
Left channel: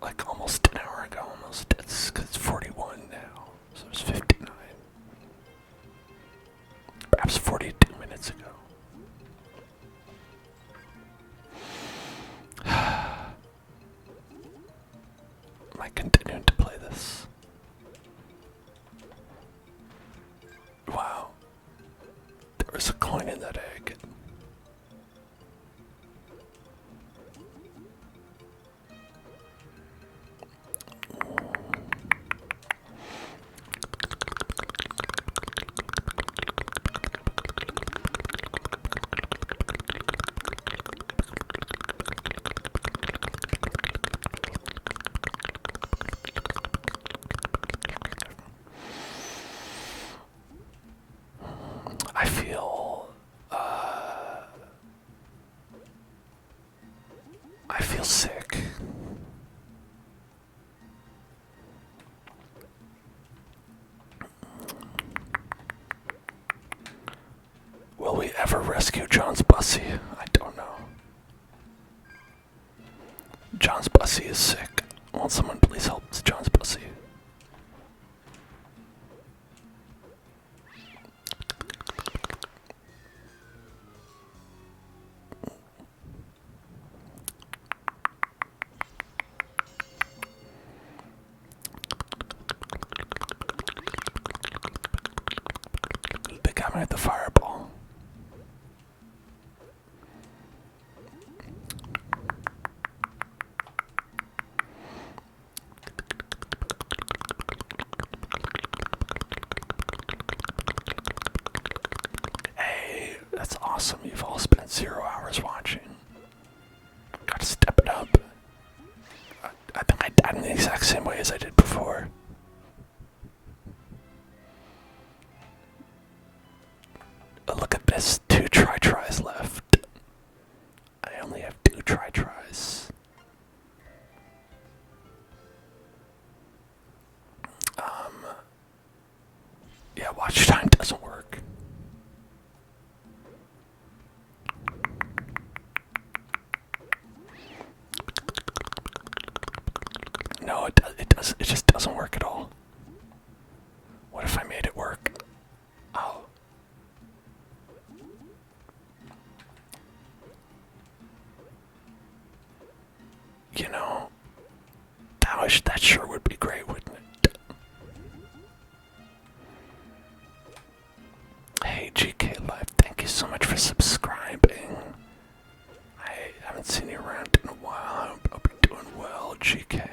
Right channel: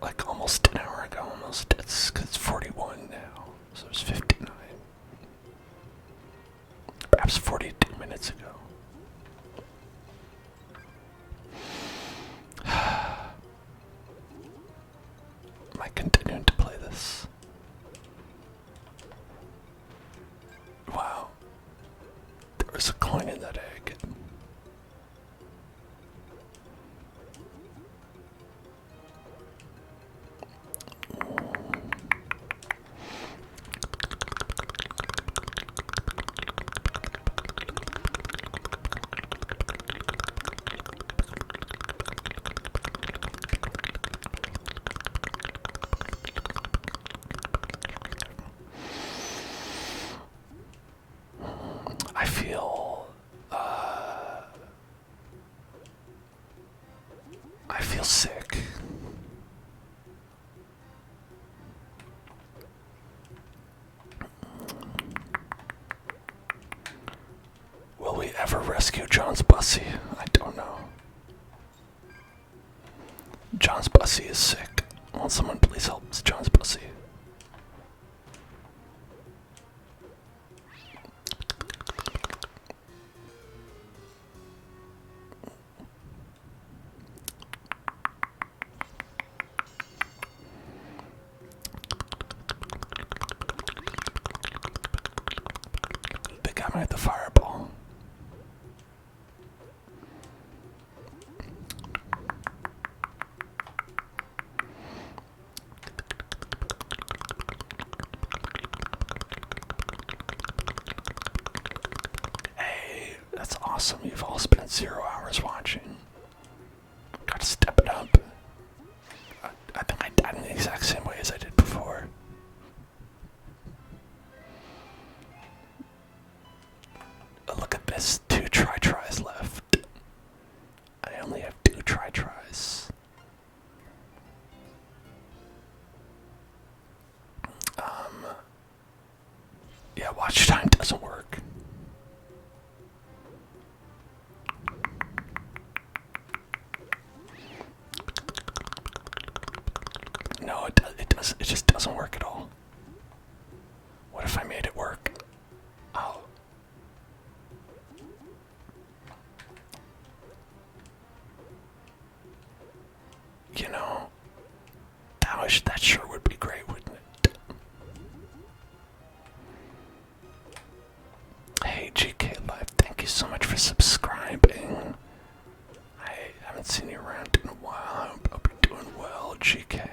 like almost an hour ago, almost. It's 41 now, so it's 59. Perhaps 42 minutes ago. Am I continuing to play this? Wow. There was a coin in that egg. I feel sick. Will we ever rescue John's Bussy? I don't know. John's Bussy is sick. Won't someone please help John's Bussy? got me with the fireball. Hey, that's awesome. You've all spent 0 hours watching. Gotta step it up. I think I died in the exact same way as I did before. Look at this, 2 tries left. I only have 2 tries. Yeah, watch time doesn't work. No, it just doesn't work at all. What if I made it work? Oh. You know, that sure would be great, wouldn't it? Hey, GK Live, thank you so much for subscribing. I haven't seen you around in a while. I hope you're doing well, GK.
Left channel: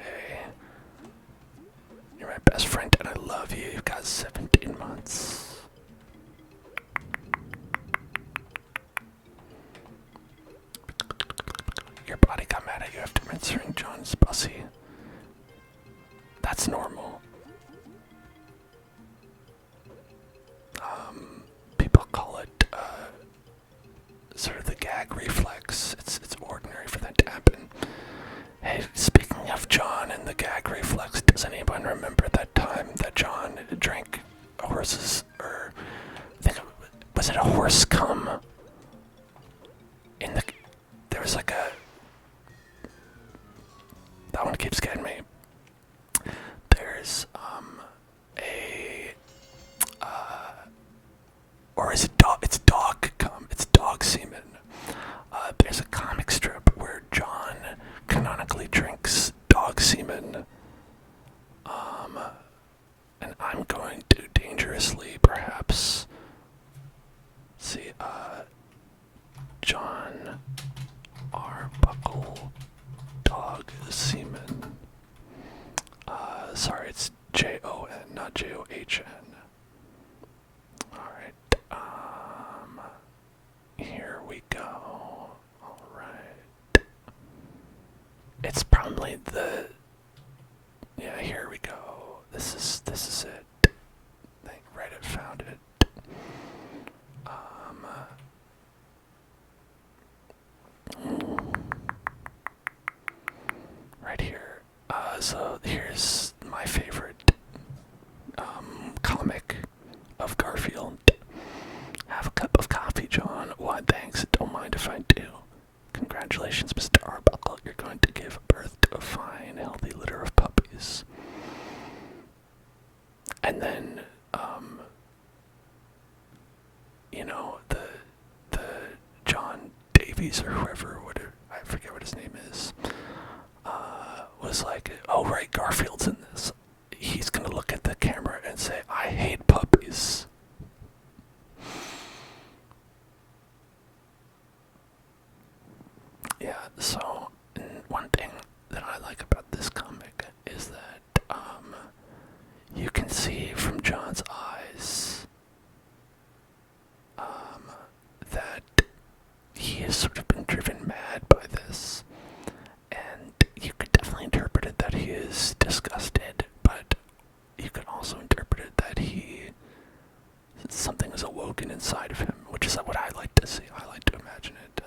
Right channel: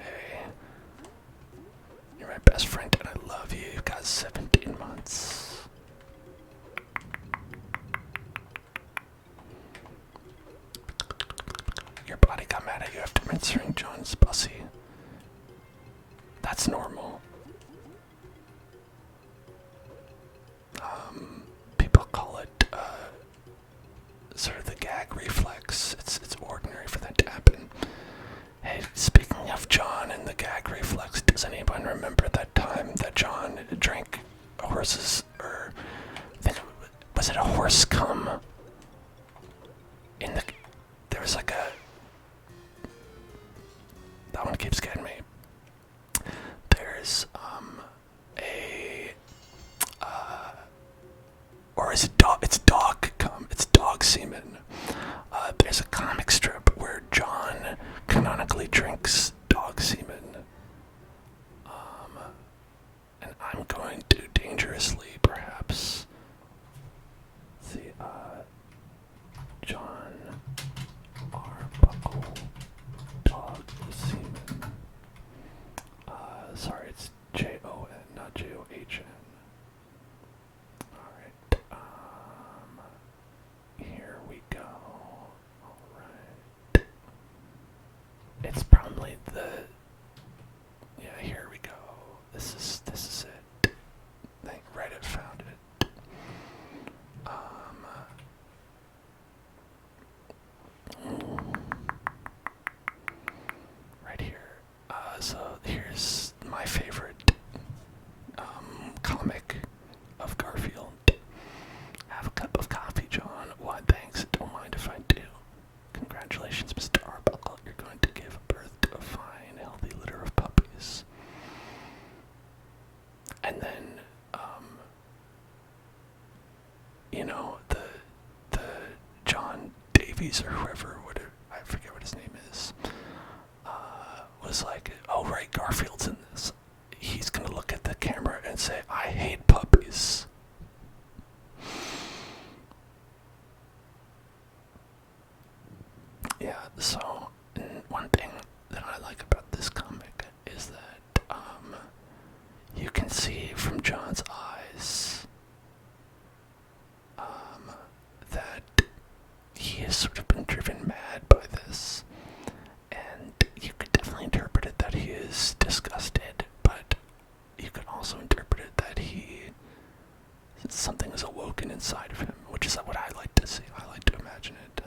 You're my best friend and I love you. You've got 17 months. Your body got mad at you after mentoring John's pussy. That's normal. People call it, sort of the gag reflex. It's ordinary for that to happen. Hey, speaking of John and the gag reflex, does anyone remember that time that John drank a horse's, or I think was it a horse cum? There was like that one keeps getting me. There's or is it dog? It's dog cum. It's dog semen. There's a comic strip where John canonically drinks dog semen. And I'm going to dangerously, perhaps, see, John Arbuckle dog semen. Sorry, it's Jon, not John. Alright, here we go. Alright. It's probably yeah, here we go. This is it. I think Reddit found it. Right here. So here's my favorite comic of Garfield. Have a cup of coffee, John. Why, thanks. Don't mind if I do. Congratulations, Mr. Arbuckle. You're going to give birth to a fine, healthy litter of puppies. And then, you know, the John Davies or whoever, I forget what his name is, was like, oh right, Garfield's in this. He's gonna look at the camera and say, I hate puppies. Yeah, so one thing that I like about this comic is that you can see from John's eyes that he has sort of been driven mad by this, and you could definitely interpret it that he is disgusted, but you could also interpret it that something is awoken inside of him, which is what I like to see. I like to imagine it,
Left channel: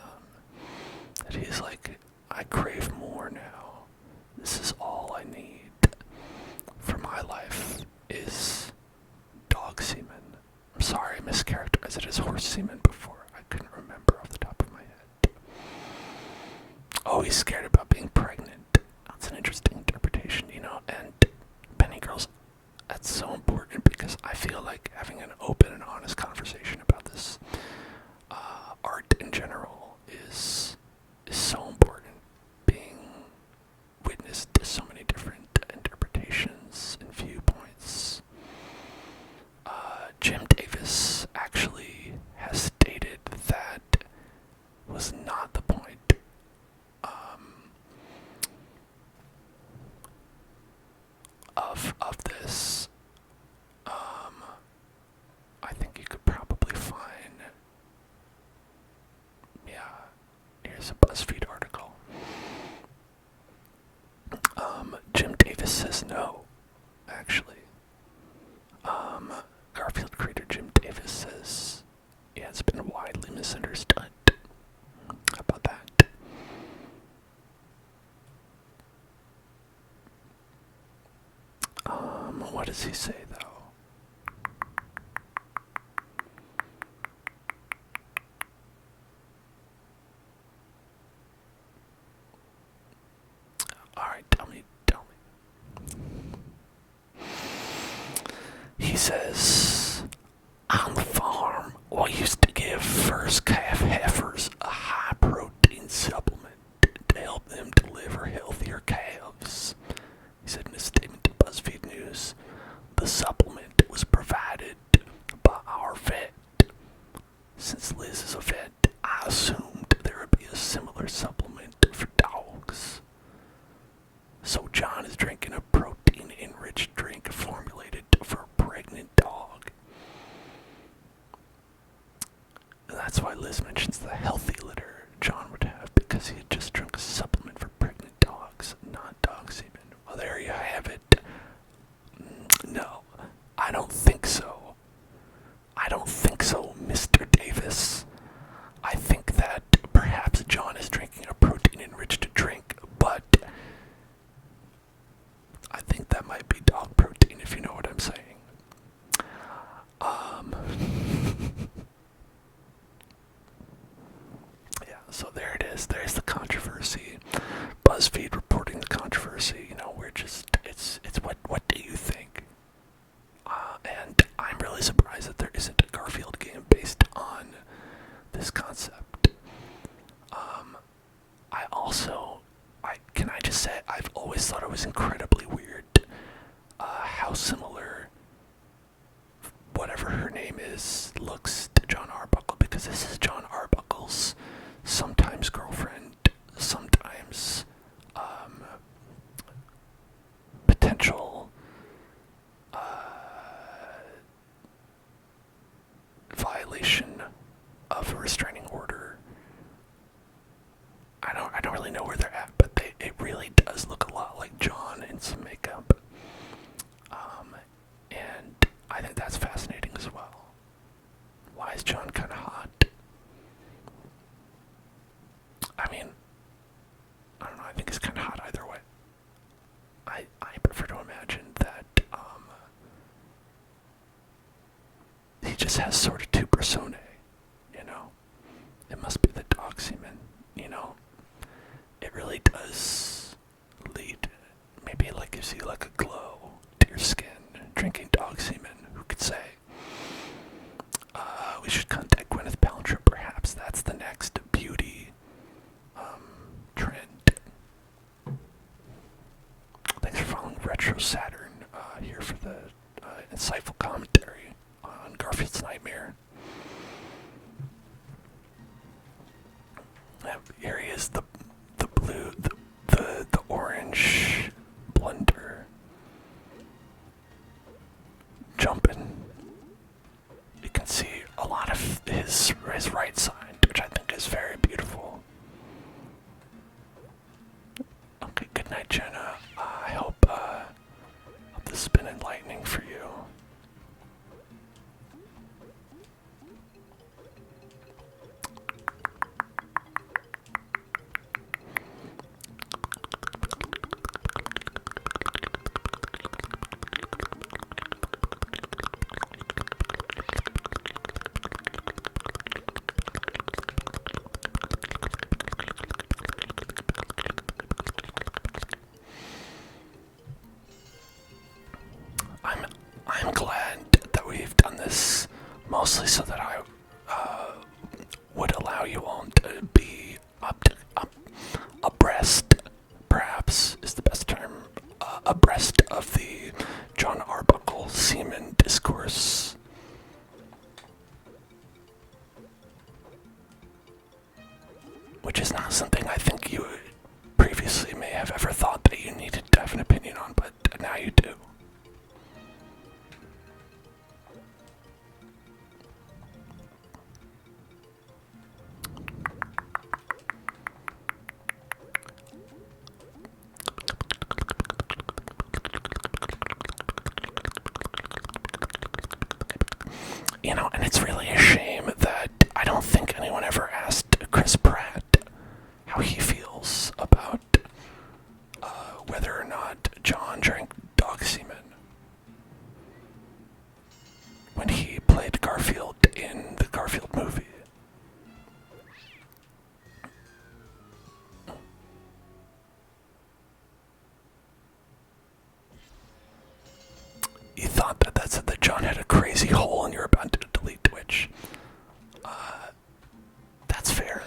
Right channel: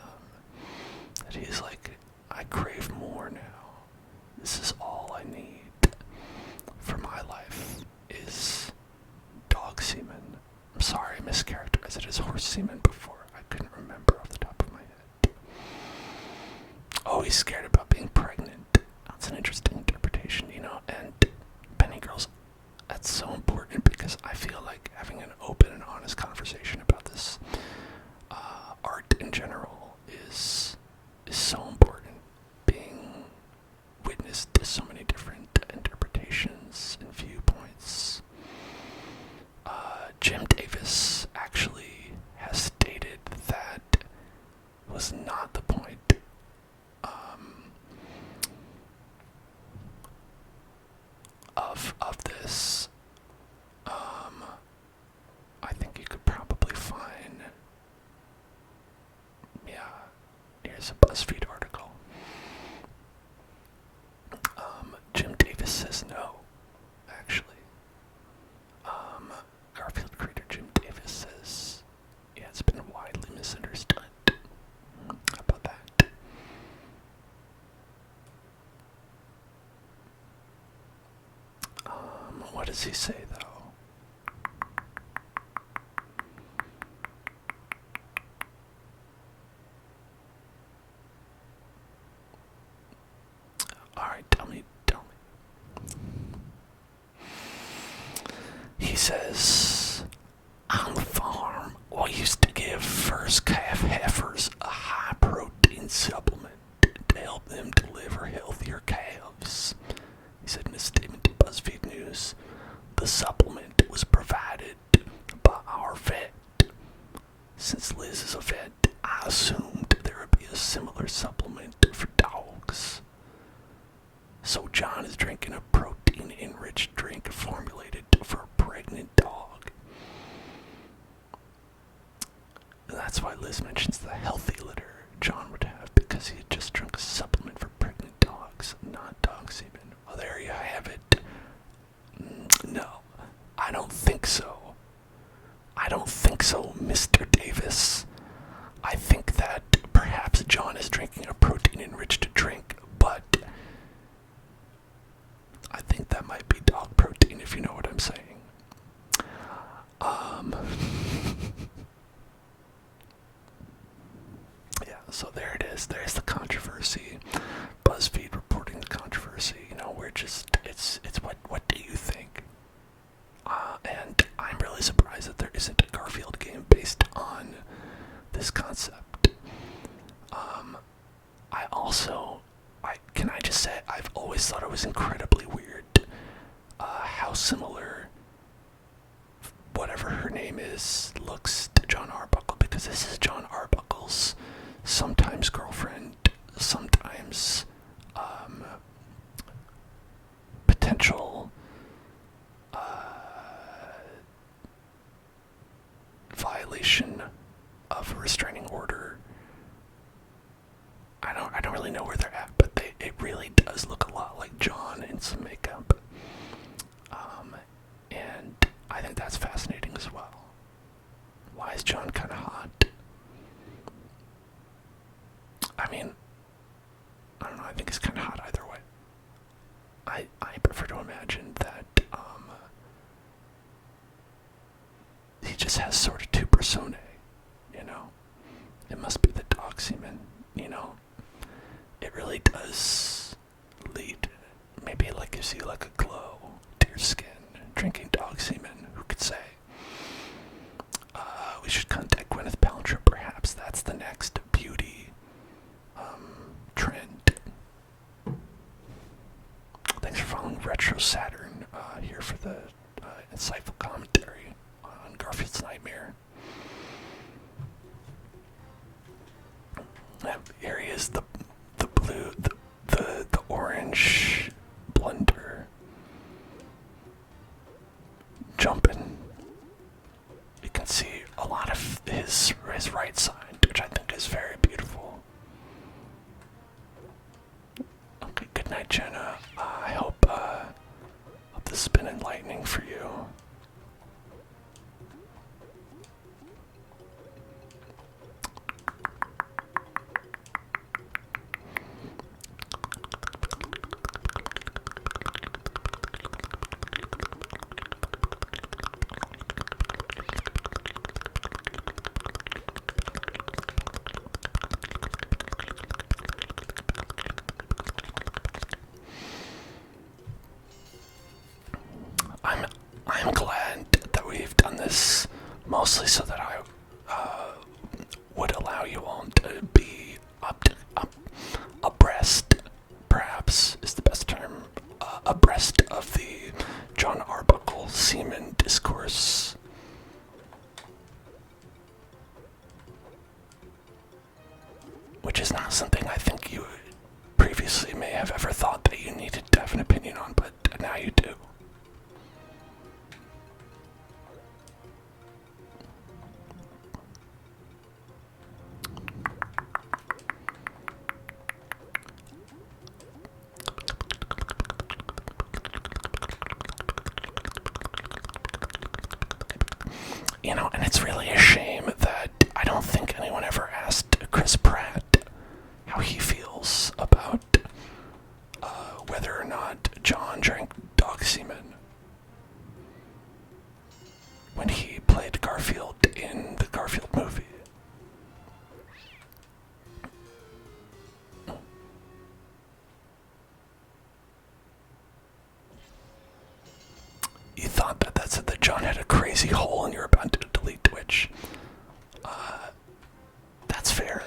that he's like, I crave more now. This is all I need for my life is dog semen. I'm sorry, I mischaracterized it as horse semen before. I couldn't remember off the top of my head. Oh, he's scared about being pregnant. That's an interesting interpretation, you know, and Penny Girls, that's so important because I feel like having an open and honest conversation about this art in general is so important. Being witness to so many different interpretations and viewpoints. Jim Davis actually is a BuzzFeed article. Jim Davis says no, actually. Garfield creator Jim Davis says, yeah, it's been widely misunderstood. How about that? What does he say, though? Alright, tell me. He says, on the farm, we used to give first calf heifers a high-protein supplement to help them deliver healthier calves. He said in a statement to BuzzFeed News, the supplement was provided by our vet. Since Liz is a vet, I assumed there would be a similar supplement for dogs. So John is drinking a protein-enriched drink formulated for a pregnant dog. And that's why Liz mentions the healthy litter John would have, because he just drank a supplement for pregnant dogs, not dog semen. Well, there you have it. No, I don't think so. I don't think so, Mr. Davis. I think that perhaps John is drinking a protein-enriched drink, but I think that might be dog protein, if you know what I'm saying. Yeah, so there it is. There's the controversy. BuzzFeed reporting the controversy. You know, we're just, it's what do you think? And I'm really surprised that there isn't a Garfield game based on this concept. Can I just say, I've always thought it was incredibly weird how similar whatever her name is looks to John Arbuckle, because this is John Arbuckle's sometimes girlfriend, sometimes potential violation of a restraining order. I don't really know where they're at, but it really does look a lot like John in some makeup. And I think that's fascinating as well. Why is John kind of hot? I mean, I don't know, I think he's kind of hot either way. I prefer to imagine that he just has sort of two personae, you know? It must be the dog semen, you know? It really does lead, maybe like gives you like a glow to your skin. Drinking dog semen, who could say? We should contact Gwyneth Paltrow, perhaps. That's the next beauty trend. Thanks for following Retro Saturn here for the insightful commentary on Garfield's Nightmare. Here he is, the blue, the orange blender jumping. You can see a lot of his right side, which I think is very beautiful. Okay, good night, Jenna. I hope this has been enlightening for you. I'm glad that we've done this mostly so that I would allow you all to be abreast, perhaps is the best term, abreast of the John Arbuckle semen discourse. Which is not something I think you previously may have ever thought that you needed to have an opinion on, but now you do. And it's really a shame that I don't think anyone ever asked Chris Pratt how he feels about whether or not John drank dog semen when he played Garfield in the Garfield movie. You thought that said that John had a crazy hole and you're about to delete Twitch. That's fair.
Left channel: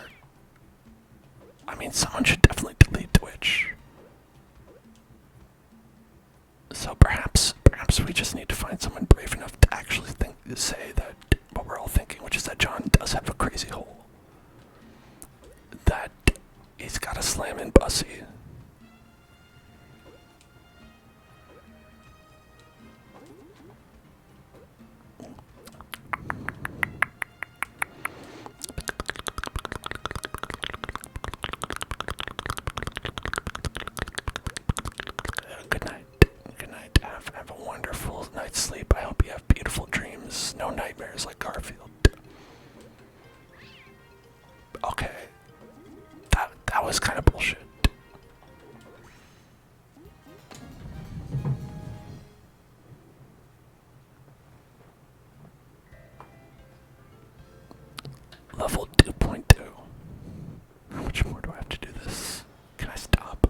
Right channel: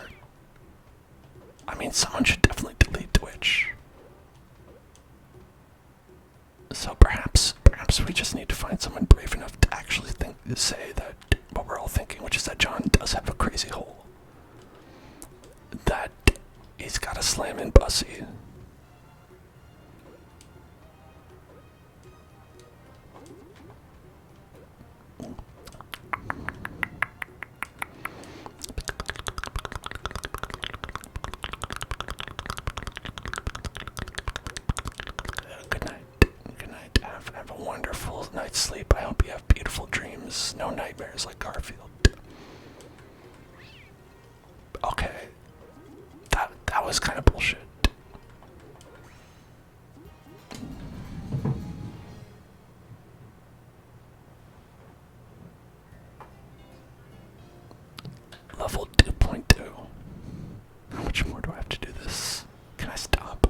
I mean, someone should definitely delete Twitch. So perhaps we just need to find someone brave enough to actually say that what we're all thinking, which is that John does have a crazy hole. That he's got a slam-in pussy. Good night. Good night. Have a wonderful night's sleep. I hope you have beautiful dreams. No nightmares like Garfield. Okay. That was kind of bullshit. Level 2.2. How much more do I have to do this? Can I stop?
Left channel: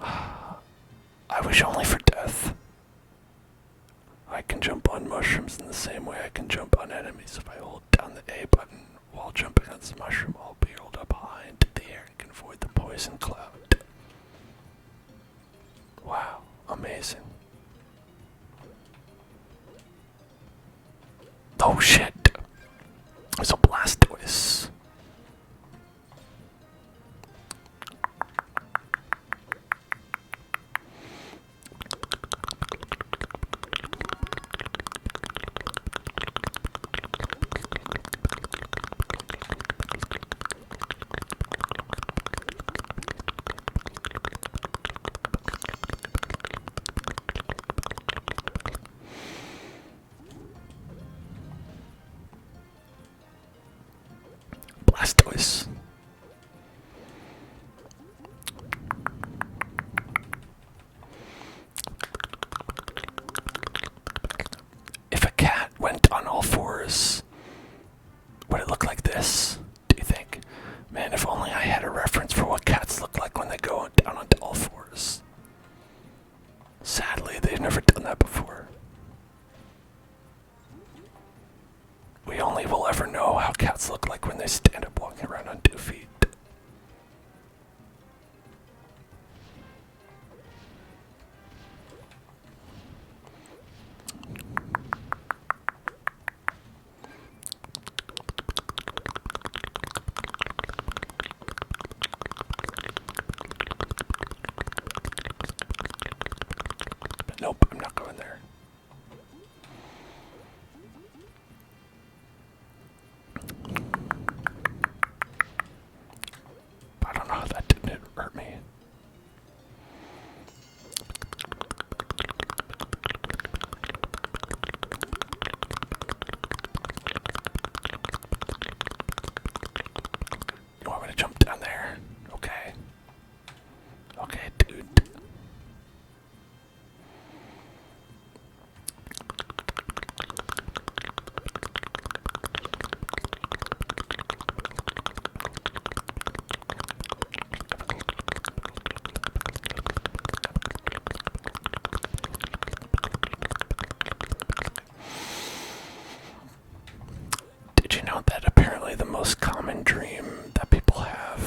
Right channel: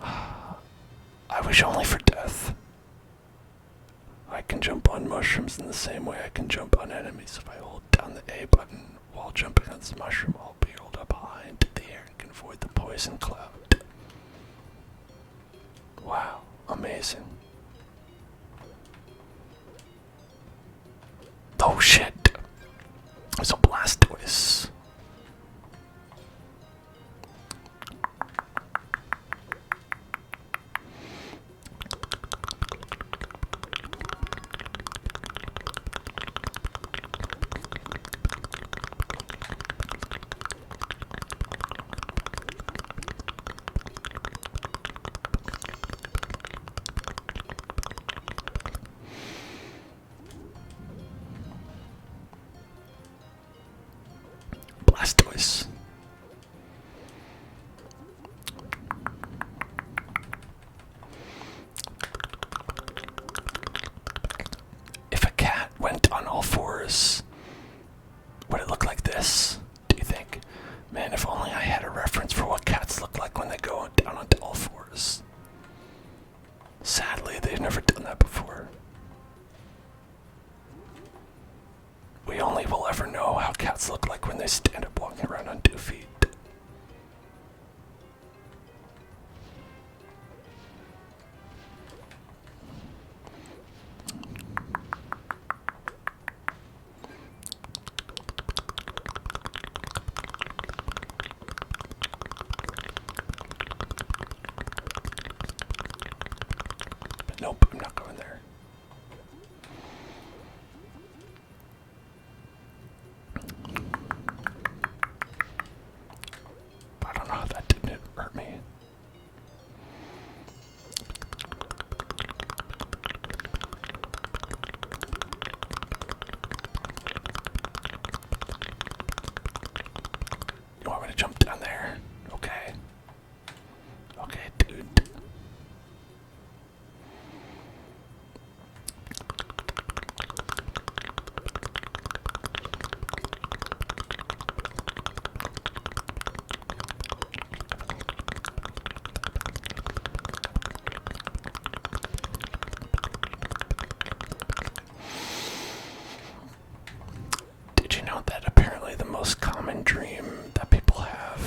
I wish only for death. I can jump on mushrooms in the same way I can jump on enemies. If I hold down the A button while jumping on this mushroom, I'll be hurled up high into the air and can avoid the poison cloud. Wow, amazing. Oh shit! There's a Blastoise. Blastoise. If a cat went on all fours, would it look like this, do you think? Man, if only I had a reference for what cats look like when they go down onto all fours. Sadly, they've never done that before. We only will ever know how cats look like when they stand up walking around on 2 feet. But nope, I'm not going there. I don't know how that didn't hurt me. You want me to jump down there? Okay. Okay, dude. Did you know that apparently the most common dream that people have,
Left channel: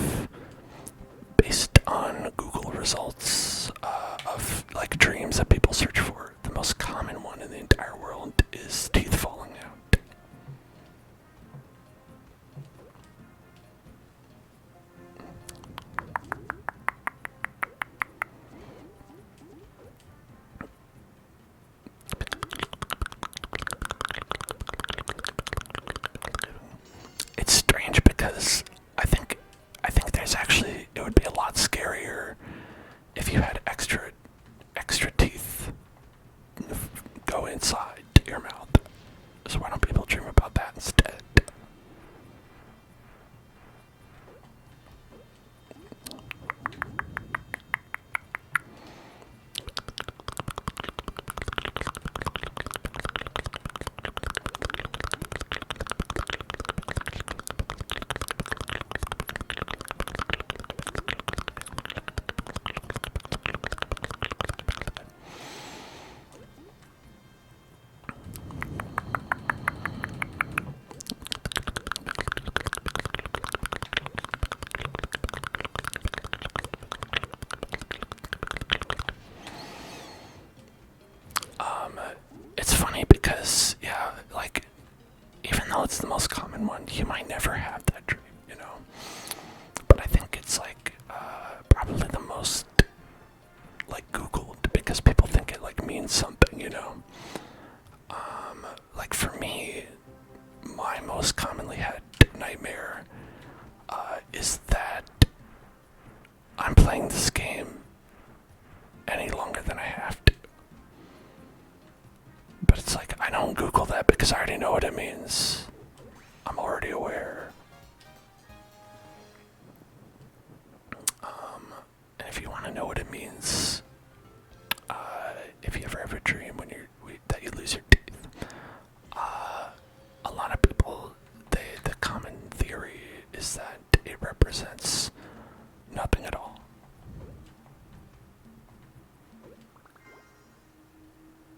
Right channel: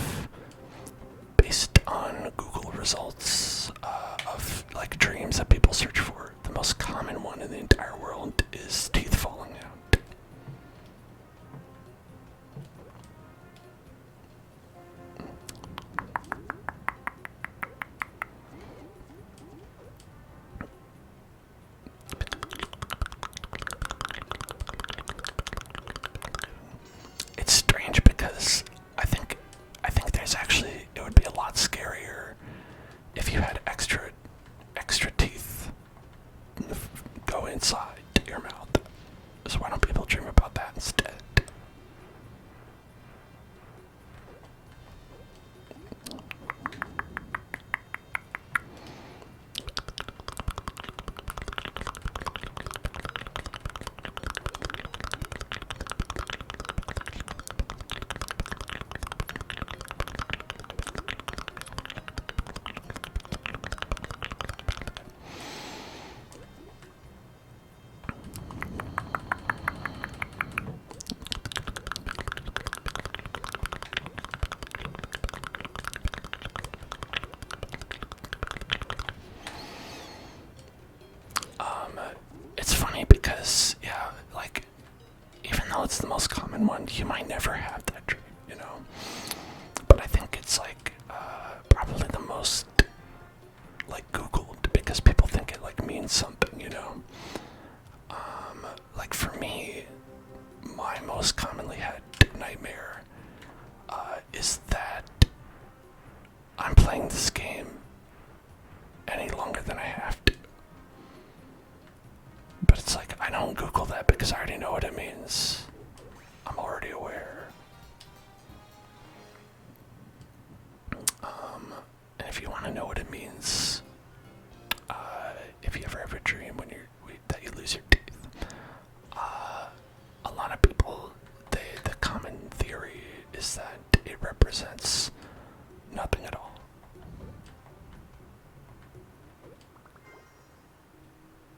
based on Google results of like dreams that people search for, the most common one in the entire world is teeth falling out? It's strange because I think there's actually, it would be a lot scarier if you had extra teeth inside your mouth. So why don't people dream about that instead? It's funny because, yeah, like, even though it's the most common one, you might never have that dream, you know? But I think it's, like, probably the most, like, Googled, because people think it, like, means something, you know? Like, for me, my most commonly had nightmare, is that I'm playing this game any longer than I have to. But it's like, I don't Google that because I already know what it means. I'm already aware. And if you want to know what it means, if you ever have a dream that you lose your teeth, a lot of people, the common theory is that it represents nothing at all.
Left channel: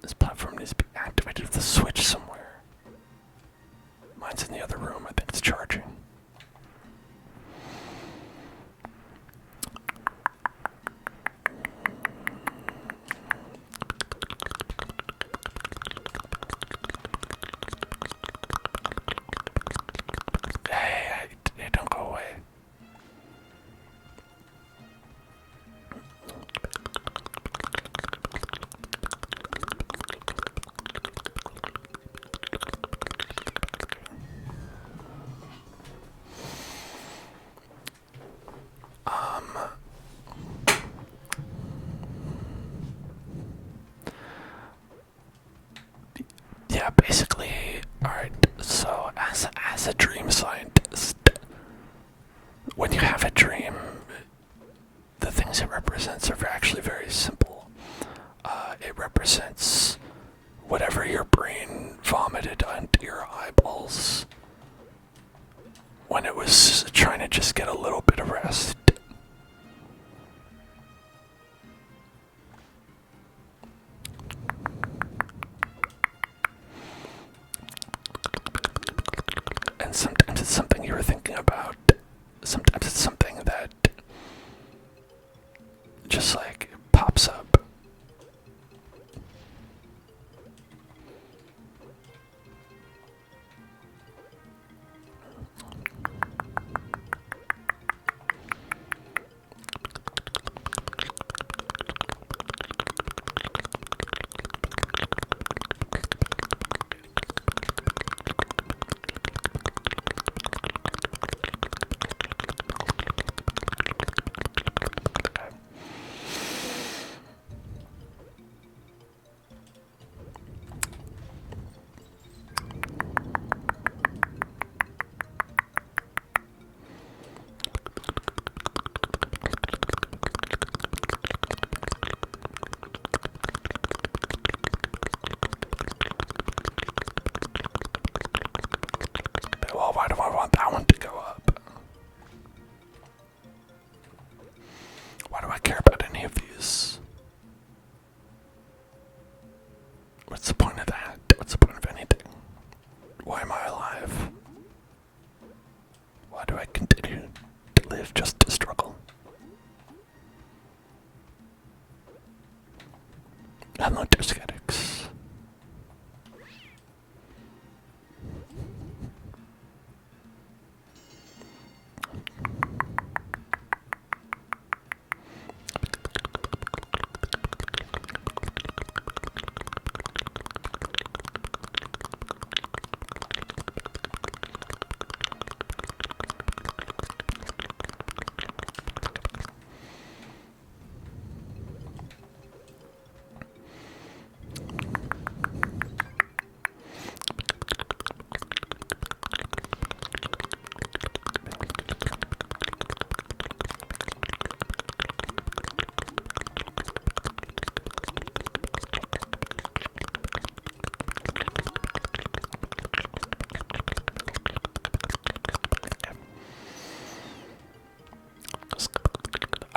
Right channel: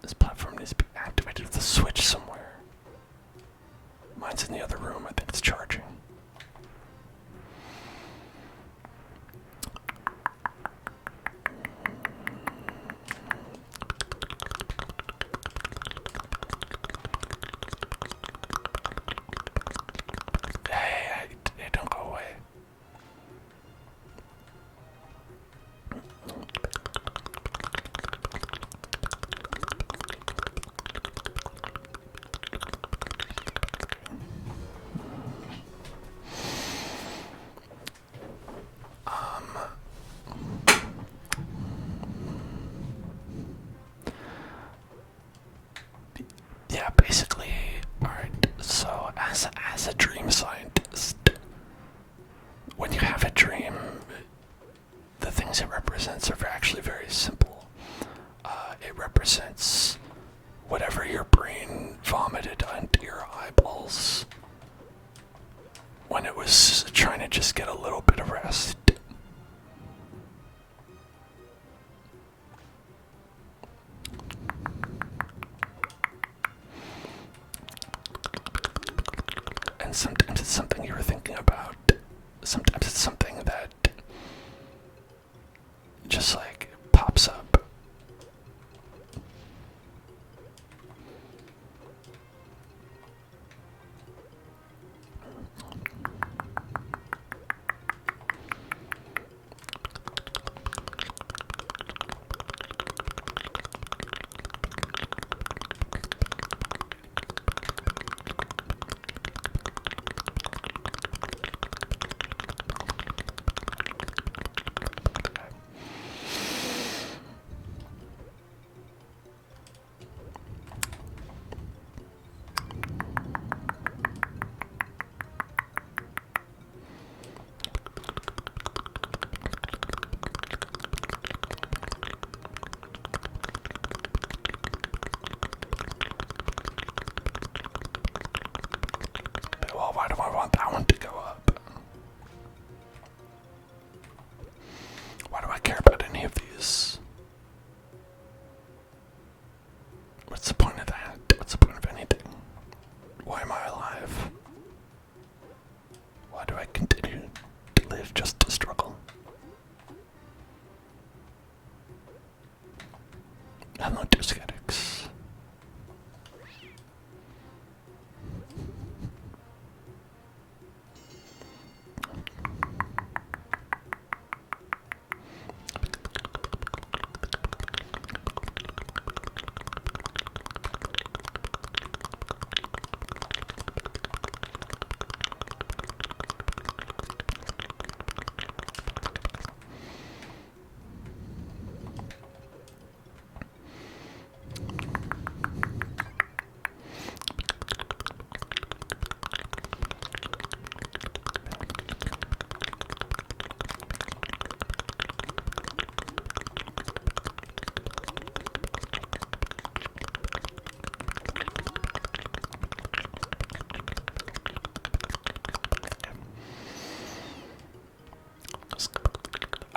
This platform needs to be activated with a switch somewhere. Mine's in the other room. I think it's charging. Hey, don't go away. Yeah, basically, alright, so as a dream scientist, when you have a dream, the things it represents are actually very simple. It represents whatever your brain vomited onto your eyeballs when it was trying to just get a little bit of rest. And sometimes it's something you were thinking about. Sometimes it's something that just like pops up. Well, why do I want that one to go up? Why do I care about any of these? What's the point of that? What's the point of anything? Why am I alive? Why do I continue to live just to struggle? Hello, Discetics.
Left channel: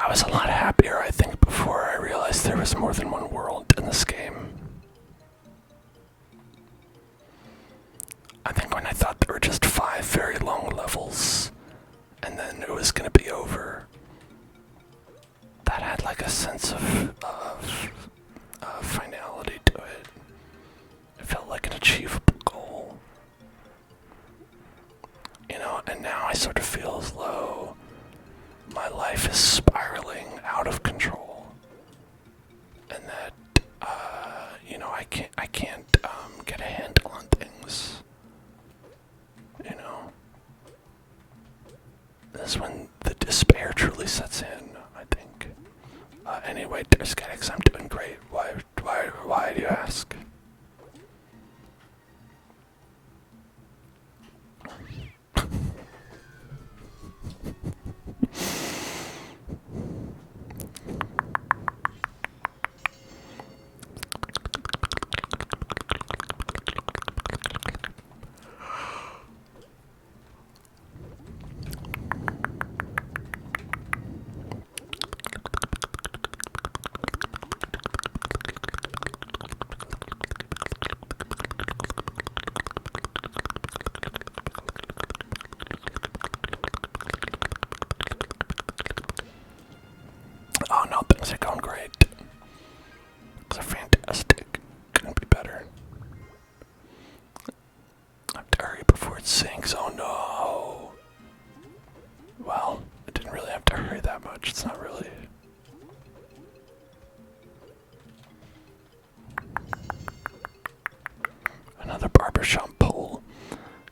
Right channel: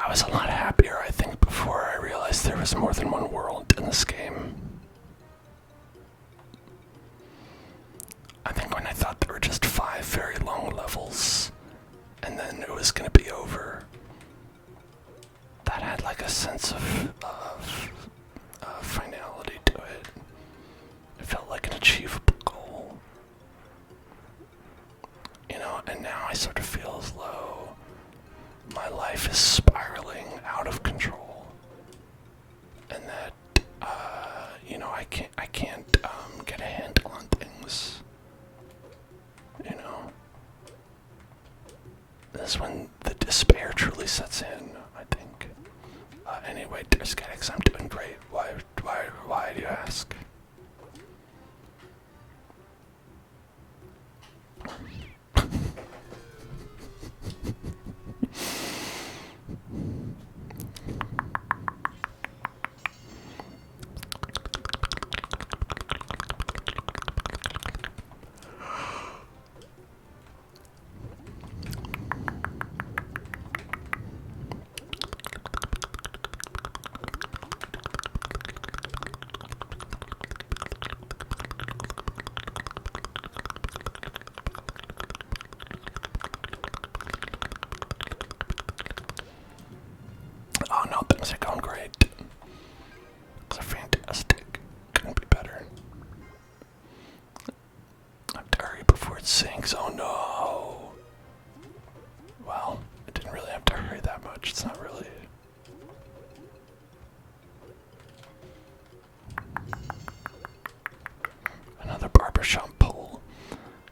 I was a lot happier, I think, before I realized there was more than one world in this game. I think when I thought there were just 5 very long levels, and then it was gonna be over, that had like a sense of finality to it. It felt like an achievable goal. You know, and now I sort of feel as though my life is spiraling out of control. And that, you know, I can't get a handle on things. You know? That's when the despair truly sets in, I think. Anyway, Dersketics, I'm doing great. Why do you ask? Oh no, things are going great. They're fantastic. Couldn't be better. I have to hurry before it sinks. Oh no. Well, I didn't really have to hurry that much. It's not really. Another barbershop pole.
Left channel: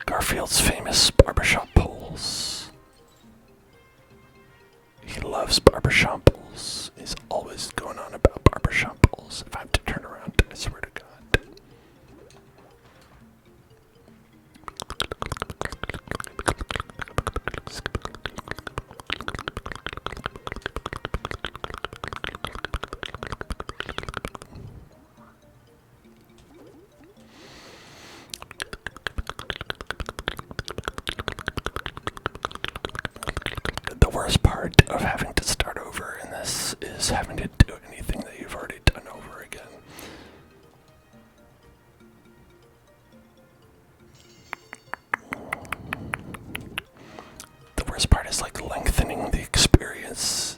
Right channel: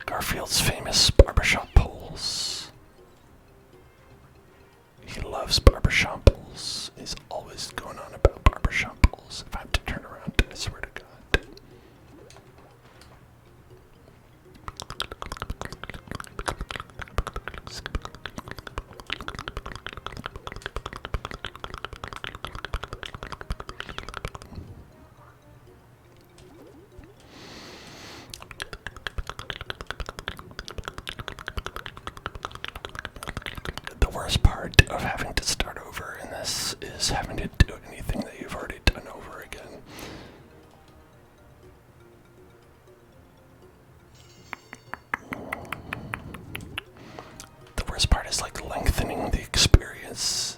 Garfield's famous barbershop poles. He loves barbershop poles. He's always going on about barbershop poles. If I have to turn around, I swear to God. The worst part of having to start over in this is having to do anything that you've already done over again. The worst part is like lengthening the experience.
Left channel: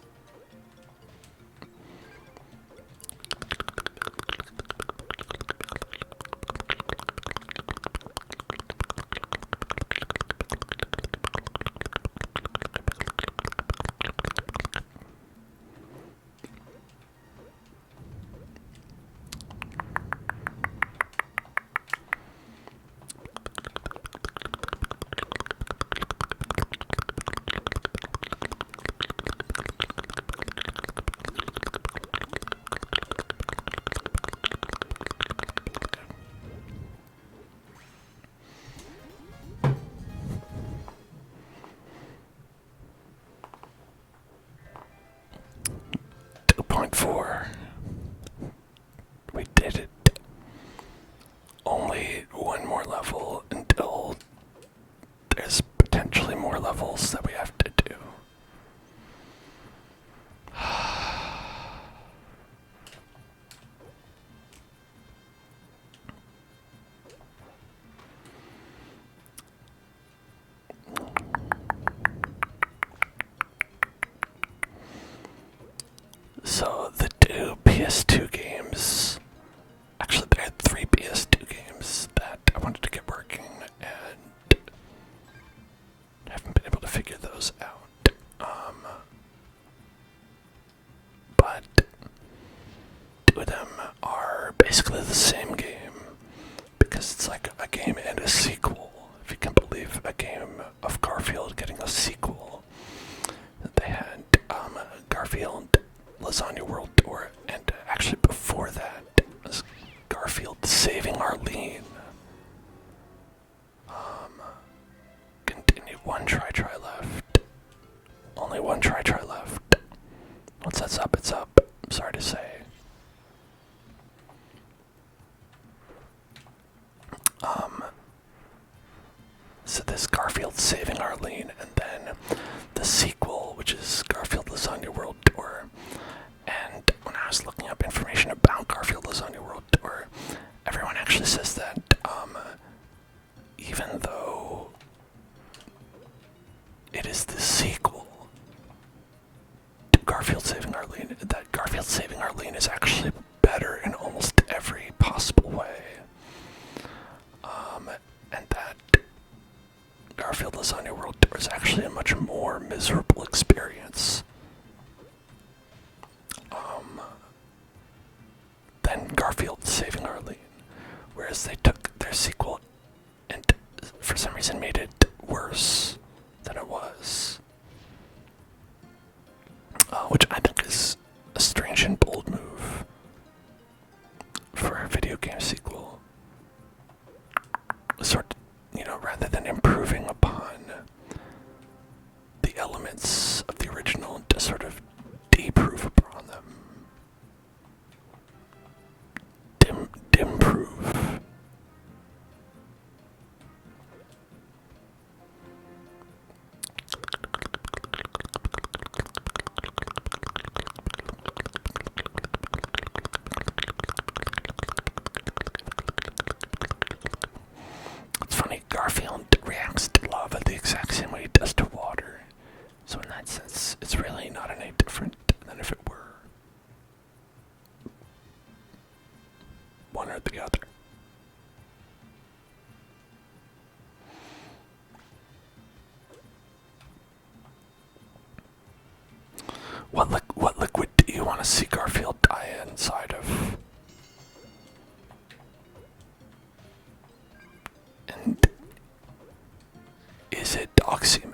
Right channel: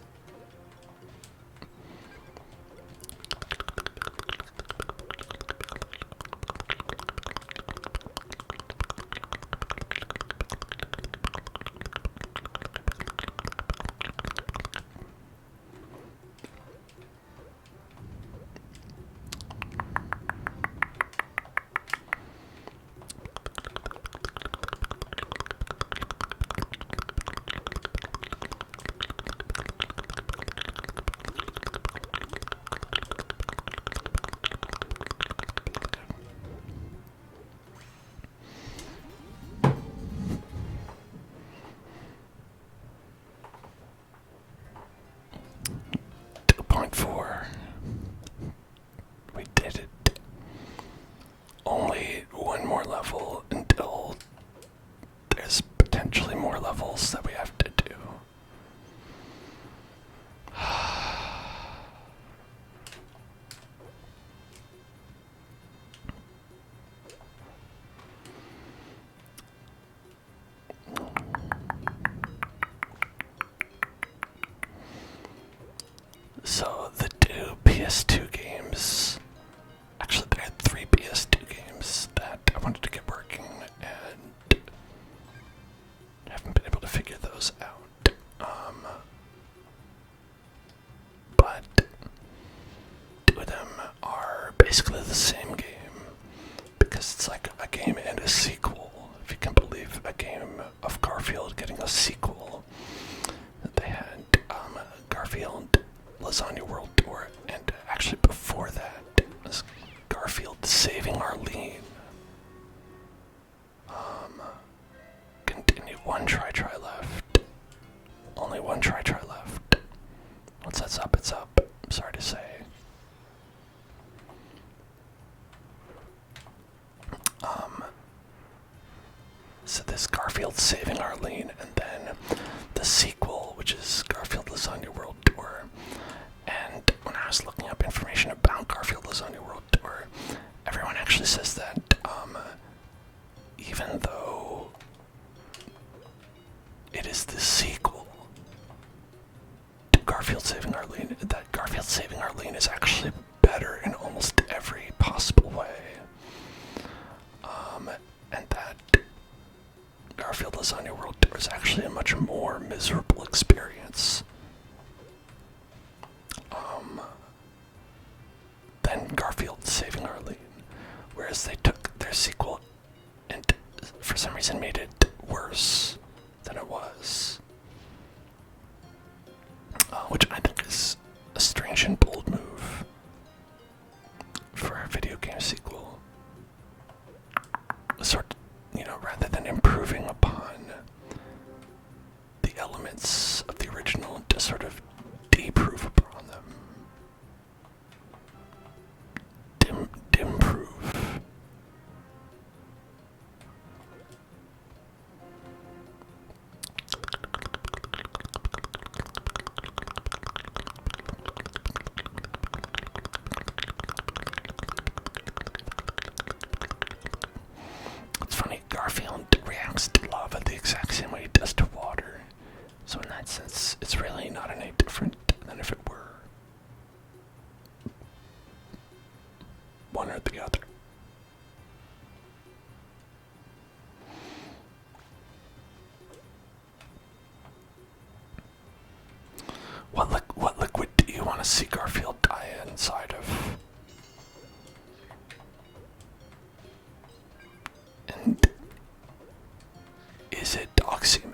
We did it. Only one more level until there's potentially more levels that we have to do. So the two PS2 games, actually there are 3 PS2 games that I wanted to get working and haven't been able to figure those out. But 2 of them are basically the same game because it's like a game and a sequel. If you can believe a game of Garfield getting a sequel. They had Garfield Lasagna World Tour, and actually before that was Garfield Saving Arlene. Continue. One try left. Only one try left. Once that's up, it's up. I'm sorry to say. So this Garfield Saving Arlene, and then the sequel, which is Garfield Lasagna World Tour. information about Garfield Lasagna World Tour. Everyone actually says that even though it is the sequel to Garfield Saving Arlene, that Garfield Saving Arlene is actually better in almost every possible way. And that Garfield Lasagna World Tour is actually a much more miserable experience than Garfield Saving Arlene. Whereas they took their sequel and for some reason made it worse than it was. Which I think is a strange and bold move for a video game sequel. Rather than improving upon the elements of the original, to sort of deprove upon them. Dimprove. It's funny, Garfield reacts to lava the exact same way he does to water. So in that sense, it's really not any different than if it were one or the other. What liquid do you want to see Garfield die inside of? And is it dog semen?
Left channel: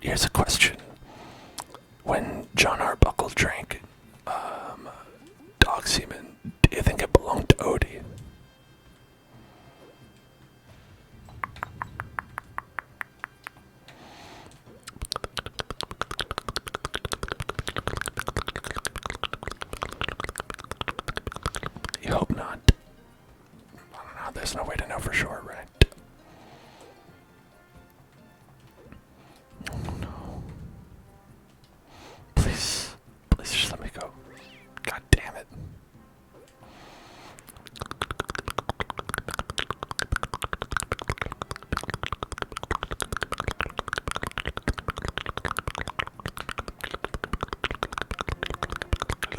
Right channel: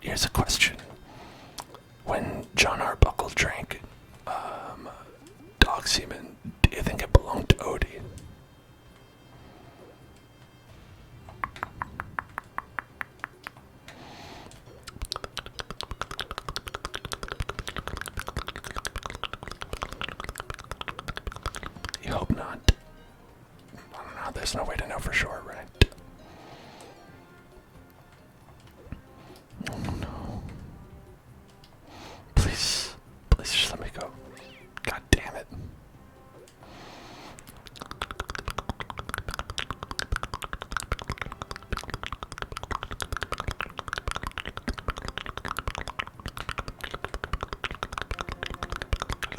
Here's a question. When John Arbuckle drank dog semen, do you think it belonged to Odie? You hope not. I don't know, there's no way to know for sure, right? Oh no. Please just let me go. God damn it.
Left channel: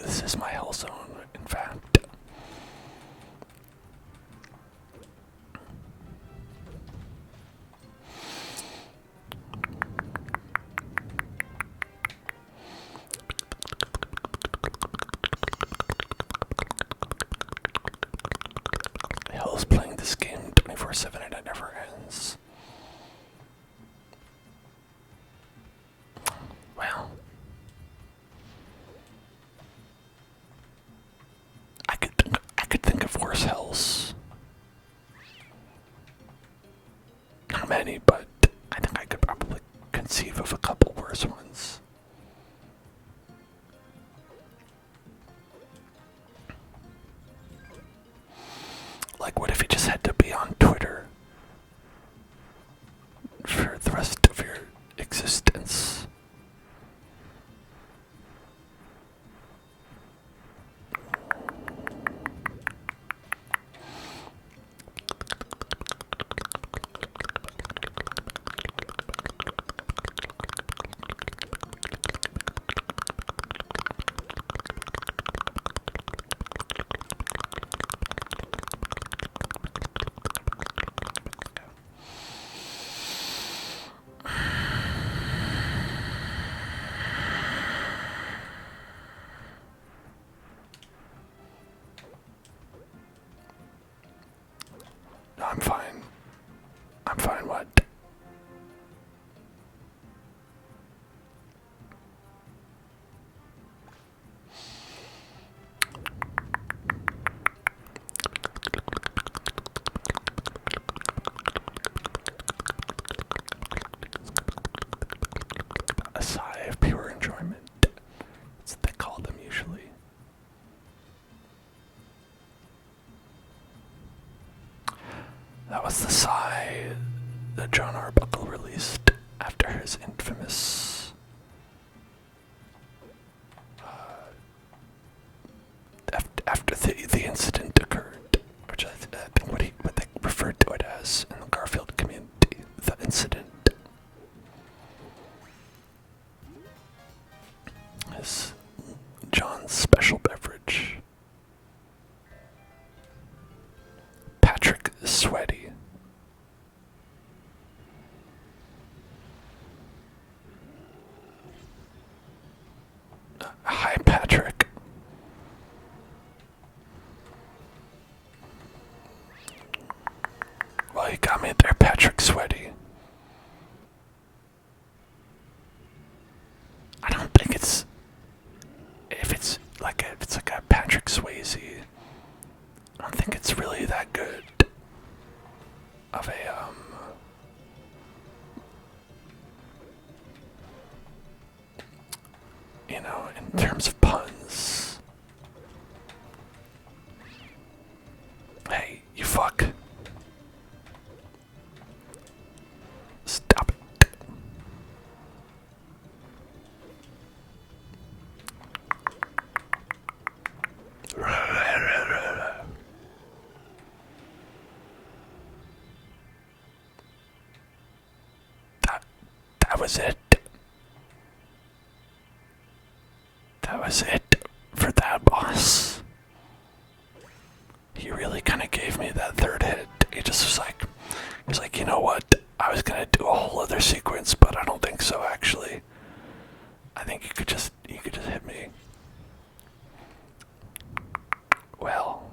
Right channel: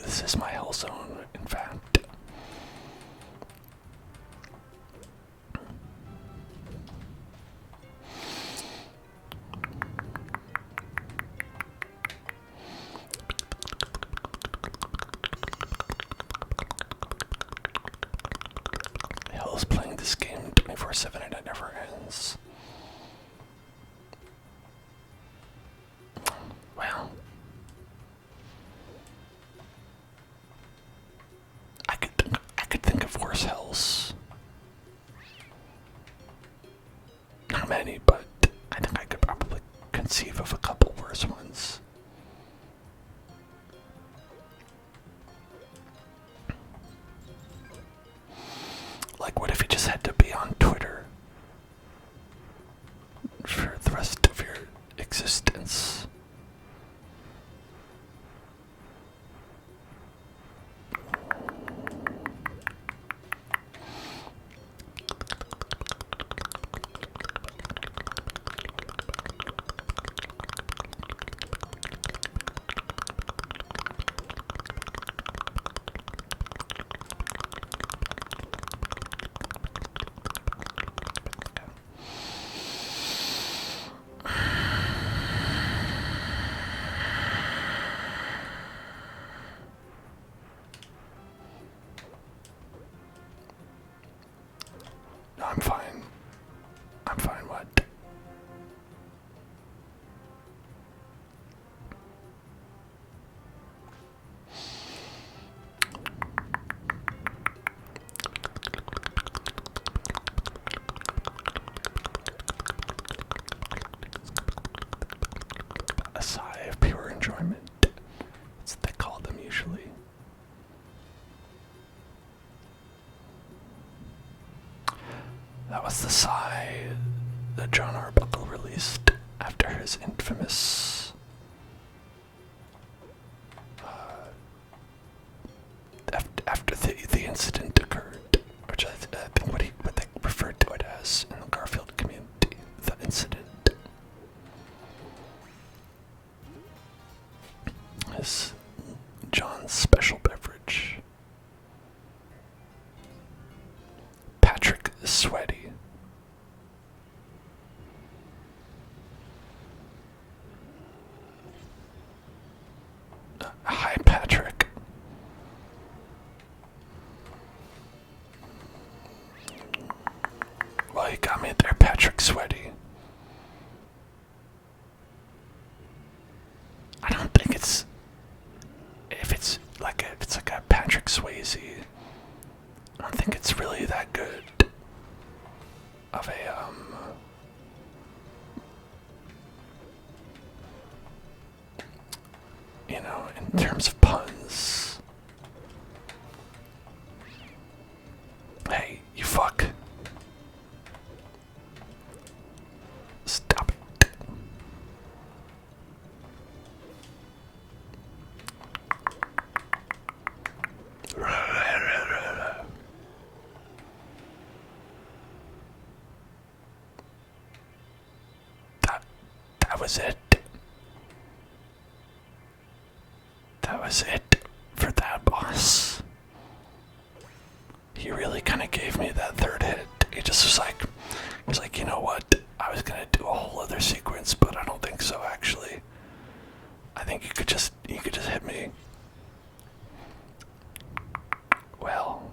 This is my hell zone, in fact. Hell is playing this game 24/7 and it never ends. Well, I could think of worse hells. Not many, but I think I could probably conceive of a couple worse ones. Like, what if you just had to be on Twitter for the rest of your existence? No, I'm fine. I'm fine, what? A sigh of pure enjoyment. That's what they call them usually. That was the sigh that John Arbuckle released after his infamous after the incident occurred, which I think what they referred to it as in the Garfield community, the incident. Is John's special beverage. Patrick is sweaty. Hi, Patrick. Well, you got me there, Patrick Sweaty. I don't think it's if it's like a Patrick Swayze. I don't think it's really that good of a in terms of puns. Hey, you fuck. Stop it. That was it. That was it for that boss. He really kind of gave me that third hit. He just was like, you know what? I was gonna do a whole other sequence, but I don't think so. Actually, I think you could just hit me. Well,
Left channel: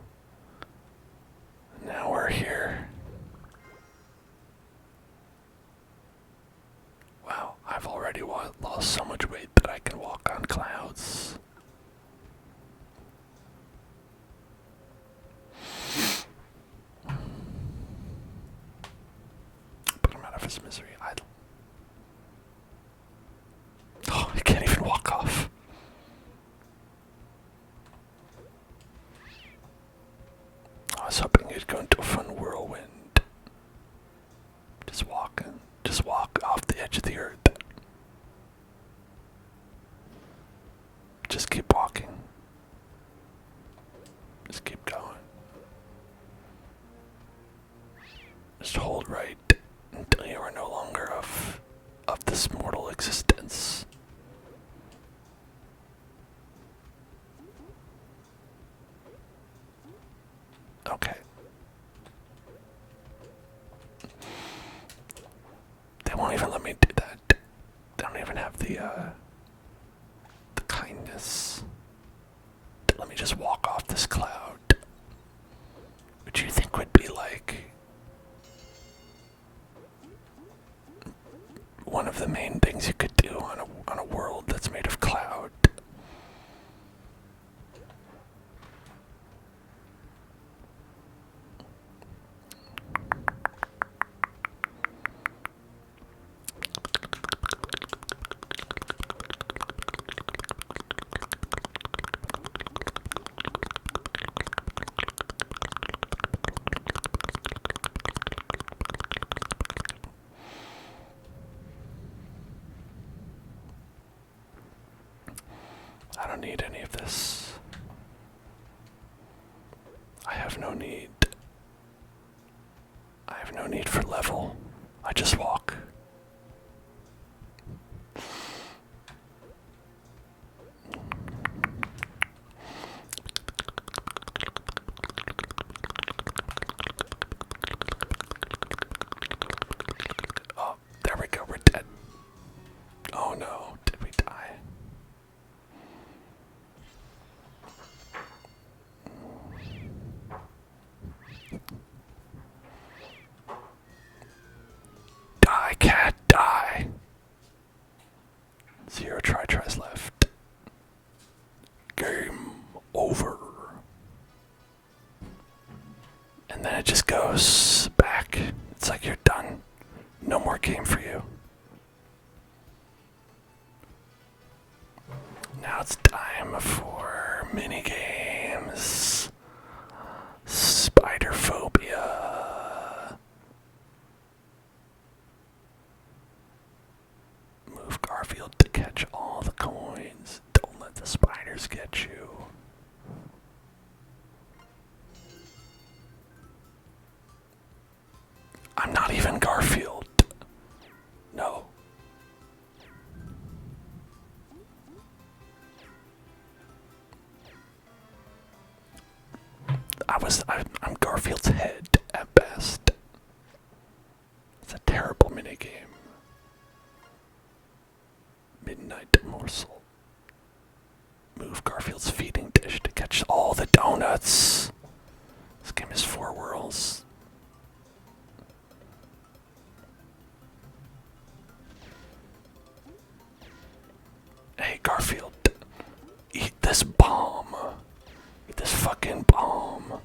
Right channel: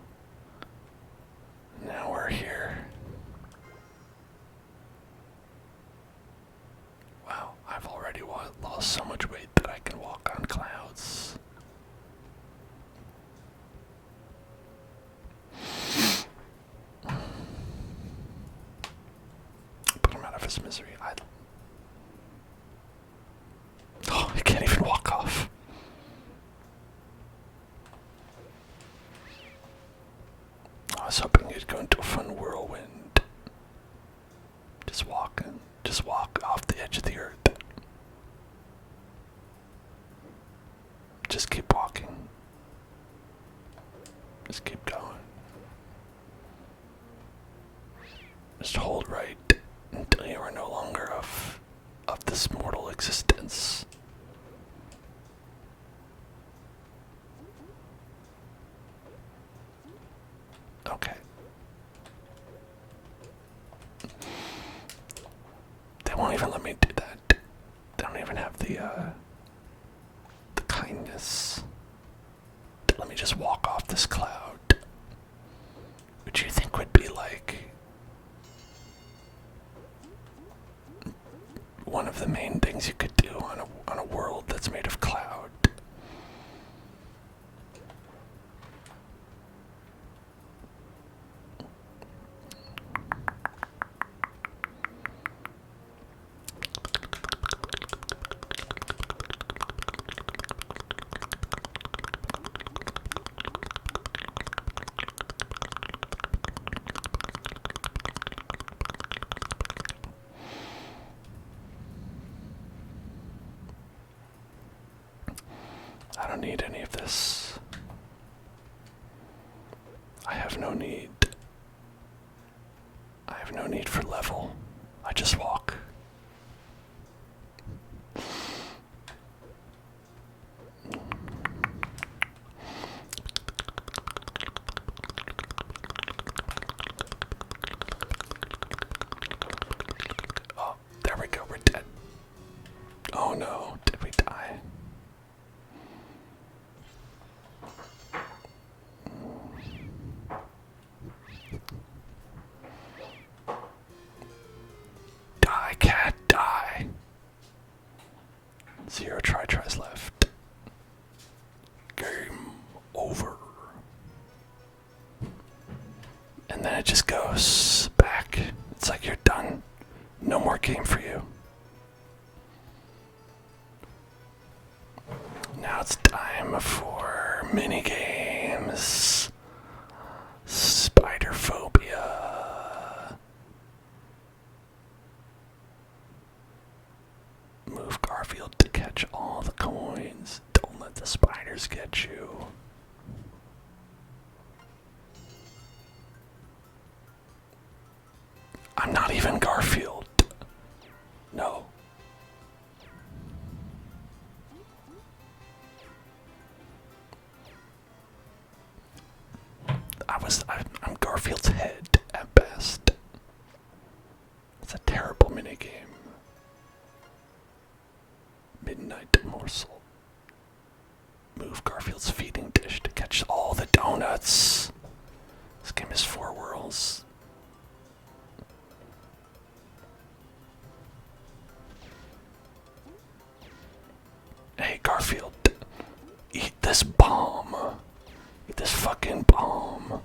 now we're here. Wow, I've already lost so much weight that I can walk on clouds. Put him out of his misery. Oh, I can't even walk off. I was hoping he'd go into a fun whirlwind. Just walk off the edge of the earth. Just keep walking. Just keep going. Just hold right until you are no longer of this mortal existence. Okay. They won't even let me do that. They don't even have the kindness to let me just walk off this cloud. Which you think would be like one of the main things you could do on a world that's made of cloud. I don't need any of this. I have no need. I have no need for level. I just walk. Oh, there we go. We're dead. Oh no, did we die? Die, cat, die. 0 tries left. Game over. And then it just goes back. It's like you're done. No more game for you. Now it's time for mini games. Spider phobia. Move Garfield to catch all the coins. Don't let the spiders get you. I'm not even Garfield. No. I'm Garfield's head at best. It's a terrible minigame. Midnight morsel. Move Garfield's feeding dish to catch all the donuts. This game is 4 worlds. Hey Garfield, eat this bomb. Eat this fucking bomb.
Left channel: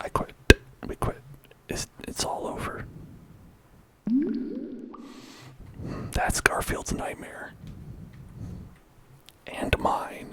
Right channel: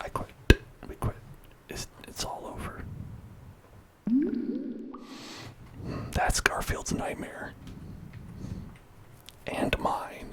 I quit. We quit. It's all over. That's Garfield's nightmare. And mine.